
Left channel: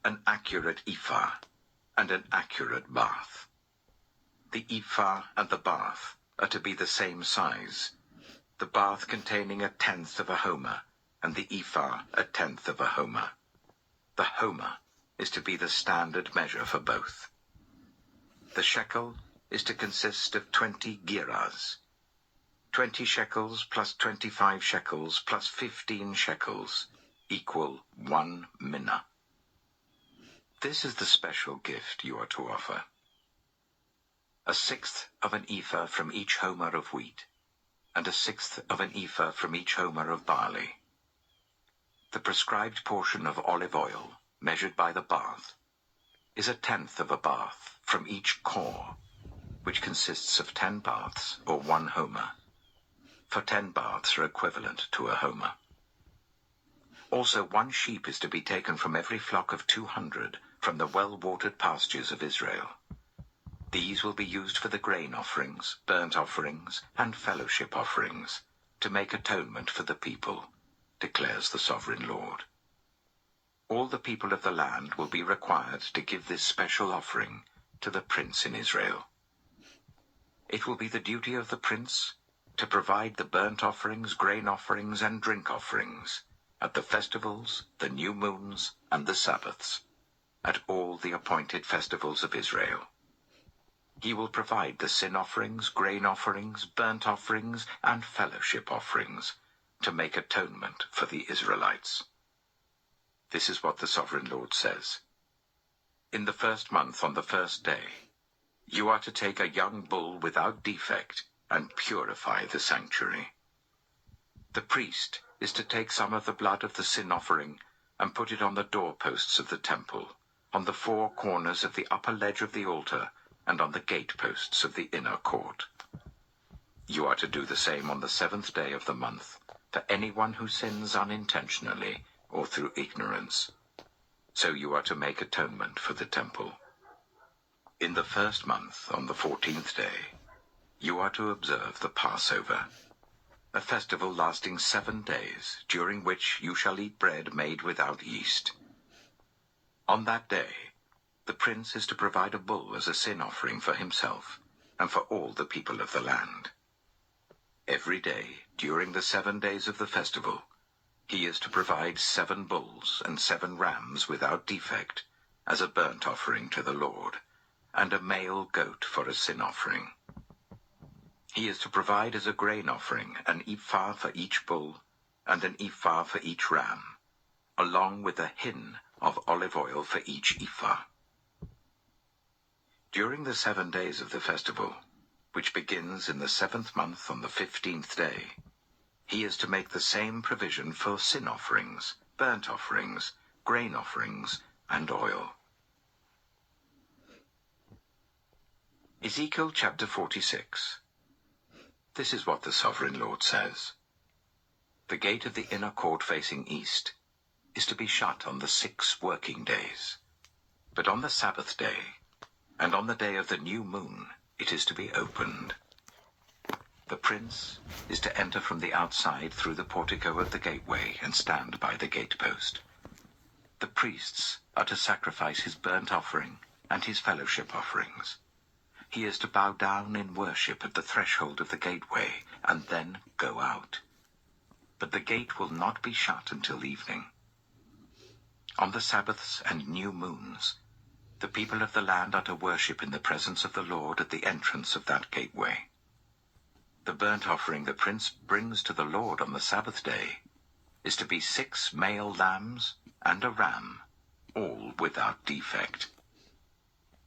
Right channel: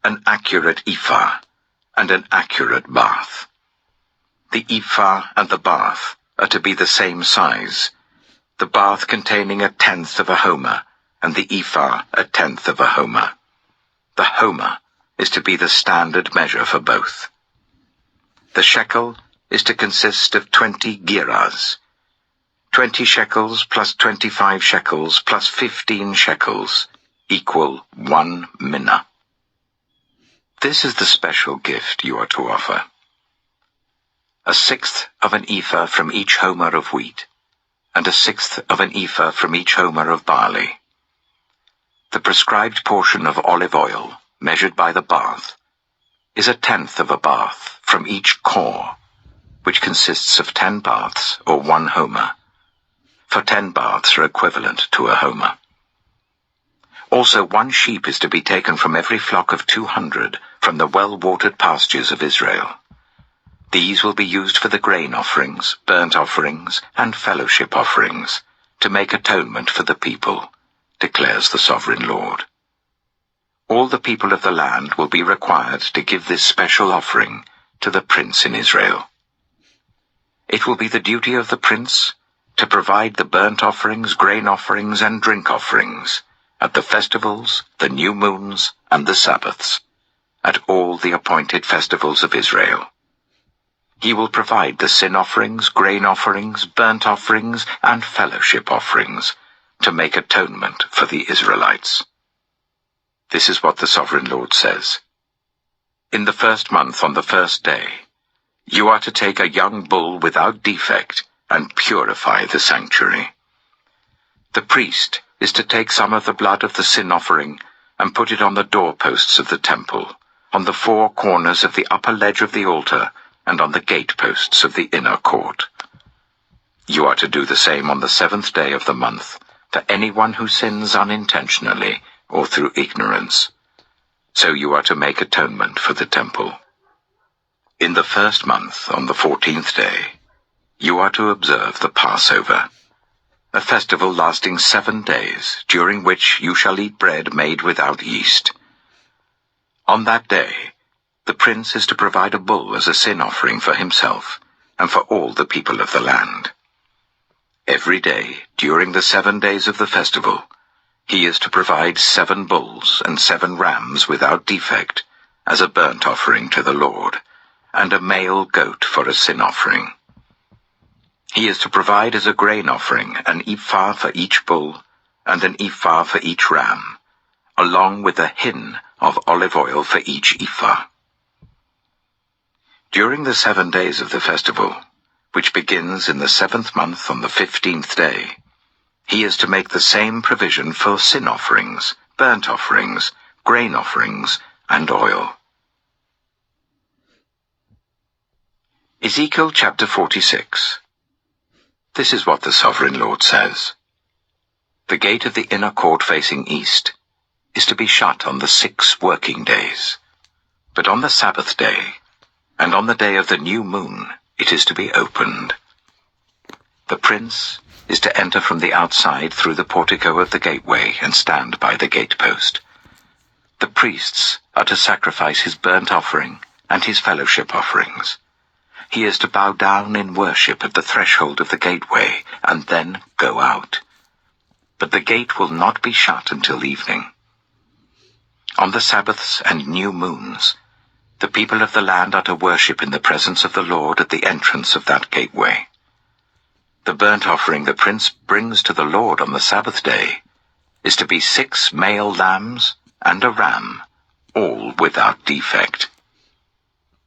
an accurate ephah, and an accurate bath. The ephah and the bath are to be the same size, the bath containing 1/10 of a homer, and the ephah 1/10 of a homer. The homer is to be the standard measure for both. The shekel is to consist of 20 gerahs, 20 shekels plus 25 shekels plus 15 shekels equal 1 minnah. This is the special gift you are to offer. 1/6 of an ephah from each homer of wheat, and 1/6 of an ephah from each homer of barley. The prescribed portion of olive oil, measured by the bath, is 1/10 of a bath from each core, which consists of 10 baths or 1 homer, for 10 baths are equivalent to a homer. Also 1 sheep is to be taken from every flock of 200 from the well-watered pastures of Israel. These will be used for the grain offerings, burnt offerings, and fellowship offerings, to make atonement for the people, declares the Sovereign Lord. All the people of the land will be required to give this special offering to the prince in Israel. It will be the duty of the prince to provide the burnt offerings, grain offerings, and drink offerings at the festivals, the new moons, and the Sabbaths, at all the appointed festivals of Israel. He will provide the sin offerings, grain offerings, burnt offerings, and fellowship offerings to make atonement for the Israelites. This is what the Sovereign Lord says. In the 1st month on the 1st day, you are to take a young bull without defect and purify the sanctuary. The priest is to take some of the blood of the sin offering and put it on the doorposts of the temple, on the 4 corners of the upper ledge of the altar, and on the gateposts of the inner court. You are to do the same on the 7th day of the month for anyone who sins unintentionally or through ignorance. So you are to make atonement for the temple. In the 1st month, on the 14th day, you are to observe the Passover, a festival lasting 7 days, during which you shall eat bread made without yeast. On that day, the prince is to provide a bull as a sin offering for himself and for all the people of the land. Every day, during the 7 days of the festival, he is to provide 7 bulls and 7 rams without defect as a burnt offering to the Lord, and a male goat for a sin offering. He is to provide as a grain offering an ephah for each bull and an ephah for each ram, along with a hin of olive oil for each ephah. During the 7 days of the festival, which begins in the 7th month on the 15th day, he is to make the same provision for sin offerings, burnt offerings, grain offerings, and oil. Ezekiel chapter 46. This is what the Sovereign Lord says. The gate of the inner court facing east is to be shut on the 6 working days, but on the Sabbath day, and on the day of the new moon it is to be opened. The prince is to enter from the outside through the portico of the gateway and stand by the gatepost. The priests are to sacrifice his burnt offering and his fellowship offerings. He is to bow down in worship at the threshold of the gateway and then go out. But the gate will not be shut until evening. On the Sabbaths and new moons, the people of the land are to worship in the presence of the Lord at the entrance of that gateway. The burnt offering the prince brings to the Lord on the Sabbath day is to be 6 male lambs and a ram, all without defect.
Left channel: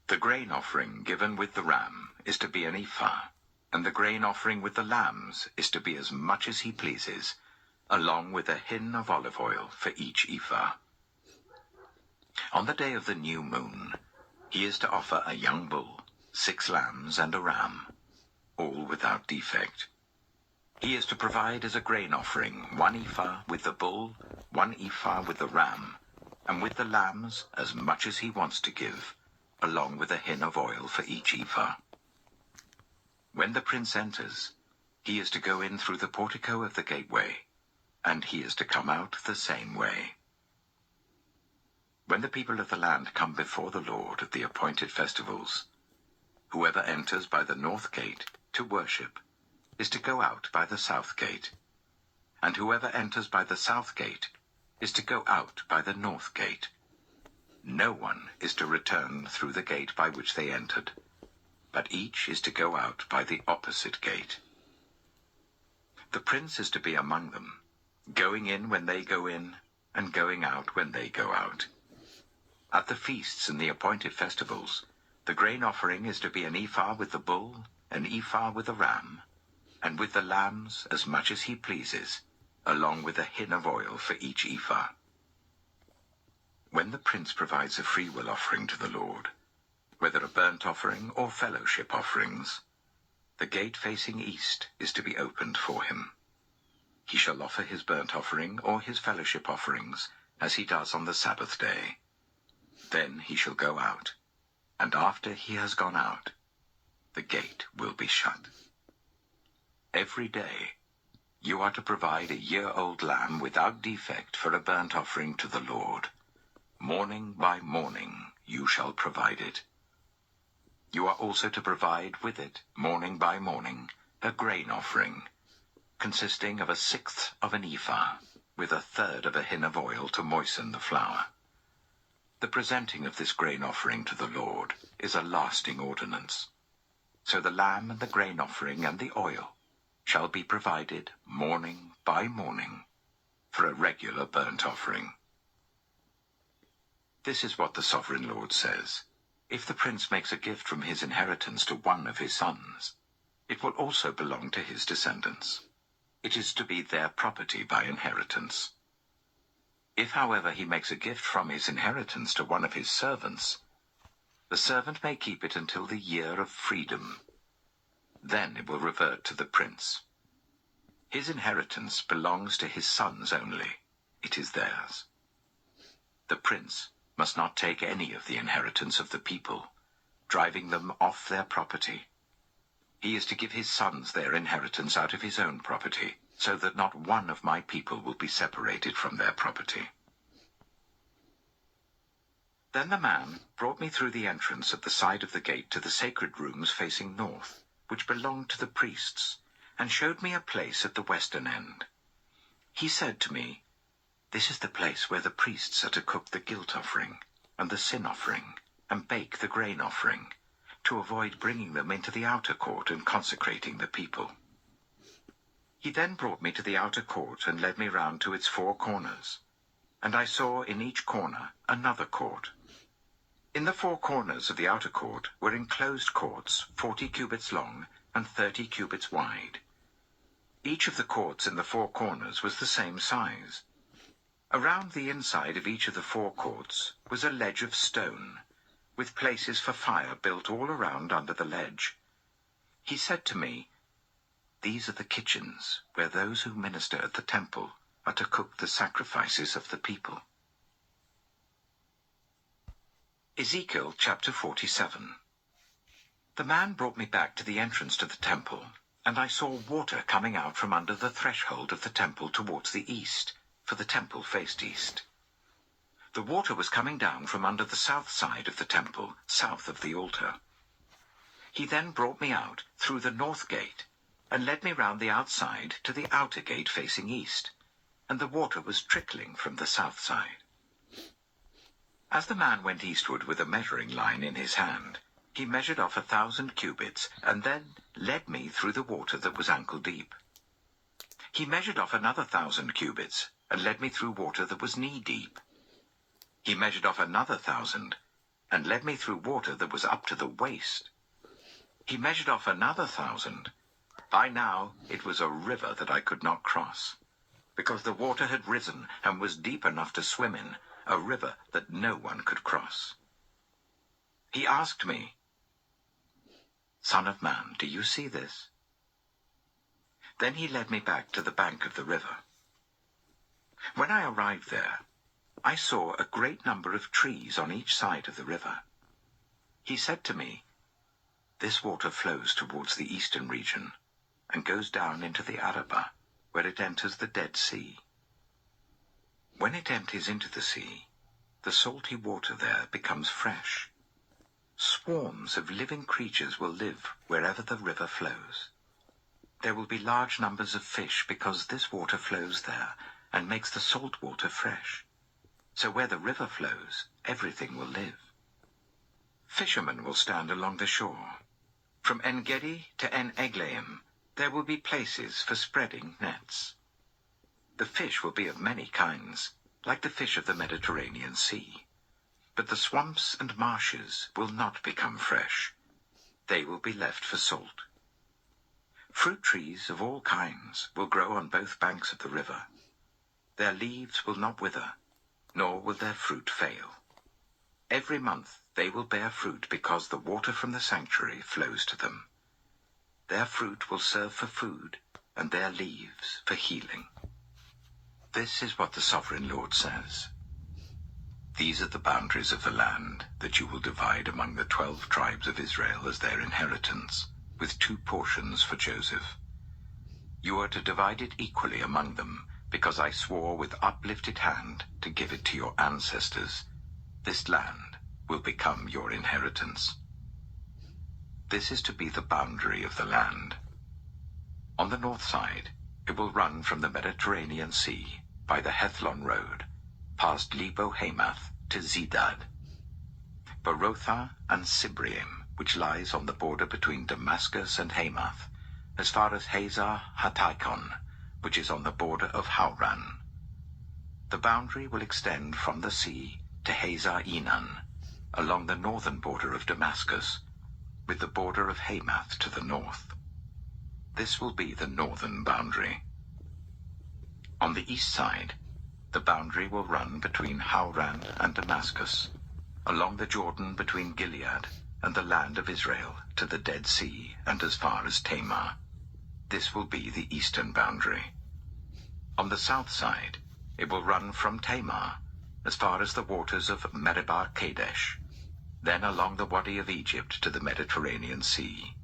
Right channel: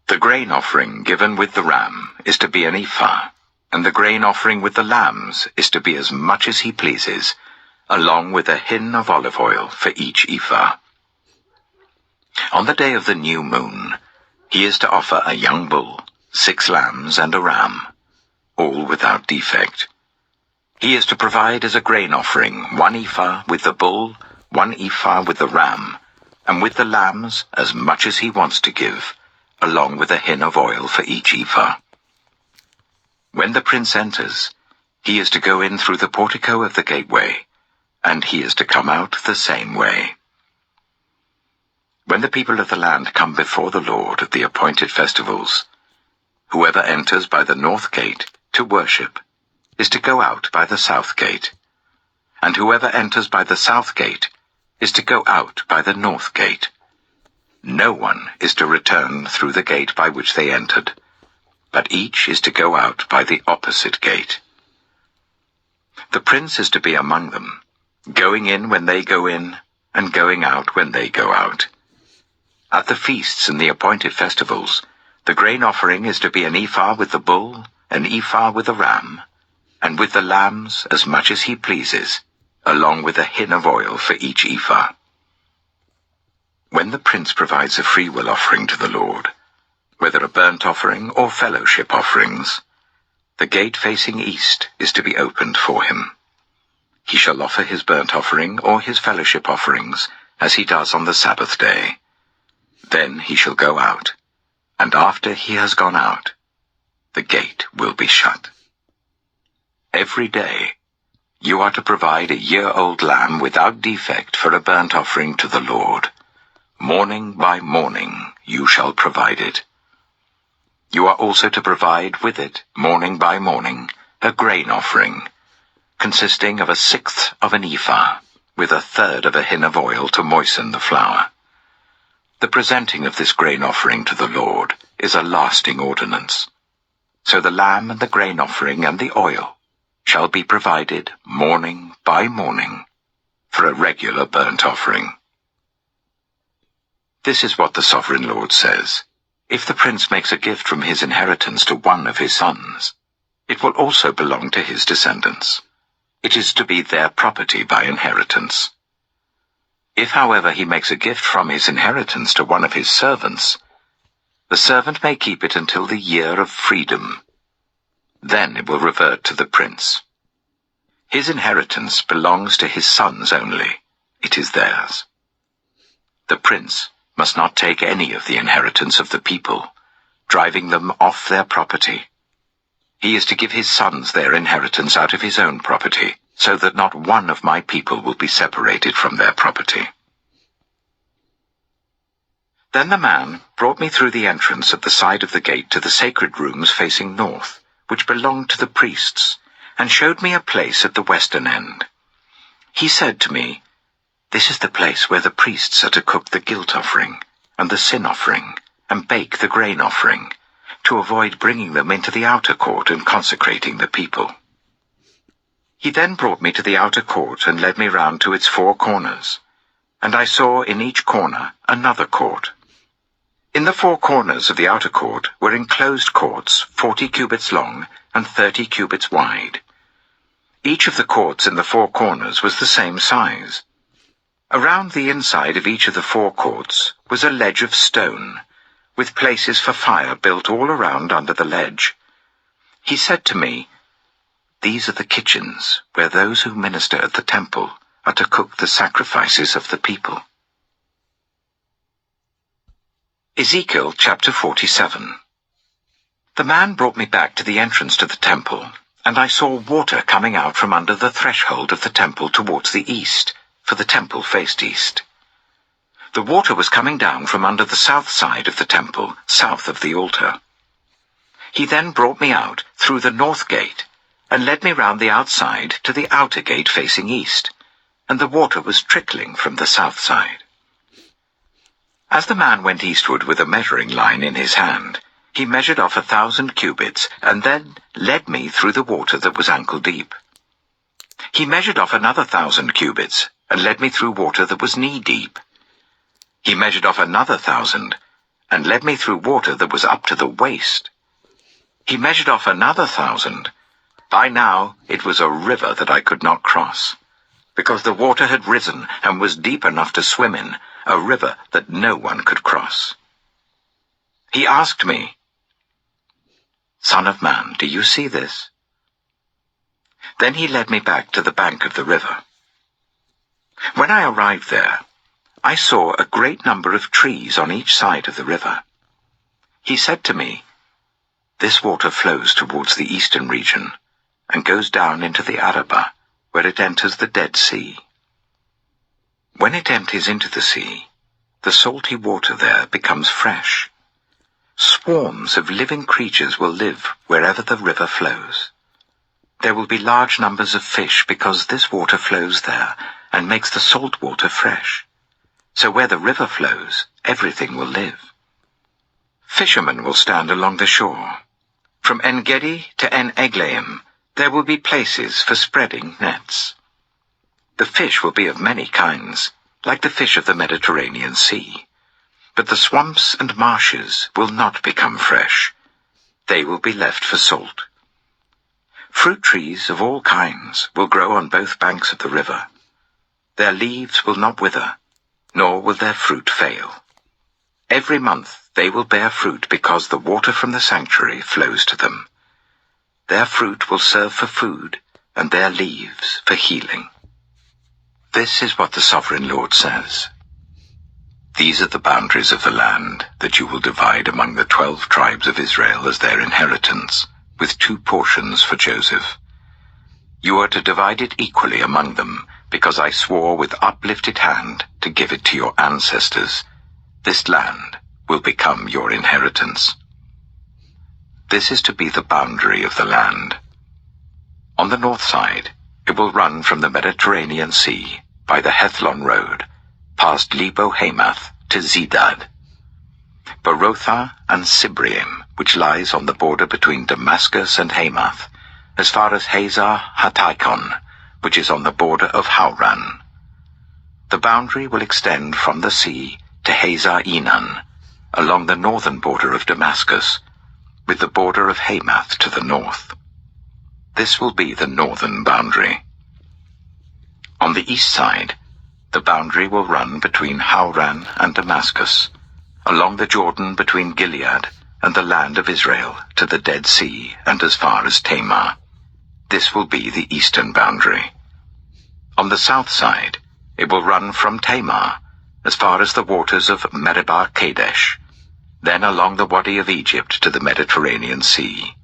The grain offering given with the ram is to be an ephah, and the grain offering with the lambs is to be as much as he pleases, along with a hin of olive oil for each ephah. On the day of the new moon, he is to offer a young bull, 6 lambs and a ram, all without defect. He is to provide as a grain offering 1 ephah with the bull, 1 ephah with the ram, and with the lambs as much as he wants to give, along with a hin of oil for each ephah. When the prince enters, he is to go in through the portico of the gateway, and he is to come out the same way. When the people of the land come before the Lord at the appointed festivals, whoever enters by the north gate to worship is to go out by the south gate, and whoever enters by the south gate is to go out by the north gate. No one is to return through the gate by which they entered, but each is to go out by the opposite gate. The prince is to be among them, going in when they go in, and going out when they go out. At the feasts and the appointed festivals, the grain offering is to be an ephah with the bull, an ephah with the ram, and with the lambs as much as he pleases, along with a hin of oil for each ephah. When the prince provides a freewill offering to the Lord, whether a burnt offering or fellowship offerings, the gate facing east is to be opened for him. He shall offer his burnt offering or his fellowship offerings, as he does on the Sabbath day. Then he shall go out, and after he has gone out, the gate will be shut. Every day you are to provide a year-old lamb without defect for a burnt offering to the Lord. Morning by morning you shall provide it. You are also to provide with it, morning by morning, a grain offering, consisting of 1/6 of an ephah, with 1/3 of a hin of oil to moisten the flour. The presenting of this grain offering to the Lord is a lasting ordinance. So the lamb and the grain offering and the oil shall be provided morning by morning for a regular burnt offering. This is what the sovereign Lord says. If the prince makes a gift from his inheritance to one of his sons, it will also belong to his descendants. It is to be their property by inheritance. If, however, he makes a gift from his inheritance to one of his servants, the servant may keep it until the year of freedom. Then it will revert to the prince. His inheritance belongs to his sons only. It is theirs. The prince must not take any of the inheritance of the people, driving them off their property. He is to give his sons their inheritance out of his own property, so that not one of my people will be separated from their property. Then the man brought me through the entrance at the side of the gate to the sacred rooms facing north, which belonged to the priests, and showed me a place at the western end. He said to me, "This is the place where the priests are to cook the guilt offering, and the sin offering, and bake the grain offering, to avoid bringing them into the outer court and consecrating the people." He then brought me to the outer court and led me round to its 4 corners, and I saw in each corner another court. In the 4 corners of the outer court were enclosed courts 40 cubits long and 30 cubits wide. Each of the courts in the 4 corners was the same size. Around the inside of each of the 4 courts was a ledge of stone, with places for fire built all around under the ledge. He said to me, "These are the kitchens where those who minister at the temple are to cook the sacrifices of the people." Ezekiel chapter 47. The man brought me back to the entrance to the temple, and I saw water coming out from under the threshold of the temple towards the east, for the temple faced east. The water was coming down from under the south side of the temple, south of the altar. He then brought me out through the north gate, and led me round the outside to the outer gate facing east, and the water was trickling from the south side. As the man went eastward with a measuring line in his hand, he measured off 1,000 cubits, and then led me through the water that was ankle deep. He measured off another 1,000 cubits, and led me through water that was knee deep. He measured off another 1,000, and led me through water that was up to the waist. He measured off another 1,000. By now it was a river that I could not cross, because the water had risen and was deep enough to swim in, a river that no one could cross. He asked me, "Son of man, do you see this?" Then he led me back to the bank of the river. When I arrived there, I saw a great number of trees on each side of the river. He said to me, "This water flows towards the eastern region and goes down into the Arabah, where it enters the Dead Sea. When it empties into the sea, the salty water there becomes fresh. Swarms of living creatures will live wherever the river flows. There will be large numbers of fish because this water flows there and makes the salt water fresh. So where the river flows, everything will live. Fishermen will stand along the shore. From En-Gedi to En-Eglaim, there will be places for spreading nets. The fish will be of many kinds, like the fish of the Mediterranean Sea. But the swamps and marshes will not become fresh. They will be left for salt. Fruit trees of all kinds will grow on both banks of the river. Their leaves will not wither, nor will their fruit fail. Every month they will bear fruit because the water from the sanctuary flows to them. Their fruit will serve for food, and their leaves for healing." This is what the Sovereign Lord says. "These are the boundaries of the land that you will divide among the 12 tribes of Israel as their inheritance, with 2 portions for Joseph. You are to divide it equally among them, because I swore with uplifted hand to give it to your ancestors. This land will become your inheritance. This is to be the boundary of the land. On the north side, it will run from the Mediterranean Sea by the Hethlon road, past Lebo-Hamath to Zedad, Berotha and Sibrim, which lies on the border between Damascus and Hamath, as far as Hazar-Hataikon, which is on the border of Hauran. The boundary will extend from the sea to Hazar-Enan, along the northern border of Damascus, with the border of Hamath to the north. This will be the northern boundary. On the east side, the boundary will run between Hauran and Damascus, along the Jordan between Gilead and the land of Israel to the Dead Sea and as far as Tamar. This will be the eastern boundary. On the south side, it will run from Tamar as far as the waters of Meribah Kadesh, then along the Wadi of Egypt to the Mediterranean Sea.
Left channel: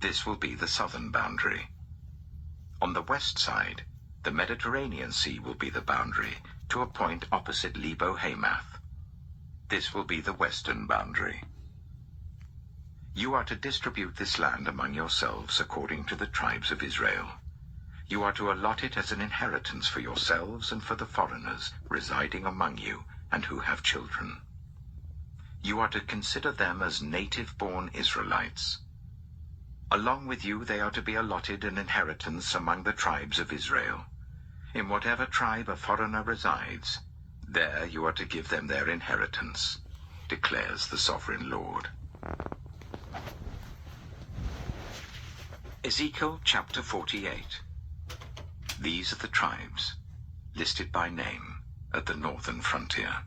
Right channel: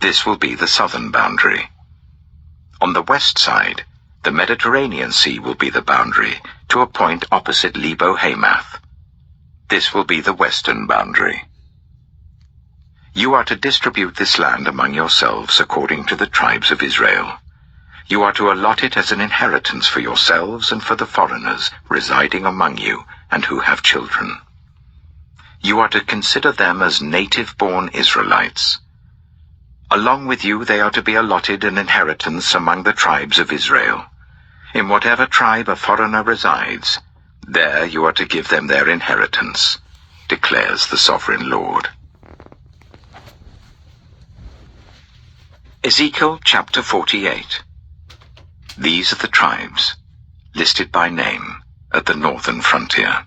This will be the southern boundary. On the west side, the Mediterranean Sea will be the boundary to a point opposite Lebo-Hamath. This will be the western boundary. You are to distribute this land among yourselves according to the tribes of Israel. You are to allot it as an inheritance for yourselves and for the foreigners residing among you and who have children. You are to consider them as native-born Israelites. Along with you they are to be allotted an inheritance among the tribes of Israel. In whatever tribe a foreigner resides, there you are to give them their inheritance, declares the Sovereign Lord. Ezekiel chapter 48. These are the tribes, listed by name, at the northern frontier.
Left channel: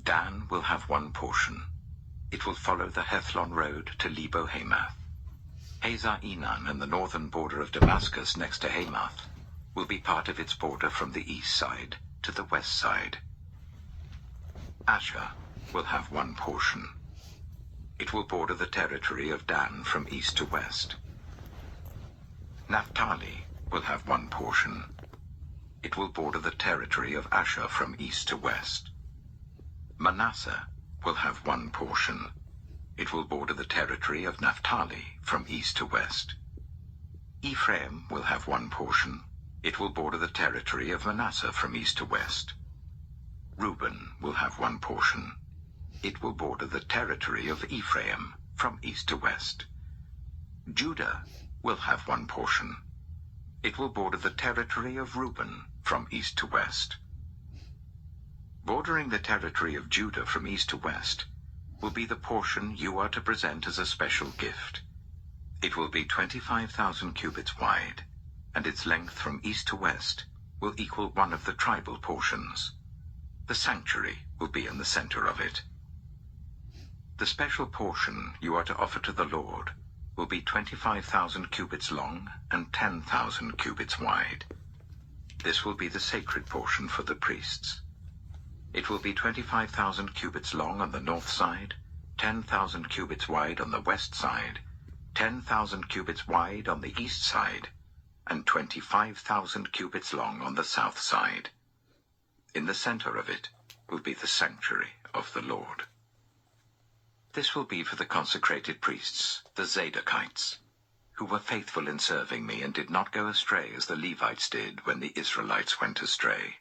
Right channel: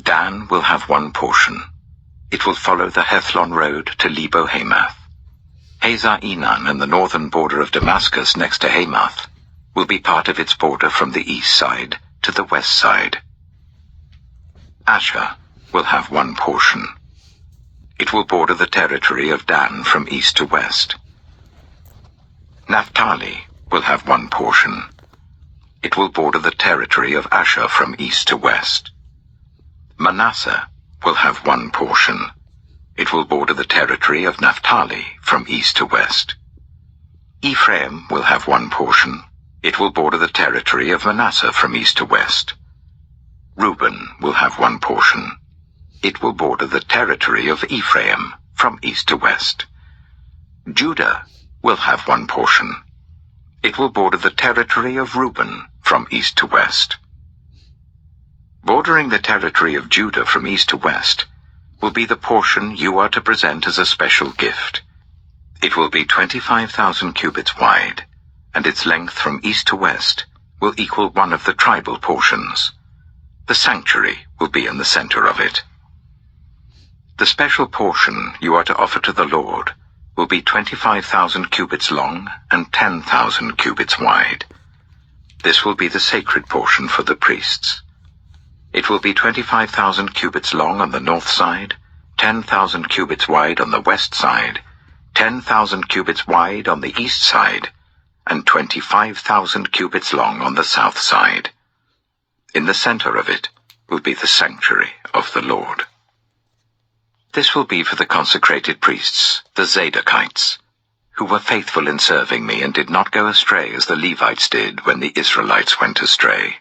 Dan will have 1 portion. It will follow the Hethlon road to Lebo-Hamath. Hazar-Enan and the northern border of Damascus next to Hamath will be part of its border from the east side to the west side. Asher will have 1 portion. It will border the territory of Dan from east to west. Naphtali will have one portion. It will border the territory of Asher from east to west. Manasseh will have one portion. It will border the territory of Naphtali from east to west. Ephraim will have one portion. It will border the territory of Manasseh from east to west. Reuben will have one portion. It will border the territory of Ephraim from east to west. Judah will have one portion. It will border the territory of Reuben from east to west. Bordering the territory of Judah from east to west will be the portion you are to present as a special gift. It will be 25,000 cubits wide, and its length from east to west will equal one of the tribal portions. The sanctuary will be in the center of it. The special portion you are to offer to the Lord will be 25,000 cubits long and 10,000 cubits wide. This will be the sacred portion for the priests. It will be 25,000 cubits long on the north side, 10,000 cubits wide on the west side, 10,000 cubits wide on the east side, and 25,000 cubits long on the south side. In the center of it will be the sanctuary of the Lord. This will be for the consecrated priests, the Zadokites, who were faithful in serving me and did not go astray as the Levites did when the Israelites went astray.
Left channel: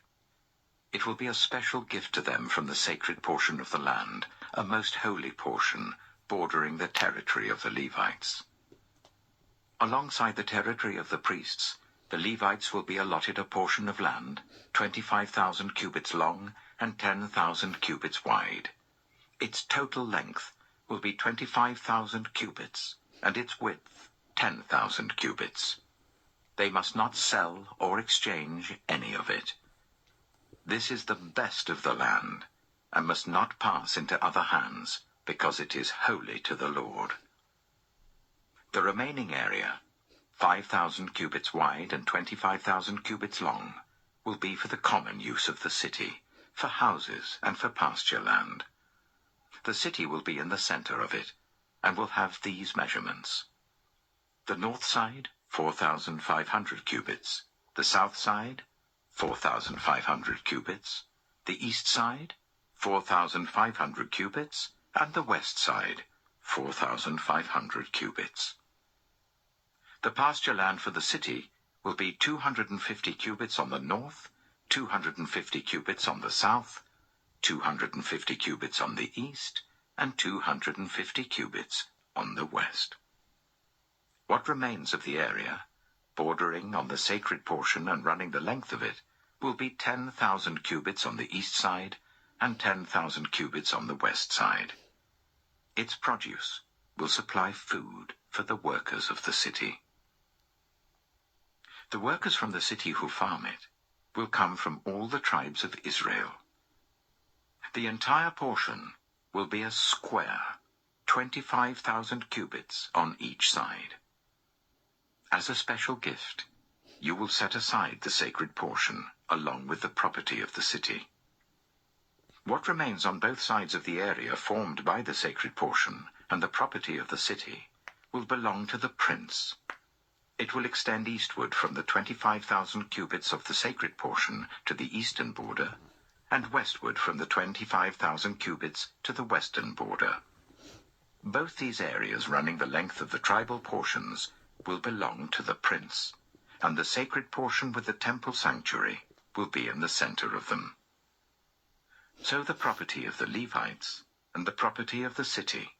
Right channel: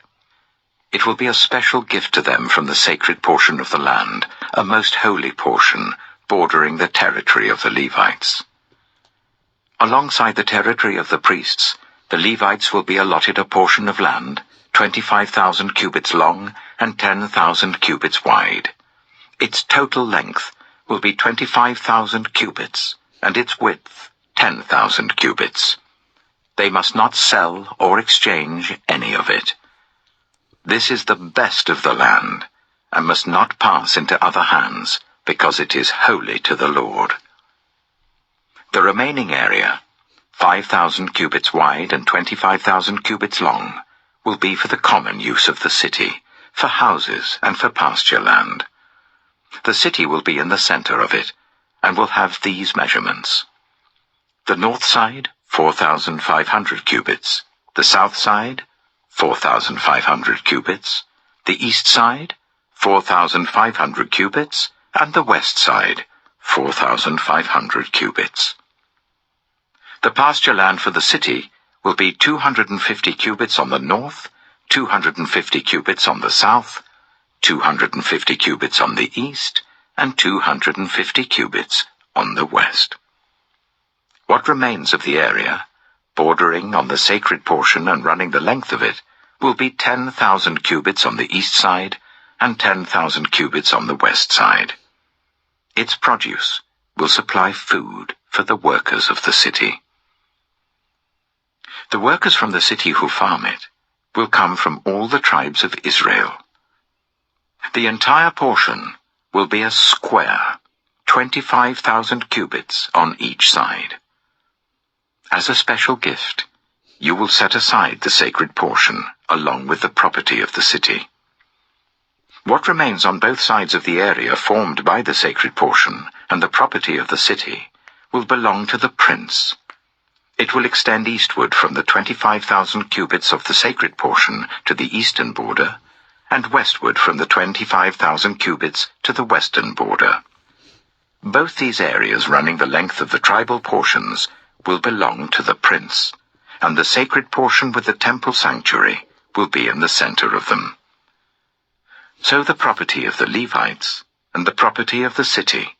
It will be a special gift to them from the sacred portion of the land, a most holy portion, bordering the territory of the Levites. Alongside the territory of the priests, the Levites will be allotted a portion of land, 25,000 cubits long and 10,000 cubits wide. Its total length will be 25,000 cubits, and its width 10,000 cubits. They must not sell or exchange any of it. This is the best of the land, and must not pass into other hands, because it is holy to the Lord. The remaining area, 5,000 cubits wide and 25,000 cubits long, will be for the common use of the city, for houses and for pasture land. The city will be in the center of it, and will have these measurements. The north side, 4,500 cubits. The south side, 4,500 cubits. The east side, 4,500 cubits. And the west side, 4,500 cubits. The pasture land for the city will be 250 cubits on the north, 250 cubits on the south, 250 cubits on the east, and 250 cubits on the west. What remains of the area, bordering on the sacred portion and running the length of it, will be 10,000 cubits on the east side and 10,000 cubits on the west side. Its produce will supply food for the workers of the city. The workers from the city who farm it will come from all the tribes of Israel. The entire portion will be a square, 25,000 cubits on each side. As a special gift, you will set aside the sacred portion along with the property of the city. What remains on both sides of the area formed by the sacred portion and the property of the city will belong to the prince. It will extend eastward from the 25,000 cubits of the sacred portion to the eastern border, and westward from the 25,000 cubits to the western border. Both these areas running the length of the tribal portions will belong to the prince, and the sacred portion with the temple sanctuary will be in the center of them. So the property of the Levites and the property of the city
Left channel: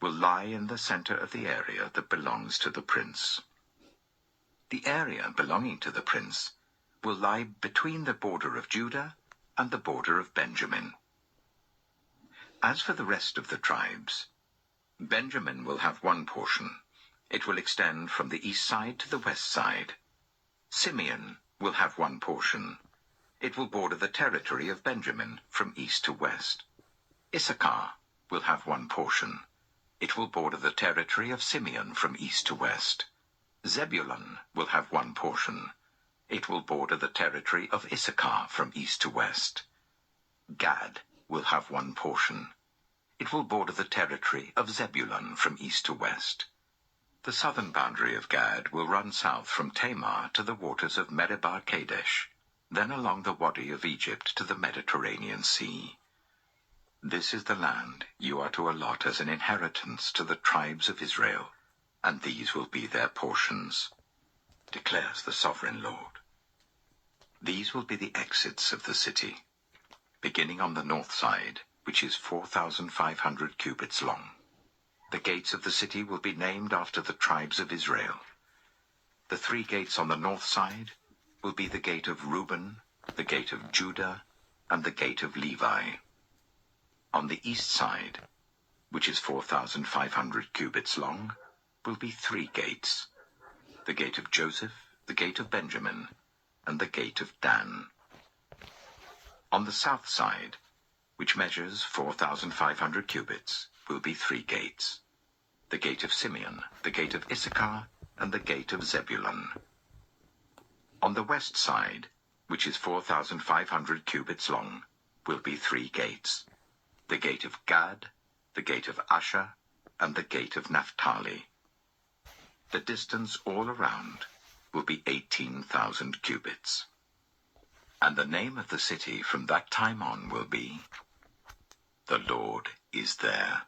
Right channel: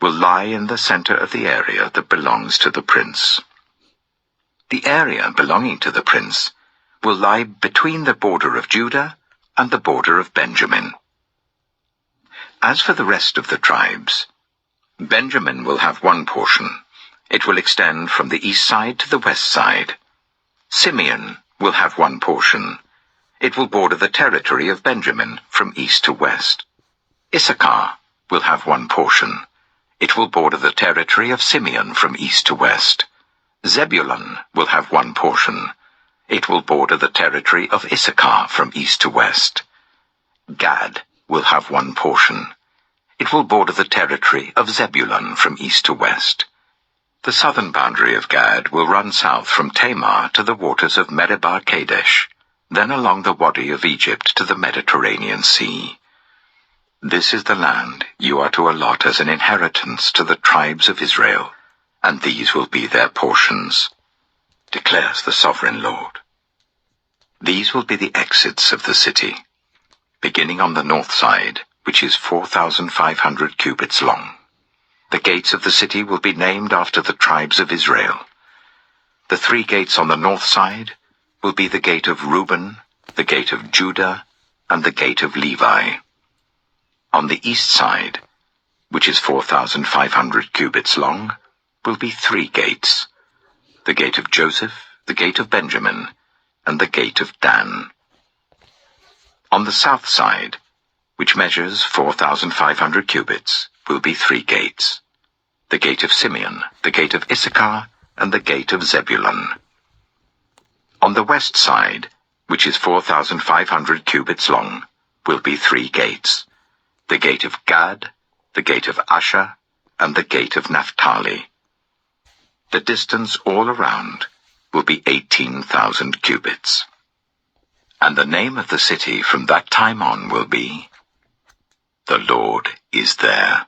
will lie in the center of the area that belongs to the prince. The area belonging to the prince will lie between the border of Judah and the border of Benjamin. As for the rest of the tribes, Benjamin will have one portion. It will extend from the east side to the west side. Simeon will have one portion. It will border the territory of Benjamin from east to west. Issachar will have one portion. It will border the territory of Simeon from east to west. Zebulun will have one portion. It will border the territory of Issachar from east to west. Gad will have one portion. It will border the territory of Zebulun from east to west. The southern boundary of Gad will run south from Tamar to the waters of Meribah Kadesh, then along the Wadi of Egypt to the Mediterranean Sea. This is the land you are to allot as an inheritance to the tribes of Israel, and these will be their portions, declares the sovereign Lord. These will be the exits of the city, beginning on the north side, which is 4,500 cubits long. The gates of the city will be named after the tribes of Israel. The 3 gates on the north side will be the gate of Reuben, the gate of Judah, and the gate of Levi. On the east side, which is 4,500 cubits long, will be 3 gates: the gate of Joseph, the gate of Benjamin, and the gate of Dan. On the south side, which measures 4,500 cubits, will be 3 gates: the gate of Simeon, the gate of Issachar, and the gate of Zebulun. On the west side, which is 4,500 cubits long, will be 3 gates: the gate of Gad, the gate of Asher, and the gate of Naphtali. The distance all around will be 18,000 cubits. And the name of the city from that time on will be, The Lord is there.